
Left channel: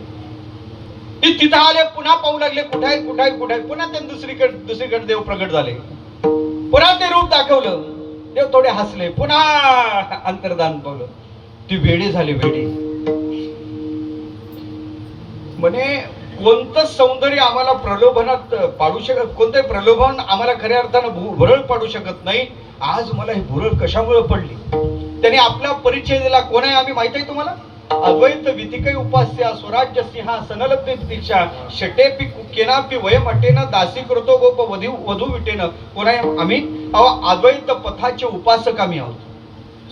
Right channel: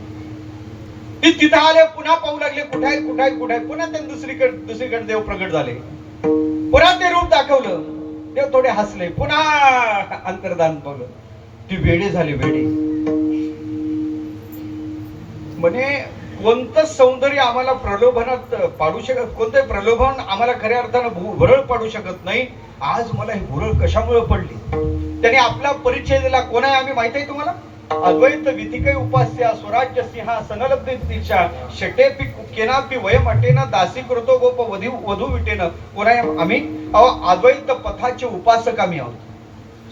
ते तिथं आले. पुन्हा पाहू लागले. कुठाय कुठाय कुठाय. पुन्हा त्यांनी दुसरीकडे देव प्रगट झाले. पुन्हा ते रूप दाखवलं. देव थोडे हसले. पुन्हा अंतर्धान पावलं. ती वेडी झाली. वेडी म्हणे कोणतं सौंदर्य आम्हाला प्रलोभनात पाडू शकत, कोणतं प्रलोभन आम्हाला खऱ्या अर्थानं भुरळ पाडू शकत नाही. आज मला ही भुरळ कशामुळे पडली? त्याने आपला परिचय दिला. कोण आहे आम्ही माहिती आहे तुम्हाला? अद्वैत विधिकै उपास्या स्वराज्य सिंहासनलब्धे दीक्षा शटेपी केनापी वयम अटेन दासी कृतो गोप वधू विटेन. कोण आहे आम्ही? अद्वैत पथाचे उपासक आम्ही आहोत.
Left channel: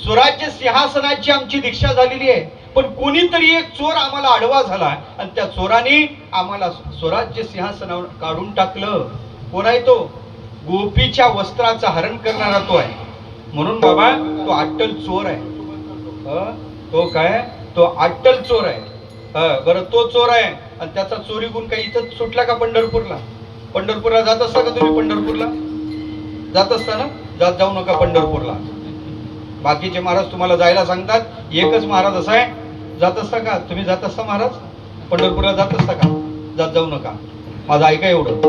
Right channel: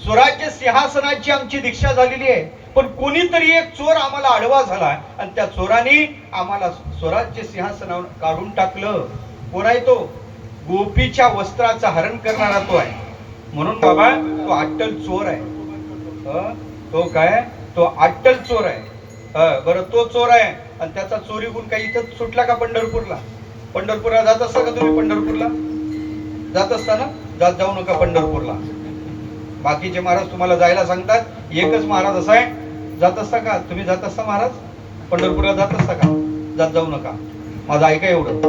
स्वराज्य सिंहासनाची आमची दीक्षा झालेली आहे. पण कोणीतरी एक चोर आम्हाला आडवा झाला आणि त्या चोराने आम्हाला स्वराज्य सिंहासनावर काढून टाकलं. कोण आहे तो? गोपीच्या वस्त्राचं हरण करणारा तो आहे. म्हणून बाबा तो अट्टल चोर आहे. तो काय? तो अट्टल चोर आहे. बरं, तो चोर आहे आणि त्याचा चोरी गुण काही इथं सुटला का? पंढरपूरला जात असता का तुम्ही? पंढरपूरला जात असताना जाऊ नका पंढरपूरला. बाकीचे महाराज तुम्हाला जायला सांगतात. एकच महाराज असा आहे, जात असता का तुम्ही? जात असता महाराज पंढरपूरला? जात असता का? जाऊ नका. माझं ऐका एवढं.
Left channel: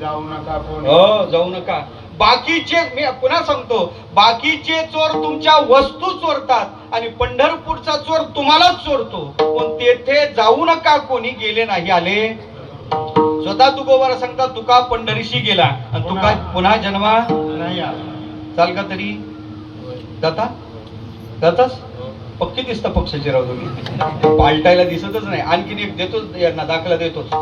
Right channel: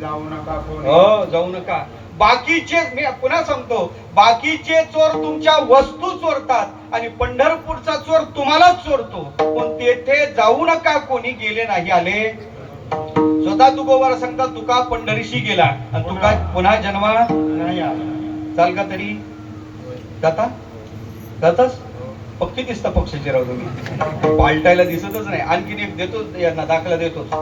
जाऊ नका. जाऊ नका. बाकीचे, मी पुन्हा सांगतो, बाकीचे चोर तुमच्या वस्तू चोरतात आणि पंढरपूरचा चोर तुम्हालाच चोरतो. पण तेथे जाऊ नका. कोणी गेले नाही आले. स्वतः तुकोबारा सांगता, तुका पंढरीशी गेला आणि तुका पुन्हा जन्मा नाही आला. चाल का तरी? जाताच पक्की दिसतं पक्षाचे राव तुम्ही. पालटायला दिसतच नाही. आणखीन एक देतो यांना दाखला देतोच.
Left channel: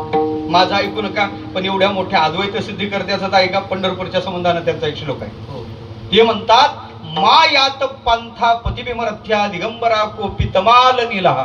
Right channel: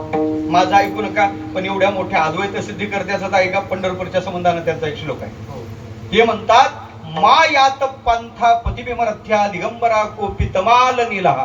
माझं ऐकू नका. पण एवढ्या मोठ्या अद्वैत सिद्धी करत्याचं ऐका. पंढरपूरच्या संबंधानं त्यांचा एक श्लोक आहे. ते म्हणतात, मा यात पंथा पतिबिमरथ्या दिगंबरा कोपी तमाल निला.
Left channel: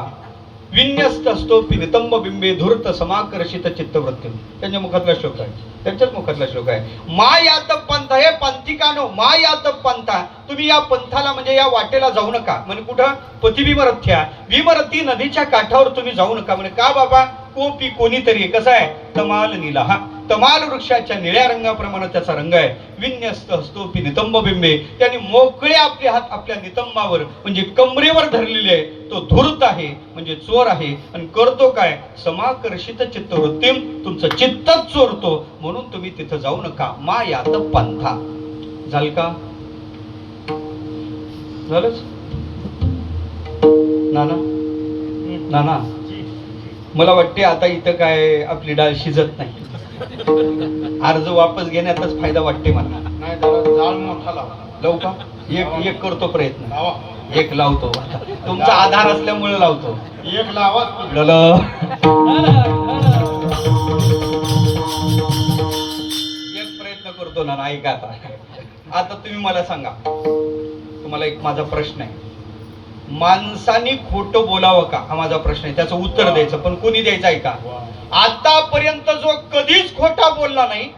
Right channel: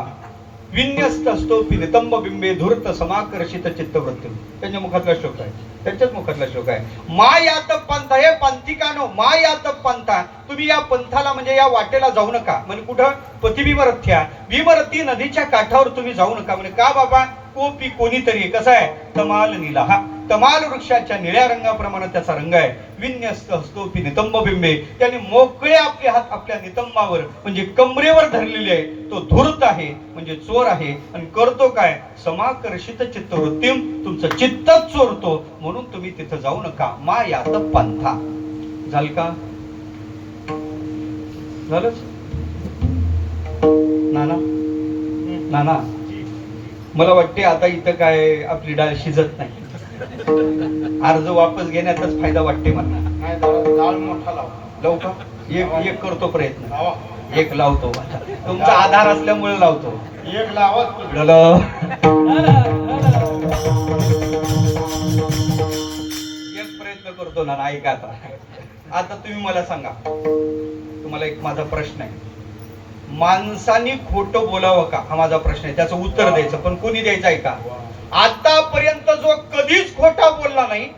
विन्यस्त असतो नितंब बिंबे धूर्त समाकर्षित चित्तवृत्ती. त्यांच्या मुखातला श्लोक आहे, त्यांच्याच मुखातला श्लोक आहे. मा यात पंथ, हे पंथिकानो मा यात पंथा, तुम्ही या पंथाला म्हणजे या वाटेला जाऊ नका. म्हणजे कुठं? पतिविमरथ्या, विमरती नदीच्या काठावर तुम्ही जाऊ नका. म्हणजे का बाबा? कोपी कोणीतरी, कसं आहे? तमाल नीला, हा तमाल वृक्षाच्या निळ्या रंगाप्रमाणे त्याचा रंग आहे. विन्यस्त हस्तोपी नितंब बिंबे, त्याने मोकळे आपले हात आपल्या नितंबावर म्हणजे कमरेवर धरलेले आहे. तो धूर्त आहे म्हणजे चोर आहे. आणि करतो काय? समाकर्षित चित्तवृत्ती, तुमचं चित्तच चोरतो. म्हणून तुम्ही तिथं जाऊ नका. मा यात पंथा. झाल का? झालंच? नाना नाना, मला वाटते आता इथं काय आपली डाळ शिजत नाही. अर्ज वापस घेण्याचाच फायदा वाटते मला. नाही तर जाळ मोठा लावा. लावू का? एक करतो प्रयत्न, लावा. एक लावतो. तुमचा आधार असल्यामुळे लावतो. एक लावा. एक प्रयत्न करतो ना. ऐका आता तुम्ही मला सांगा, तुम्हाला एक माझा प्रश्न आहे. माणसाने खोटं बोलावं का? हा माझा प्रश्न आहे. त्याचं उत्तर द्यायचं, पण कोणी द्यायचं आहे का? आतापर्यंत जो कधीच खोटा बोलला नाही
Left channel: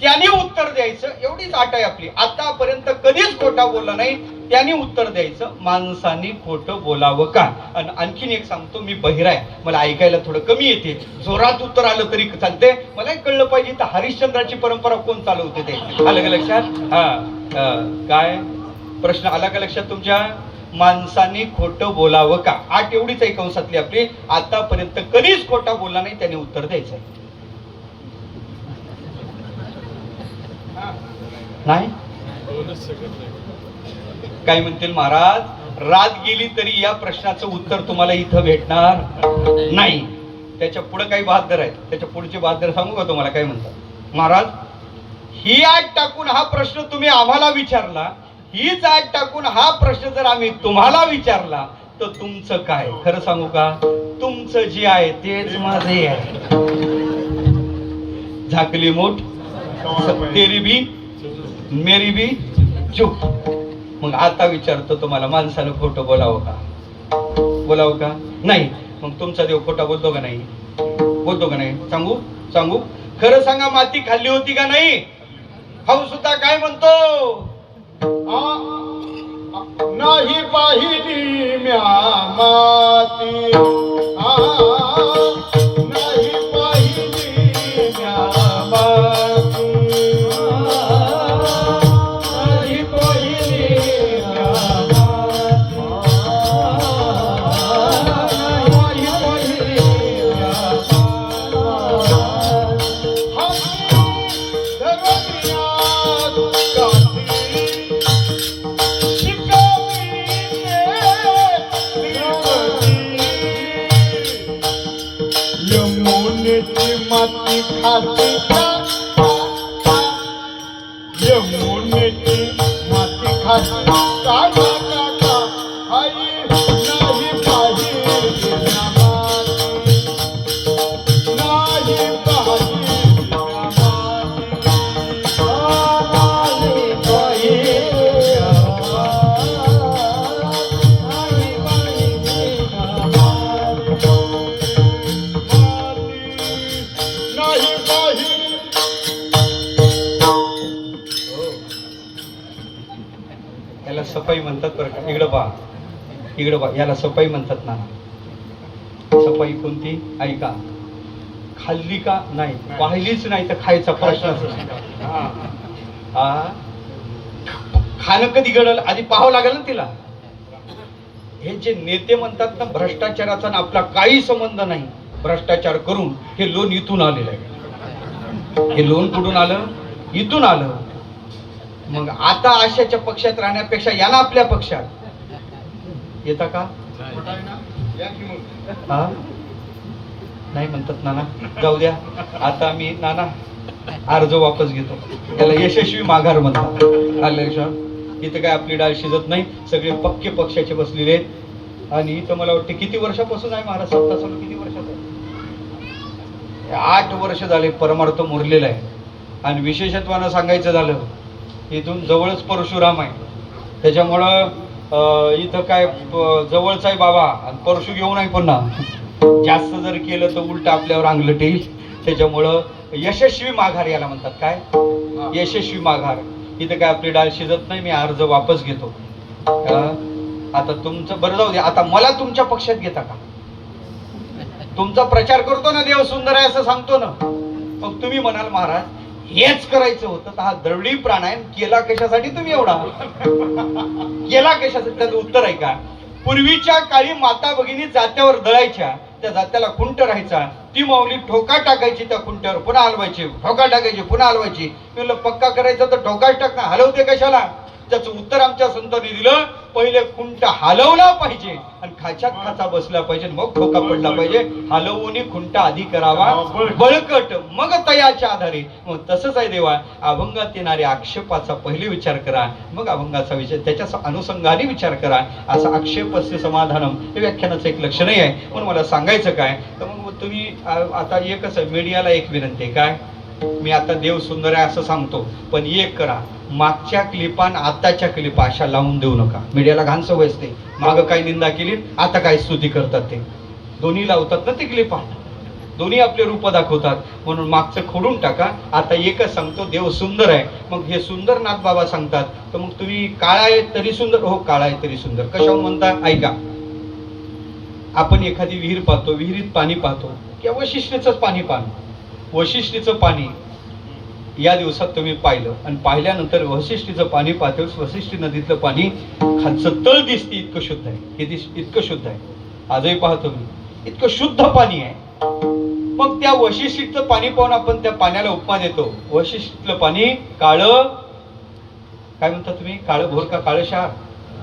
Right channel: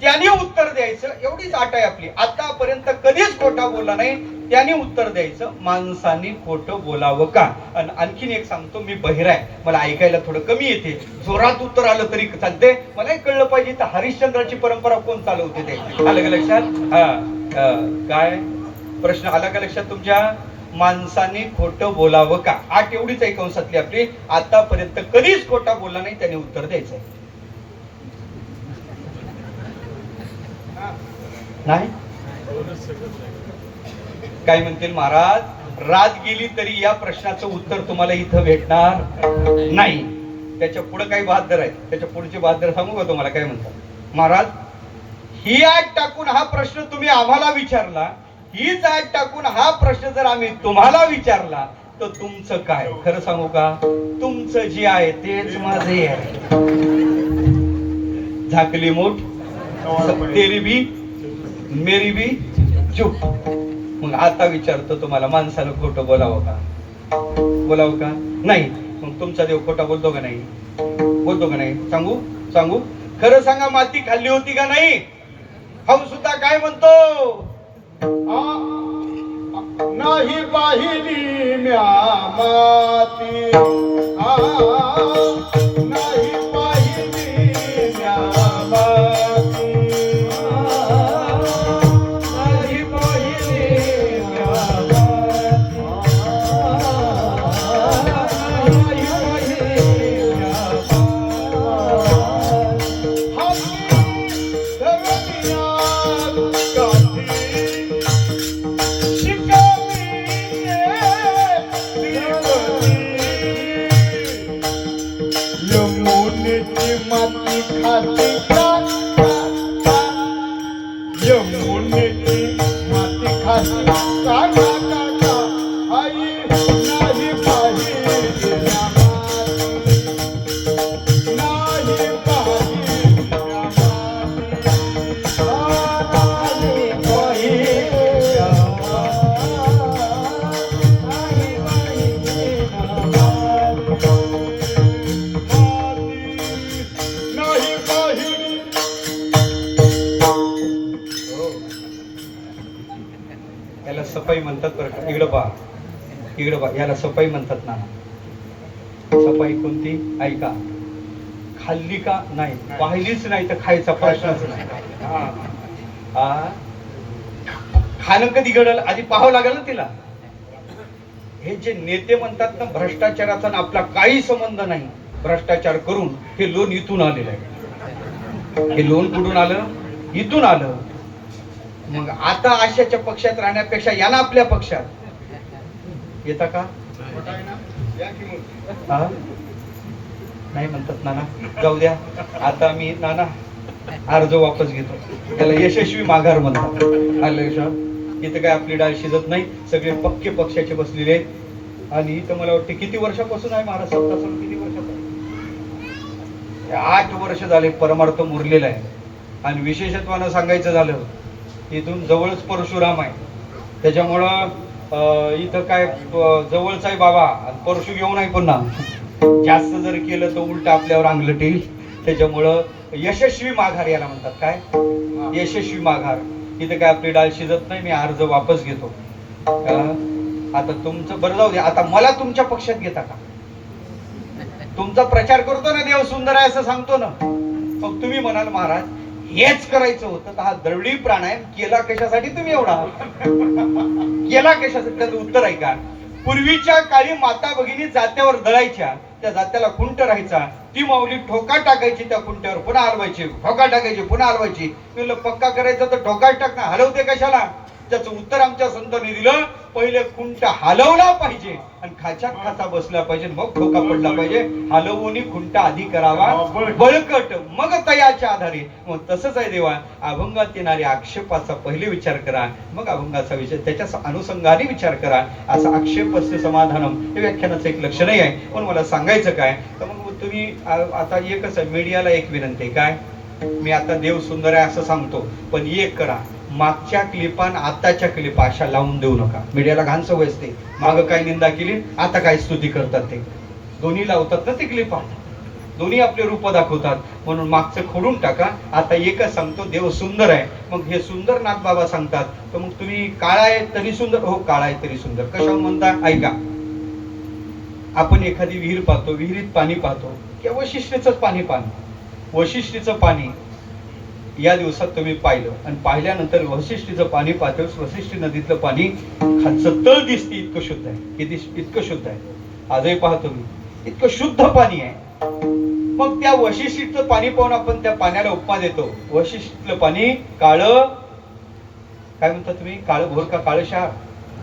त्याने उत्तर द्यायचं. एवढीच अट आहे आपली. आतापर्यंत कधीच खोटा बोलला नाही त्याने उत्तर द्यायचं. माणसाने खोटं बोलावं का? आणि आणखीन एक सांगतो, मी बहिरा आहे, मला ऐकायला थोडं कमी येते. जोरात उत्तर आलं तरी चालते. मलाही कळलं पाहिजे तर हरिश्चंद्राची परंपरा कोण चालवते ते. आलं का लक्षात? हा काय प्रश्न आला का लक्षात तुमच्या? माणसाने खोटं बोलावं का? आठ एवढीच आहे कंसातली आपली. आतापर्यंत कधीच खोटा बोलला नाही त्याने उत्तर द्यायचंय. नाही? काय म्हणतील महाराज? रात गेली तरी या प्रश्नाचं उत्तर तुम्हाला इथं भेटणार नाही. त्याच्या पुढे काही बहादर आहेत. त्याच्या पुढचे बहादर सांगू का तुम्हाला? काय म्हणतात महाराज? ही आठ टाकून हा प्रश्न तुम्ही आम्हाला विचारला, हीच आठ टाकून हा प्रश्न जर आम्ही तुम्हाला विचारला तर तुमचं काय? खरं सांगू का? तुमचं जे आहे तेच माझे आहे. झाकली मोठ तेरी भी मेरी भी चूप. मग आता विचारतो तुम्हाला, माणसानं खोटं बोलावं का? बोलावं का? नाही. मग तुमचा देव खोटा बोलतो का नाही? बोलतो का नाही? सांगू सांगू खरं सांगा, माती खाल्ली होती का नाही? खाऊ सुद्धा काय म्हणतो? नाही पाहिली म्या माती, नाही पाहिली म्या माती, नाही पाहिली म्या माती, नाही पाहिली म्या यमुनेची माती खाती का? यमुनेची माती खाती का? आई नाही पाहिली म्या माती, नाही पाहिली म्या माती, नाही पाहिली म्या याला सफाई म्हणतात बरं का. इकडं पहा, इकडं पहा. याला सफाई म्हणतात ना. सफाई कोणती? ऐका. खाल्ली का? नाही. पाहिलीच नाही तर खायचा प्रश्नच नाही. खाणं कधी घडलं आधी पाहावं लागेल ना तिला. हे जे नेते म्हणतात ना भ्रष्टाचाराचा ना आपला काही संबंध नाही, भ्रष्टाचार करून हे लोन इथून आलेलं आहे. हे लोन कुठून आलं? इथून आलं. मग आता आशाच्या पक्षात राहण्यापेक्षा याला आपल्या पक्षात येता का? हा नाही म्हणतात नाना. जाऊ द्या. आता मी नाना अर्ज वापस घेतो. त्याला यशस्वी माघार म्हणतात. आलं लक्षात? इथं काय आपली डाळ शिजत नाही. सगळे पक्के पक्षाचे बसलेले आहेत. आणि इथं मला वाटतं किती वर्षापासून आहे महाराज सत्ता चालू? किती वर्षात? 8 वर्ष झाले परमार्थ मुरलेला आहे. आणि विशेषत्वानं सांगायचं झालं, इथून जवळच परशुराम आहे. त्याच्यामुळं इथं काय जवळच आहे बाबा. आणि परशु घेऊन आहे पुन्हा. जास्त जर केलं तर उलट आपल्यावर अंगलट येईल. त्याच्यामुळं यशस्वी माघार याला म्हणतात. काय यशस्वी माघार. इथं काय आपली डाळ शिजत नाही, मी अर्ज वापस घेतो. आता तुमचं बरं जाऊ दे. आता मला तुमच्या पक्षात घेता का? तुमचा प्रचार करतो ना देव सुंदर आहे असं सांगतो ना, मग तुम्ही म्हणाल महाराज हेच करायचं होतं तर हा दरडी प्राणायाम केला कशासाठी तुम्ही एवढा? केला कशासाठी? त्याचं उत्तर आहे का? पूर्वीच्या काळी माता भगिनी जात्यावर दळायच्या, त्या जात्याला खुंट राहायचा, ती माऊली ठोका टाकायची त्या खुंट्यावर, पुन्हा हलवायची, ठोका टाकायची, पुन्हा हलवायची. मी म्हणलं पक्का करायचा तर ठोकाच टाक ना, हलवते कशाला? त्याचं उत्तर आमच्या संतांनी दिलं, पहिले खुंट हलवला पाहिजे आणि खाच्यात खाचा बसला पाहिजे, मग ठोका पडला पाहिजे. हलवून खुंट आधी करावा बळकट, मग तयाच्या आधारे. मग तसंच आहे देवा, अभंगात येणाऱ्या आक्षेपाचा पहिले विचार करा, मग अभंगाचा विचार, त्याच्या अनुषंगाने विचार करा. असं आक्षेपस्य समाधानम हे व्याख्यानाचं एक लक्षणही आहे. म्हणून मला सांगायचं काय तर मग तुम्ही आता एकच आहे, मीडियाला एक विनंती आहे. काय? मी आता देव सुंदर आहे असं सांगतो, पण एक करा, मागच्या क्लिपान आताच्या क्लिपा अशा लावून देऊ नका. मीडियाला घाण सवय असते, मागं काय निंदा केली आता काय स्तुती करतात, ते दोन्ही लावतात ना ते क्लिपा, दोन्ही आपले रूप दाखवतात. म्हणून मागचं खोडून टाका. आता एकच सांगतो, देव सुंदर आहे. मग हे सुंदर नाथ बाबा सांगतात, तर मग तुम्ही काळा आहे तरी सुंदर, हो काळा आहे तरी सुंदर. कशावर म्हणता? ऐका, आपण एखादी विहीर पाहतो, विहिरीत पाणी पाहतो, किंवा वशिष्ठीचंच पाणी पाहतो. वशिष्ठीचं पाणी या दिवसात तुम्ही पाहिलं आणि पाहिल्यानंतर वशिष्ठीचं पाणी पाहतो, वशिष्ठी नदीतलं पाणी खालचं तळ दिसते इतकं शुद्ध आहे. इतकं शुद्ध आहे. आजही पाहतो मी, इतकं शुद्ध पाणी आहे. मग त्या वशिष्ठीचं पाणी पाहून आपण त्या पाण्याला उपमा देतो. वशिष्ठीतलं पाणी काळं, काय म्हणता तुम्ही? काळं भोर का काळं क्षार?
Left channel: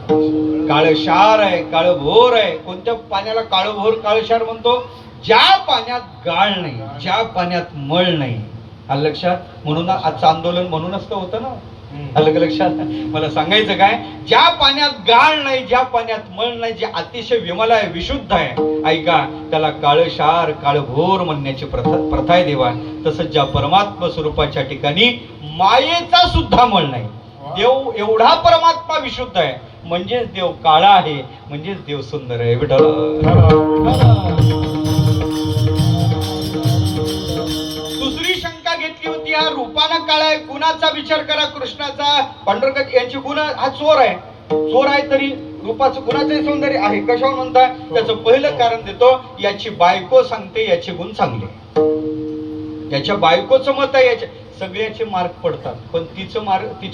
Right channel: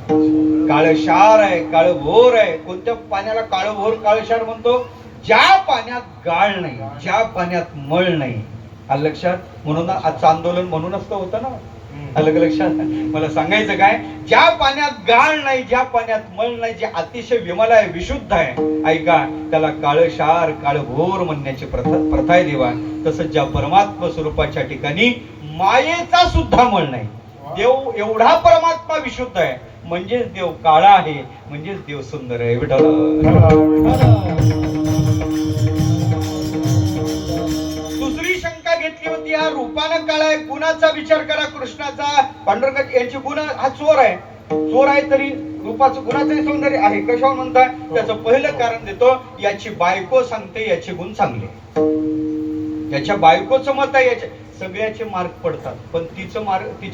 काळं क्षार आहे, काळं भोर आहे. कोणत्या पाण्याला काळं भोर काळं क्षार म्हणतो? ज्या पाण्यात गाळ नाही, ज्या पाण्यात मळ नाही. आलं लक्षात? म्हणून आजचं आंदोलन म्हणूनच तर होतं ना. आलं लक्षात? मला सांगायचं काय, ज्या पाण्यात गाळ नाही, ज्या पाण्यात मळ नाही, जे अतिशय विमल आहे, विशुद्ध आहे, ऐका, त्याला काळं क्षार काळं भोर म्हणण्याची प्रथा आहे देवा. तसंच ज्या परमात्मा स्वरूपाच्या ठिकाणी मायेचा सुद्धा मळ नाही, देव एवढा परमात्मा विशुद्ध आहे, म्हणजेच देव काळा आहे, म्हणजेच देव सुंदर आहे. दुसरी शंका घेतली होती, हा रूपानं काळा आहे, गुणाचा विचार करा, कृष्णाचा, पांडुरंग यांची गुण, हा चोर आहे. चोर आहे तरी रूपाचं गुणाचं सौंदर्य आहे. कशावर म्हणता? त्याचं पहिलं कारण देतो, याची बायको सांगते याचे गुण चांगले. याच्या बायकोचं मत आहे, याच्या सगळ्याचे मार्क पडतात, पण तिचे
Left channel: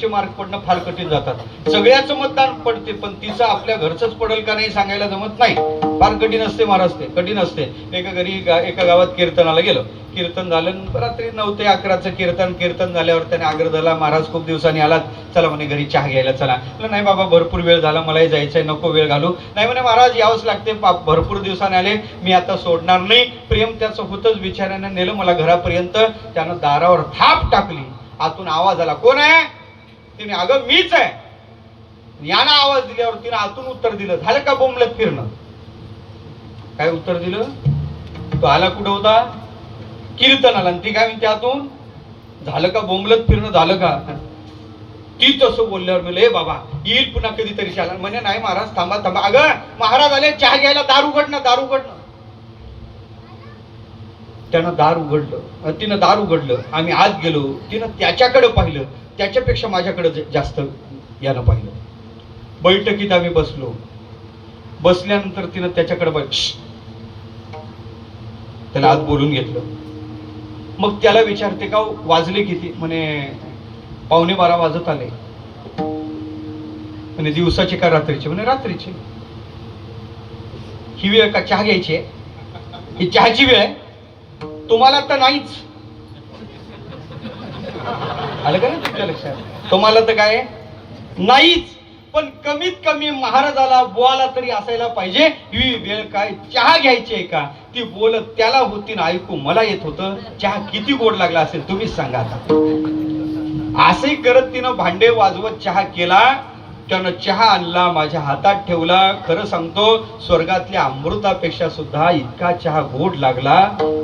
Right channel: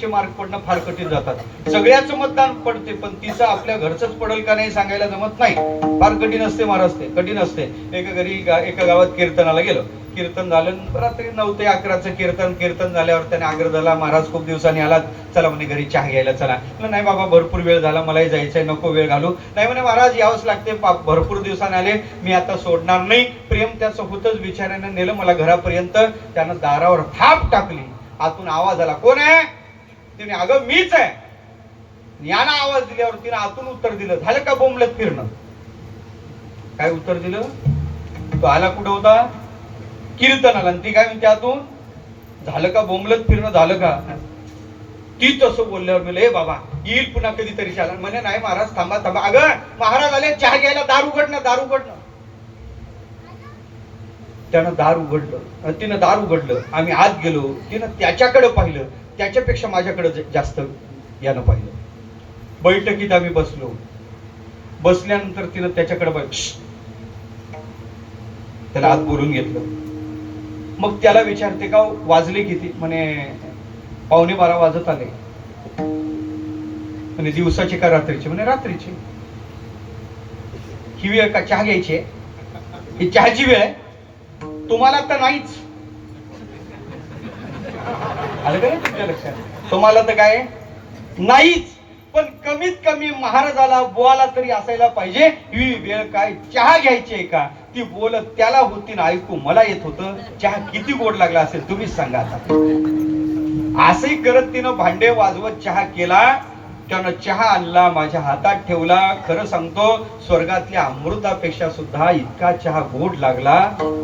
मार्क पडणं फार कठीण जातात. सगळ्याचं मतदान पडते, पण तिचं आपल्या घरचंच पडेल का नाही सांगायला जमत नाही. फार कठीण असते, महाराज ते कठीण असते. एका गावात कीर्तनाला गेलो. कीर्तन झालं, रात्री 9 ते 11चं कीर्तन झाल्यावर त्याने आग्रह झाला, महाराज खूप दिवसांनी आलात, चला म्हणे घरी चहा घ्यायला चला. नाही बाबा भरपूर वेळ झाला, मलाही जायचंय, नको वेळ घालू. नाही म्हणे महाराज यावंच लागते, भरपूर दिवसाने आले, मी आता सोडणार नाही. प्रेम त्याचं होतच, बिचाऱ्याने नेलं मला घरापर्यंत. त्यानं दारावर थाप टाकली, आतून आवाज आला, कोण आहे? तिने, अगं मीच आहे. यानं आवाज दिल्यावर तिने आतून उत्तर दिलं, झालं का बोंबलत फिरणं? काय उत्तर दिलं? तो आला कुठं होता? कीर्तनाला. ती काय म्हणते आतून, झालं का बोंबलत फिरणं, झालं का? ती तसं बोलल्यावर मी, बाबा येईल पुन्हा कधीतरी चालेल. म्हणे नाही महाराज थांबा थांबा. अगं महाराज आले चहा घ्यायला, दार उघडणं, दार उघडणं. त्यानं दार उघडलं, तिनं दार उघडलं, आम्ही आत गेलो. तिनं त्याच्याकडे पाहिलं, त्याच्यापेक्षा माझ्याकडे जास्त यानं पाहिलं. बैठकीत आम्ही बसलो. बसल्यानंतर तिनं त्याच्याकडे त्याला आत बोलून घेतलं. मग त्याला विचारते, का वाजले किती? म्हणे 11:15 वाजत आले. म्हणे दिवसाची का रात्रीची? म्हणे रात्रीची. ही वेळ का चहा घ्यायची आहे? ही चहाची वेळ आहे? तुम्हाला तर नाहीच. आलं का नाही तुमच्या लक्षात? तुम्हाला तर काय नाहीच, पण कमीत कमी महाराजाला बोला तरी असायला पाहिजे. ही वेळ काय चहा घ्यायची आहे का? ती बोलत त्याला होती ना, ऐकू मला येत होतं. चहा किती गोड लागला असेल तुम्हीच सांगा आता. असंही करत तिनं भांडे वाजवत चहा केला. त्यानं चहा आणला, माझ्या हातात ठेवला. खरं सांगतो, स्वर्गातल्या अमृतापेक्षा सुद्धा इतका चहा गोड लागला,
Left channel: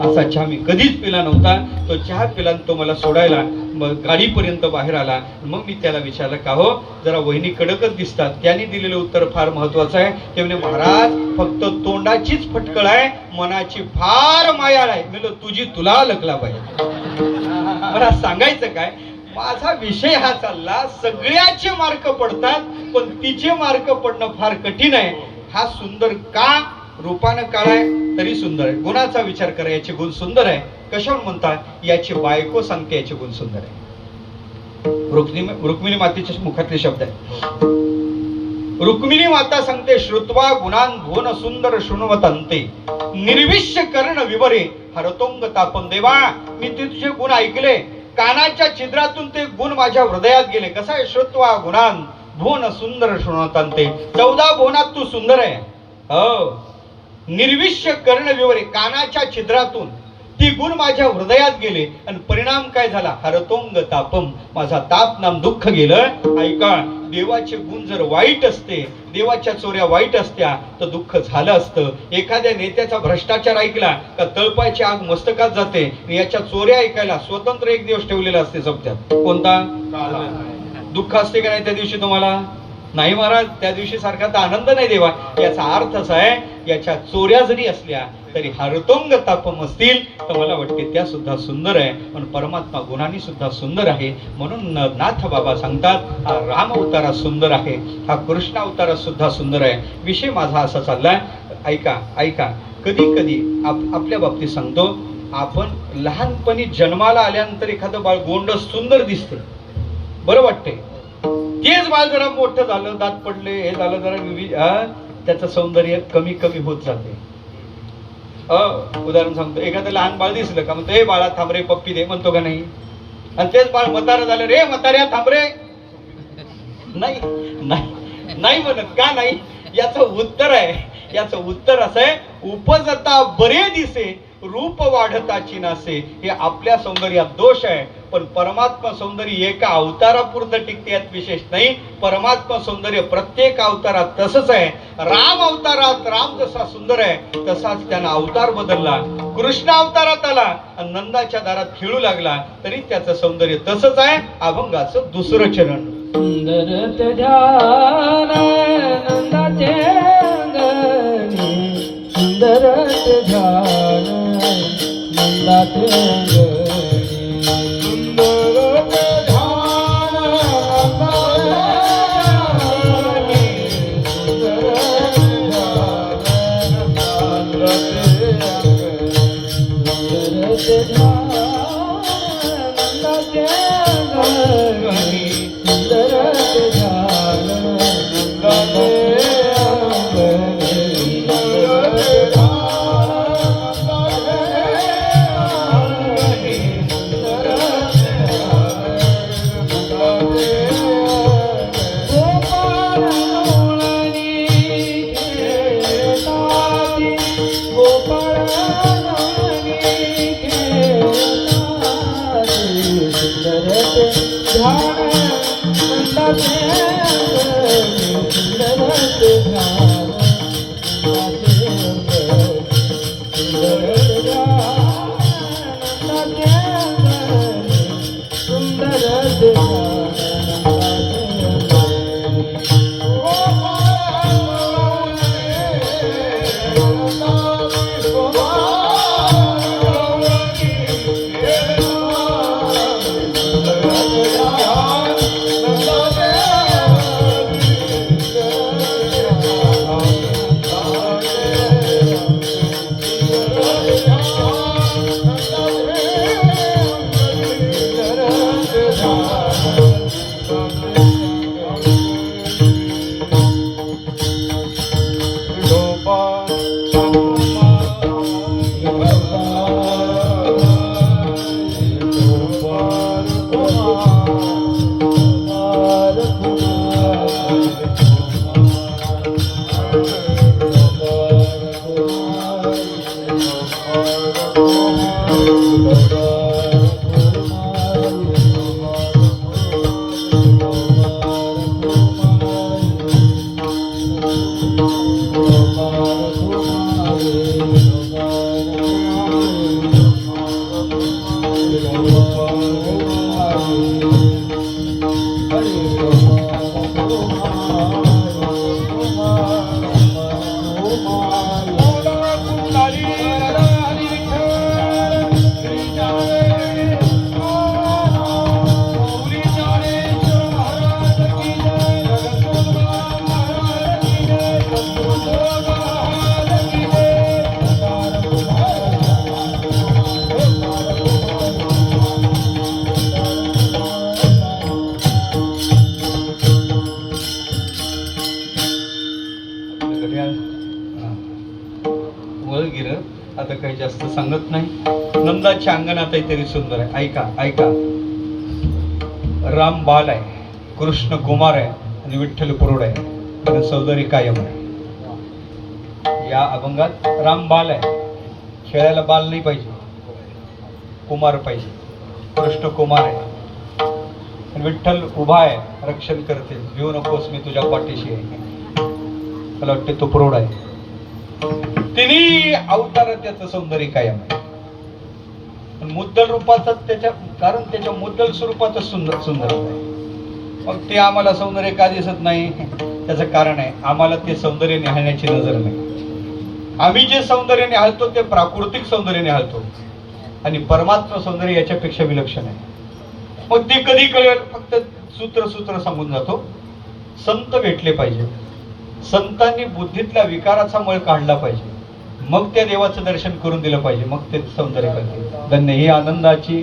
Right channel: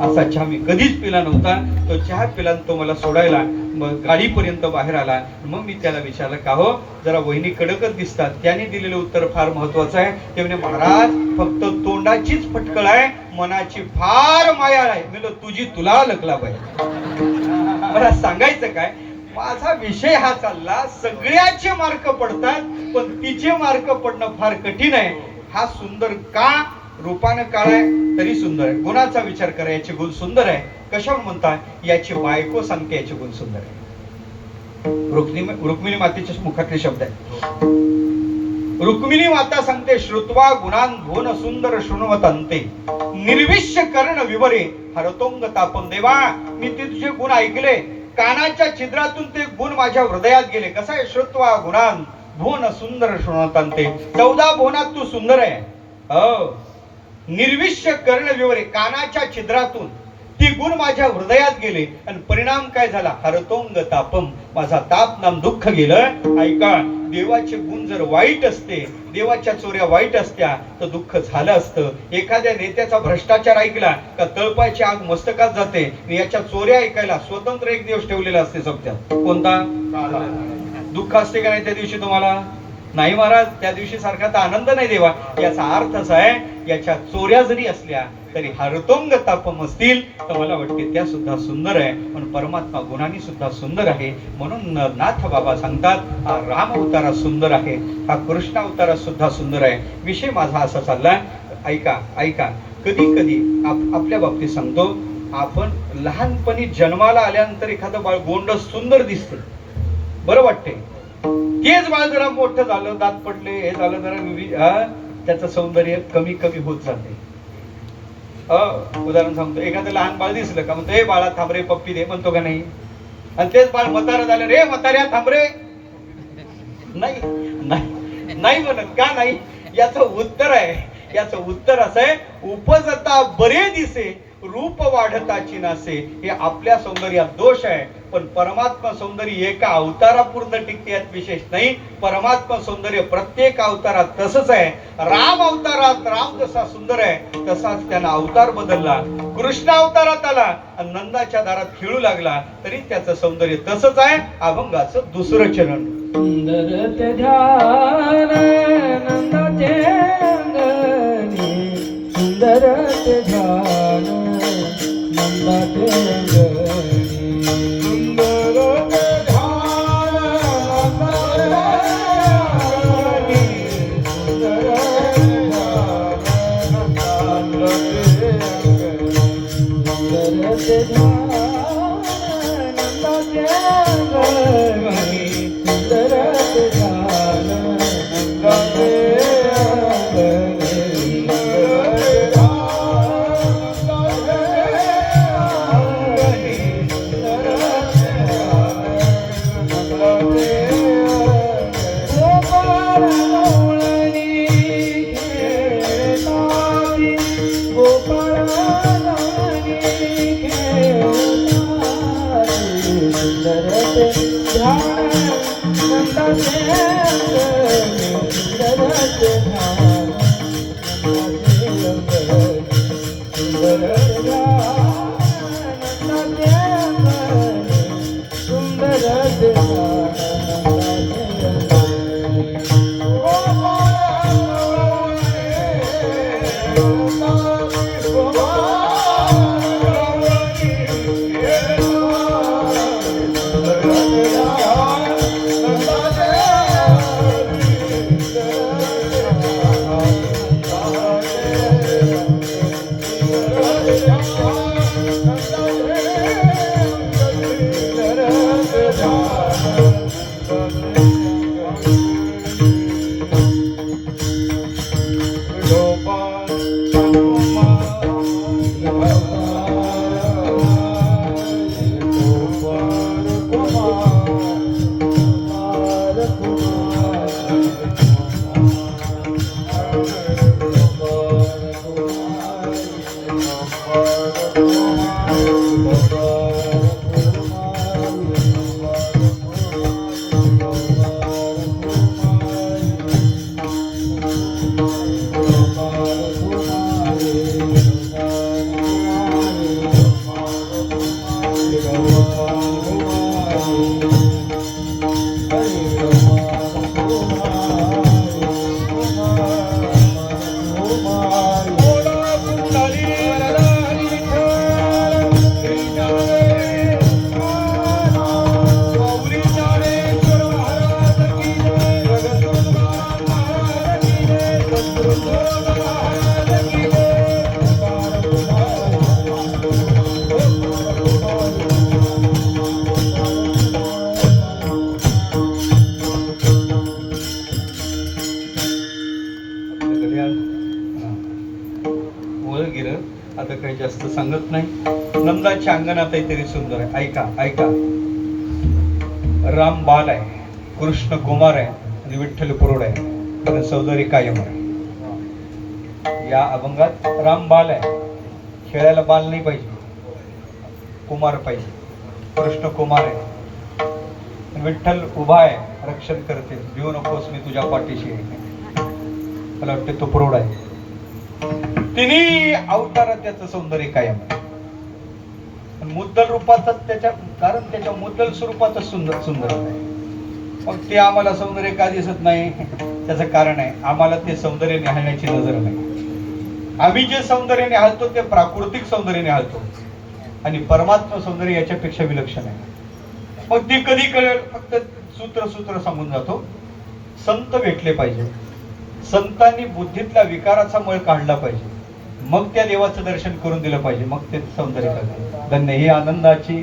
असा चहा मी कधीच पिला नव्हता. तो चहा पिला, तो मला सोडायला मग गाडीपर्यंत बाहेर आला. मग मी त्याला विचारलं, का हो, जरा वहिनी कडकच दिसतात. त्याने दिलेलं उत्तर फार महत्वाचं आहे. ते म्हणे, महाराज, फक्त तोंडाचीच फटकळ आहे, मनाची फार मायाळ आहे. मी तुझी तुला लकला पाहिजे. मला सांगायचं काय, माझा विषय हा चालला, सगळ्याचे मार्क पडतात, पण तिचे मार्क पडणं फार कठीण आहे. हा सुंदर का? रूपानं काळा आहे तरी सुंदर आहे. गुणाचा विचार करा, याचे गुण सुंदर आहे. कशावर म्हणतात? याची बायको सांगते याचे गुण सुंदर आहे. रुक्मिणी मातेच्या मुखातले शब्द आहे. रुक्मिणी माता सांगते, श्रुत्वा गुणान भुवन सुंदर शृण्वतन्ते निर्विश्य कर्ण विवरे हरतोंग तापम. देवा, मी तुझे गुण ऐकले, कानाच्या छिद्रातून ते गुण माझ्या हृदयात गेले. कसं आहे? श्रुत्वा गुणान भुवन सुंदर शृण्वतन्ते. 14 भुवनात तू सुंदर आहे. हो, निर्विश्य कर्ण विवरे, कानाच्या छिद्रातून ती गुण माझ्या हृदयात गेले, आणि परिणाम काय झाला? हरतोंग तापम, माझा ताप नाम दुःख गेलं. ऐका, देवाचे गुण जर वाईट असते, देवाच्या चोऱ्या वाईट असत्या, तर दुःख झालं असतं. एखाद्या नेत्याचा भ्रष्टाचार ऐकला का तळपायची आग मस्तकात जाते. याच्या चोऱ्या ऐकायला स्वतंत्र एक दिवस ठेवलेला असते सप्त्यात. कोणता? दुःख असते का नाही त्या दिवशी तुम्हाला? नाही महाराज, त्या दिवशी सारखा तर आनंद नाही देवा. याचा अर्थ असा आहे, याच्या चोऱ्या जरी असल्या तरी हरतोंग तापम असतील, तर मला वाटते त्या सुद्धा सुंदर आहे. पण परमात्मा गुणांनी सुद्धा सुंदर आहे. म्हणून नाथ बाबा सांगतात, हा राम अवतारा सुंदर आहे, हा कृष्ण अवतारा सुद्धा सुंदर आहे. विषय माझा असा चाललाय. ऐका, कधी कधी आपल्या बाबतीत सांगतो, आपण लहानपणी जन्माला आल्यानंतर एखादं बाळ गोंड सुंदर दिसते, बरं वाटते. तेच बाळ जरा मोठं झालं, दात पडले, हे झालं, जरा त्याचं सौंदर्य कमी कमी होत जाते. उदाहरण सांगतो, एखादं लहान बाळ दिसलं का म्हणतो, हे बाळा थांब रे, पप्पी दे, म्हणतो का नाही? आणि तेच बाळ म्हातारं झालं, रे म्हाताऱ्या थांब रे, नाही म्हणत. का नाही? याचं उत्तर असं आहे, उपजता बरे दिसे रूप वाढताची नासे. हे आपल्या सौंदर्यात दोष आहे, पण परमात्मा सौंदर्य एका अवतारापुरतं टिकते यात विशेष नाही. परमात्मा सौंदर्य प्रत्येक अवतारात तसंच आहे. राम अवतारात राम जसा सुंदर आहे, तसाच त्यानं अवतार बदलला. कृष्ण अवतारात आला आणि नंदाच्या दारात खेळू लागला, तरी त्याचं सौंदर्य तसंच आहे. अभंगाचं दुसरं चरण. सुंदर ते ध्यान नंदाचे अंगणी, सुंदर ते ध्यान नंदाचे अंगणी, सुंदर ते ध्यान नंदाचे अंगणी, सुंदर ते ध्यान नंदाचे अंगणी, सुंदर ते ध्यान नंदाचे अंगणी. आपलं घड्याळ वर गेलं. आता काही जास्त सांगत नाही. नंदाच्या अंगणात तरी सुंदर आहे. ऐका ऐका. राम बाल आहे, कृष्ण कुमार आहे आणि विठ्ठल पुरोड आहे. पण सौंदर्य कायम आहे. या अभंगात राम बाल आहे, खेळायला बाल नाही पाहिजे, कुमार पाहिजे. कृष्ण कुमार आहे, विठ्ठल उभा आहे, रक्षण करते. भिऊ नकोस, मी तुझ्या पाठीशी आहे. मला वाटते तो प्रौढ आहे. तिन्ही अवतारात त्याचं सौंदर्य कायम आहे. मुद्दल रूपातच त्याच्या, कारण त्याच्या मुद्दल स्वरूपातच सुंदर सुंदर आहे. मग ते आम्हाला सौंदर्य का दिसत नाही? त्याचं कारण आहे, आम्हाला ते सौंदर्य निहाळण्याची नजर नाही. आम्ही जे सौंदर्य निहाळतो ते प्राकृतिक सौंदर्य निहाळतो आणि परमात्मा सौंदर्य याच्यापेक्षा विलक्षण आहे. मग ते कधी कळेल? फक्त सूत्र सूत्र सांगून जातो. संत भेटले पाहिजे, संतांनी बुद्धीतला विकाराचा मळ काढला पाहिजे, मग त्या देवाचं दर्शन करून दिलं पाहिजे, मग ते सौंदर्य करते. धन्य ही आनंदाची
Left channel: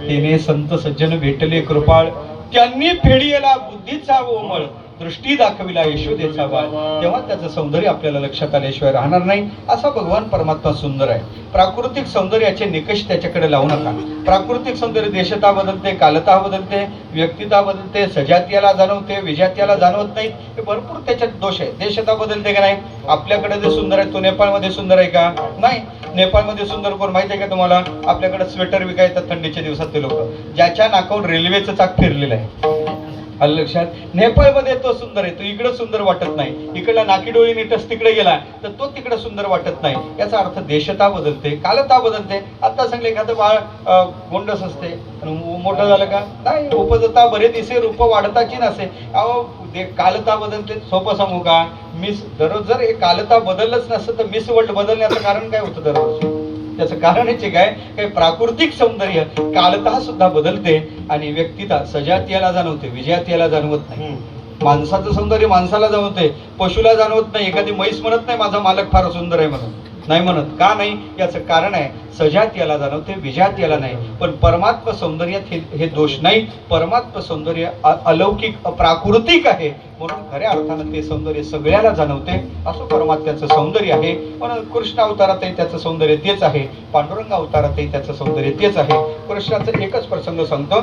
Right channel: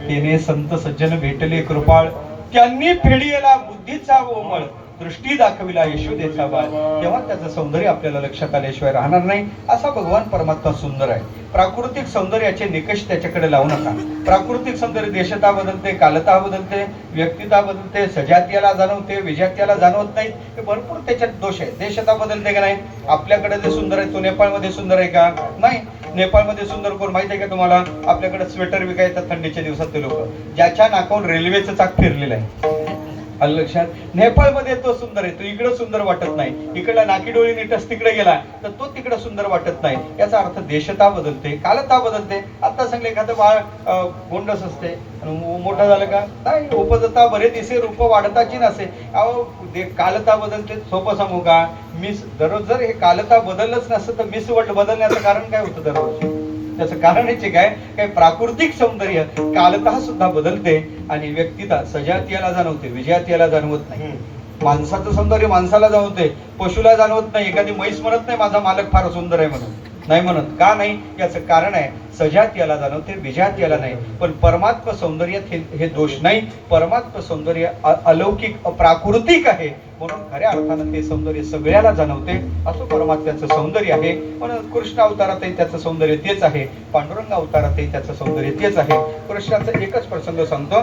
तेने संत सज्जन भेटले कृपाळ, त्यांनी फेडियला बुद्धीचा ओमळ, दृष्टी दाखविला यशोदेचा बाळ. तेव्हा त्याचं सौंदर्य आपल्याला लक्षात आल्याशिवाय राहणार नाही. असा भगवान परमात्मा सुंदर आहे. प्राकृतिक सौंदर्याचे निकष त्याच्याकडे लावू नका. प्राकृतिक सौंदर्य देशता बदलते, कालता बदलते, व्यक्तिता बदलते, सजातीयाला जाणवते, विजातीयाला जाणवत नाही. हे भरपूर त्याच्यात दोष आहे. देशता बदलते का नाही? आपल्याकडे जे सुंदर आहे तो नेपाळमध्ये सुंदर आहे का? नाही. नेपाळमध्ये सुंदर कोण माहिती आहे का तुम्हाला? आपल्याकडे स्वेटर विकायचं थंडीच्या दिवसात ते लोक, ज्याच्या नाकावर रेल्वेचं चाक फिरलेलं आहे. आलं लक्षात? नेपाळमध्ये तो सुंदर आहे, तो इकडे सुंदर वाटत नाही. इकडला नाकी डोळी नीटच तिकडे गेला तर तो तिकडे सुंदर वाटत नाही. याचा अर्थ देशता बदलते, कालता बदलते. आता सांगले एखादं बाळ गोंडस असते, मोठं झालं का नाही, उपजता बरे दिसे, रूप वाढताची नसे. अहो कालता बदलते. सोपं सांगू का? मिस दररोज जर हे कालता बदललंच नसतं तर मिस वर्ल्ड बदलण्याचं कारण काय होतं दररोज? त्याचं कारण याचे काय? प्राकृतिक सौंदर्य कालतः सुद्धा बदलते आणि व्यक्तिता सजातीयाला जाणवते, विजयातीयाला जाणवत नाही. माणसाचं सौंदर्य माणसाला जाणवते, पशुला जाणवत नाही. एखादी म्हैस म्हणत नाही माझा मालक फार सुंदर आहे म्हणून, नाही म्हणत. का नाही? याचं कारण आहे सजातीयाला जाणवते, विजातीयाला नाही. पण परमात्मा सौंदर्यात हे दोष नाही. परमात्मा सौंदर्य अलौकिक प्राकृतिक आहे, म्हणून खऱ्या अर्थानं ते सौंदर्य सगळ्याला जाणवते. असं परमात्म्याचं सौंदर्य आहे. म्हणून कृष्ण अवतारातही त्याचं सौंदर्य तेच आहे, पांडुरंग अवतारातही त्याचं सौंदर्य तेच आहे. कृष्णाचा एकच प्रसंग सांगतो.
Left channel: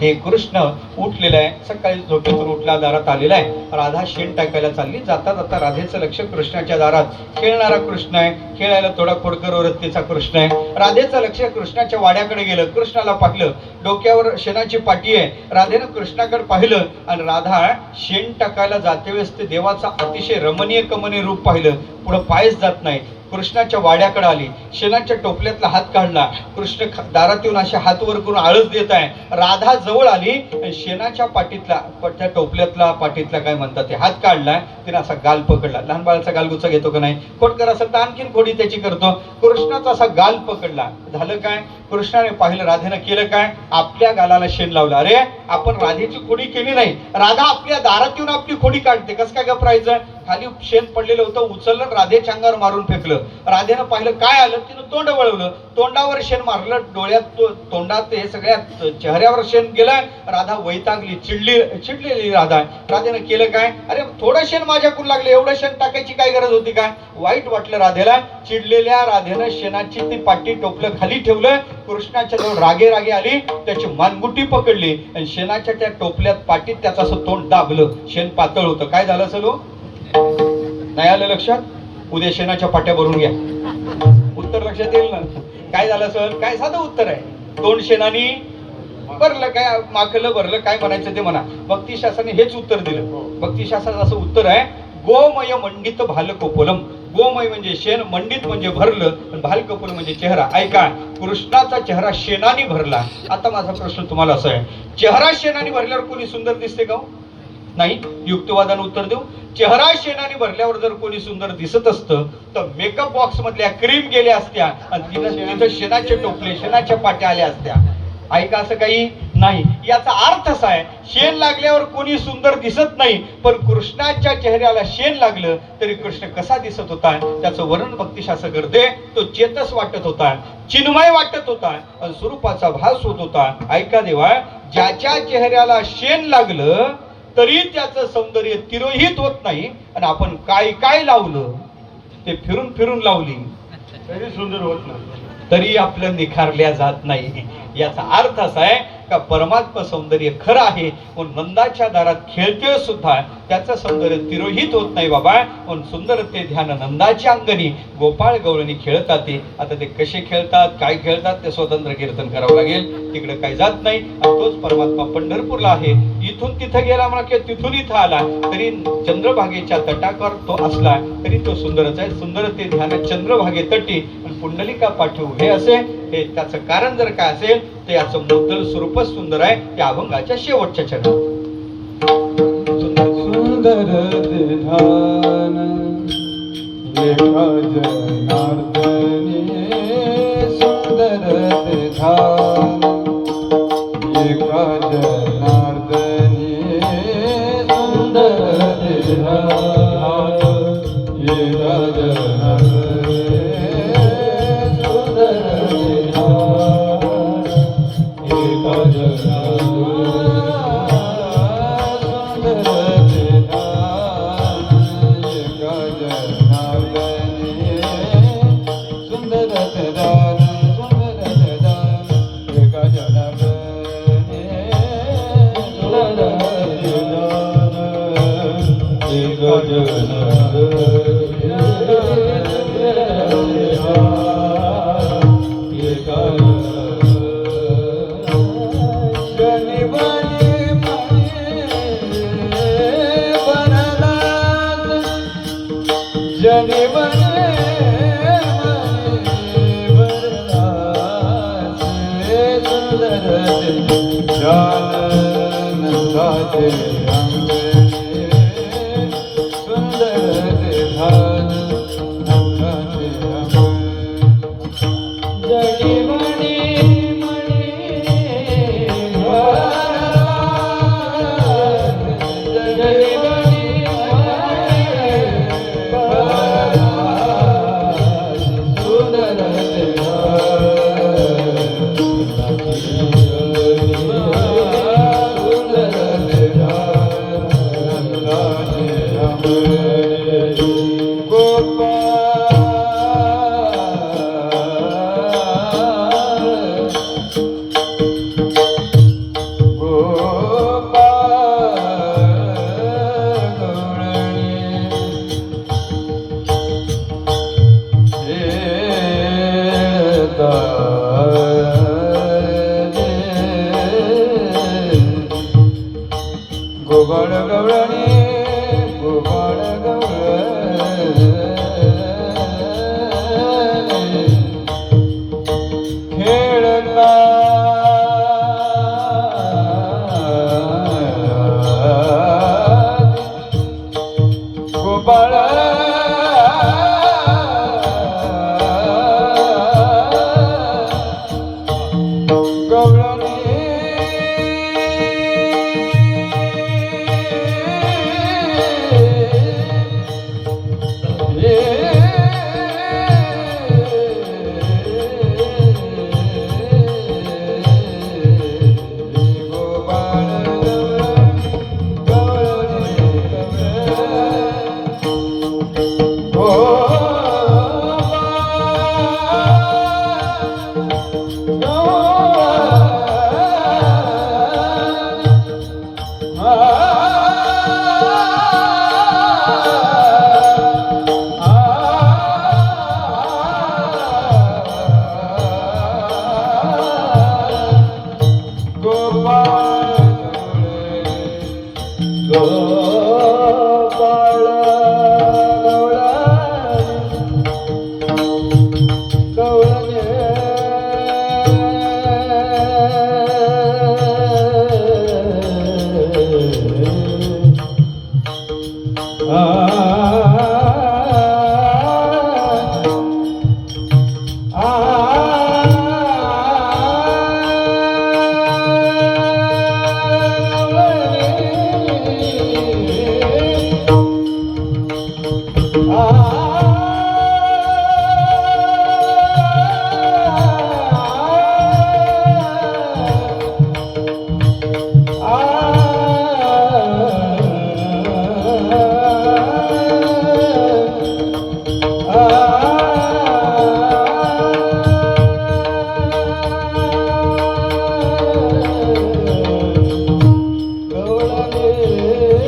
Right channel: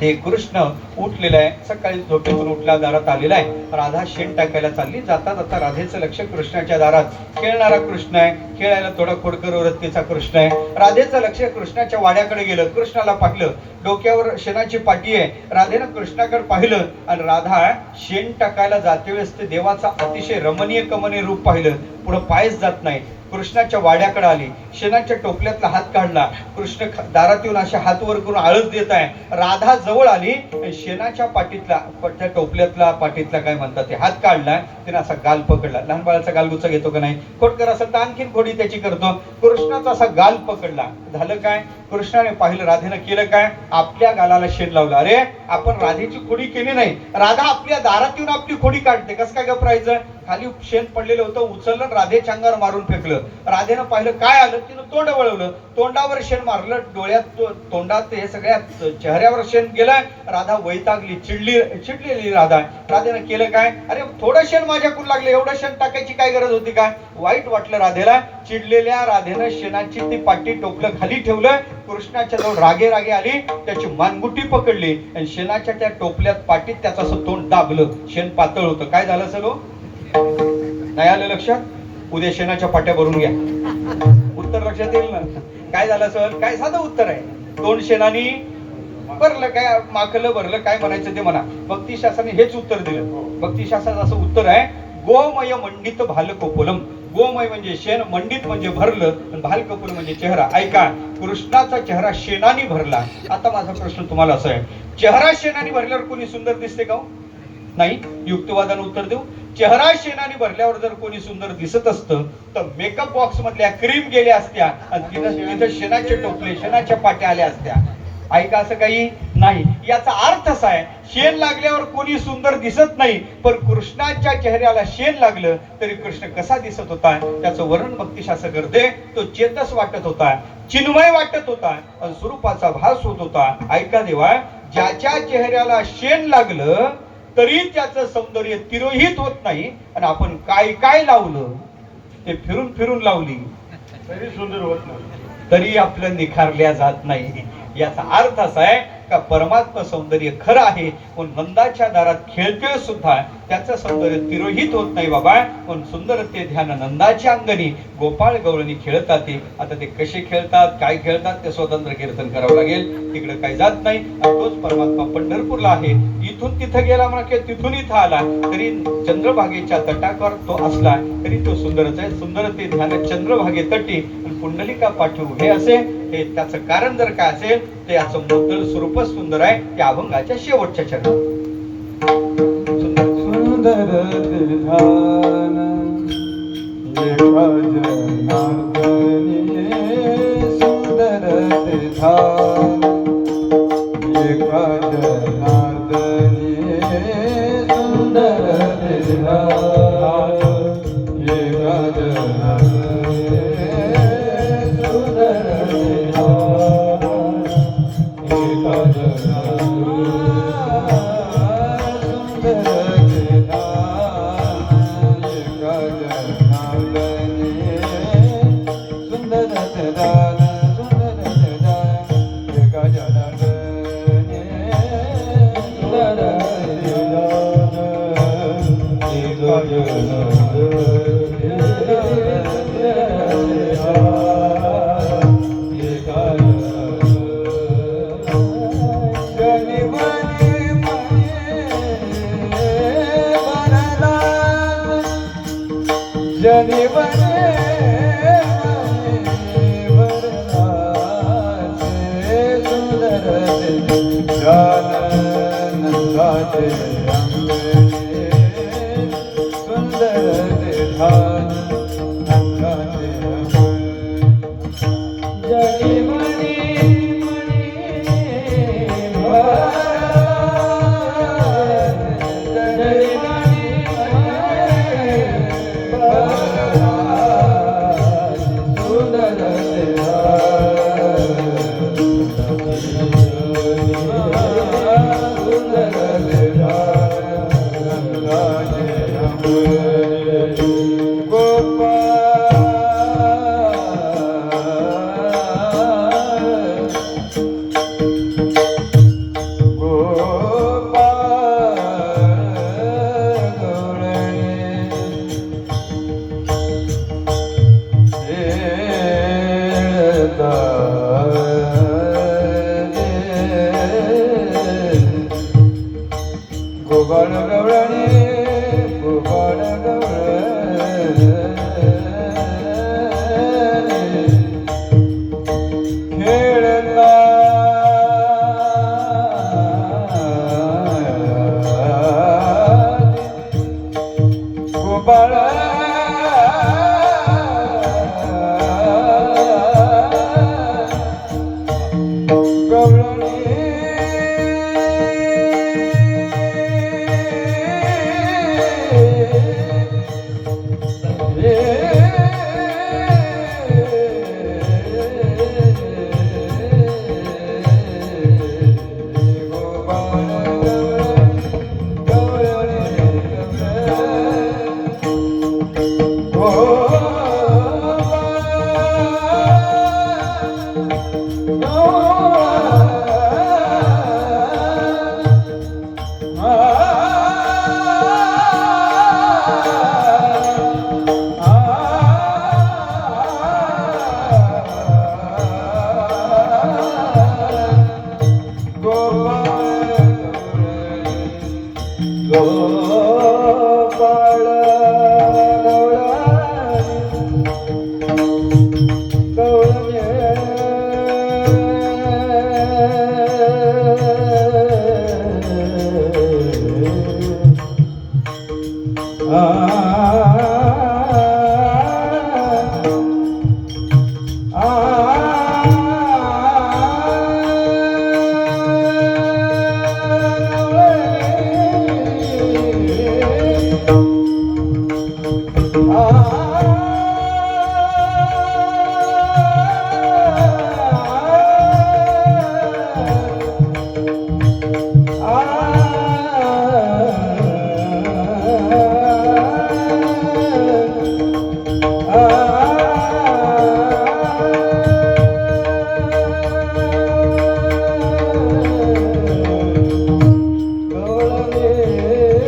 ते कृष्ण उठलेला आहे, सकाळी झोपेतून उठला, दारात आलेला आहे. राधा शेण टाकायला चालली. जाता जाता राधेचं लक्ष कृष्णाच्या दारात. खेळणारा कृष्ण आहे, खेळायला थोडा खोडकर वृत्तीचा कृष्ण आहे. राधेचं लक्ष कृष्णाच्या वाड्याकडे गेलं. कृष्णाला पाहिलं, डोक्यावर शेणाची पाटी आहे. राधेनं कृष्णाकडे पाहिलं आणि राधा शेण टाकायला जाते वेळेस ते देवाचा अतिशय रमणीय कमनीय रूप पाहिलं. पुढं पायच जात नाही. कृष्णाच्या वाड्याकडे आली, शेणाच्या टोपल्यातला हात काढला. कृष्ण दारात येऊन असे हात वर करून आळस देत आहे. राधा जवळ आली, शेणाच्या पाटीतला, त्या टोपल्यातला पाटीतला काय म्हणतात ते हात काढलाय. तिने असा गाल पकडला. लहान बाळाचा गालगुच्चा घेतो का नाही? खोडकर असेल तर आणखीन खोडी त्याची करतो. कृष्णाचा असा गाल पकडला. झालं काय? कृष्णाने पाहिलं, राधेनं केलं काय? आपल्या गालाला शेण लावलं. अरे आपण राधेची खोडी केली नाही, राधा आपल्या दारात येऊन आपली खोडी काढते. कसं काय गप्रायचं? खाली शेण पडलेलं होतं, उचललं, राधेच्या अंगावर मारून फेकलं. राधेनं पाहिलं, काय आलं? तिनं तोंड वळवलं, तोंडावर शेण मारलं, डोळ्यात, तोंडात, हे सगळ्या चेहऱ्यावर शेण गेलं. राधा वैतागली, चिडलेली राधा. राधेनं केलं काय? अरे थोडं शेण माझ्याकडून लागलं, एवढं शेण टाकायची काय गरज होती का? वाईट वाटलं राधेला. चिडलेल्या राधेनं शेणाची ती पाटी टोपलं खाली ठेवलं. कृष्णाच्या जवळ रागे रागे आली, त्याची मानगुटी पकडली आणि शेणाच्या त्या टोपल्यात पाटीत त्याचं असं तोंड दाबलं. शेण पातळ होतं. काय झालं असेल? नाही आलं लक्षात? उद्या शेणाच्या पाट्या भरून घ्या, उत्तर लक्षात येईल ना. काय झालं असेल? काय साधं उत्तर आहे. तोंड शेणानी भरलं, काय माकलं भरलं, काय म्हणायचं ते म्हणा. भक्ती शास्त्राने हेच उत्तर दिलं. भक्ती शास्त्राचं असं उत्तर आहे, गोमय मंडित भाल कोपलम. गोमय म्हणजे शेण, मंडित म्हणजे भरलं, आणि भालकपूर म्हणजे चेहरा. ऐका, कृष्णाचा चेहरा शेणाने भरला. आता माझा प्रश्न तुम्हाला असा आहे, चेहरा शेणाने भरल्यावर कोणी सुंदर दिसते का? नाही. युक्तिवादाने उत्तर देऊ. चेहरा शेणाने भरल्यावर जर कोणी सुंदर दिसत असतं तर मेकअप बॉक्स मधल्या क्रीम गेल्या असत्या आणि तिथं शेणाचे टोपले, शेणाच्या पाट्या आल्या असत्या. ऐका, असं काही नाही. याचा अर्थ असा आहे, शेण लागल्यावर कोणी सुंदर दिसत नाही, पण कृष्णाच्या चेहऱ्याला शेण लागलं तरी कृष्ण कसा दिसत होता त्याचं वर्णन भक्तिशास्त्र करते. तो चेतस वाटत होता, चिन्मय वाटत होता आणि स्वरूपाचा भास होत होता. ऐका देवा, ज्याच्या चेहऱ्याला शेण लागलं तरी त्याचं सौंदर्य तिरोहित होत नाही, आणि आपण काय काय लावलं ते फिरून फिरून लावली तरी सुंदर होत नाही, तरी आपलं निखारल्या जात नाही. याचा अर्थ असा आहे का परमात्मा सौंदर्य खरं आहे, पण नंदाच्या दारात खेळतोय सुद्धा त्याचं सौंदर्य तिरोहित होत नाही बाबा. पण सुंदर ते ध्यान नंदाच्या अंगणी गोपाळ गवळणी खेळतात. ते आता ते कसे खेळतात, काय खेळतात ते स्वतंत्र कीर्तन करावं लागेल, तिकडे काही जात नाही. तोच परमात्मा पंढरपूरला आहे. इथून तिथं गेला म्हणा की तिथून इथं आला तरी चंद्रभागेच्या तटावर तो असला तरी तो सुंदरच आहे. सुंदर ते ध्यान चंद्रभागे तटी पुंडलिका पाठी उभे असे, हे त्याचं कारण जर काय असेल ते याचं मुद्दल स्वरूपच सुंदर आहे. त्या अभंगाच्या शेवटच्या चरणात सुंदर ध्यान एका जनार्दनी, सुंदर ध्यान एका जनार्दनी, सुंदर ध्यान एका जनार्दनी, सुंदर ध्यान एका जनार्दनी. Ah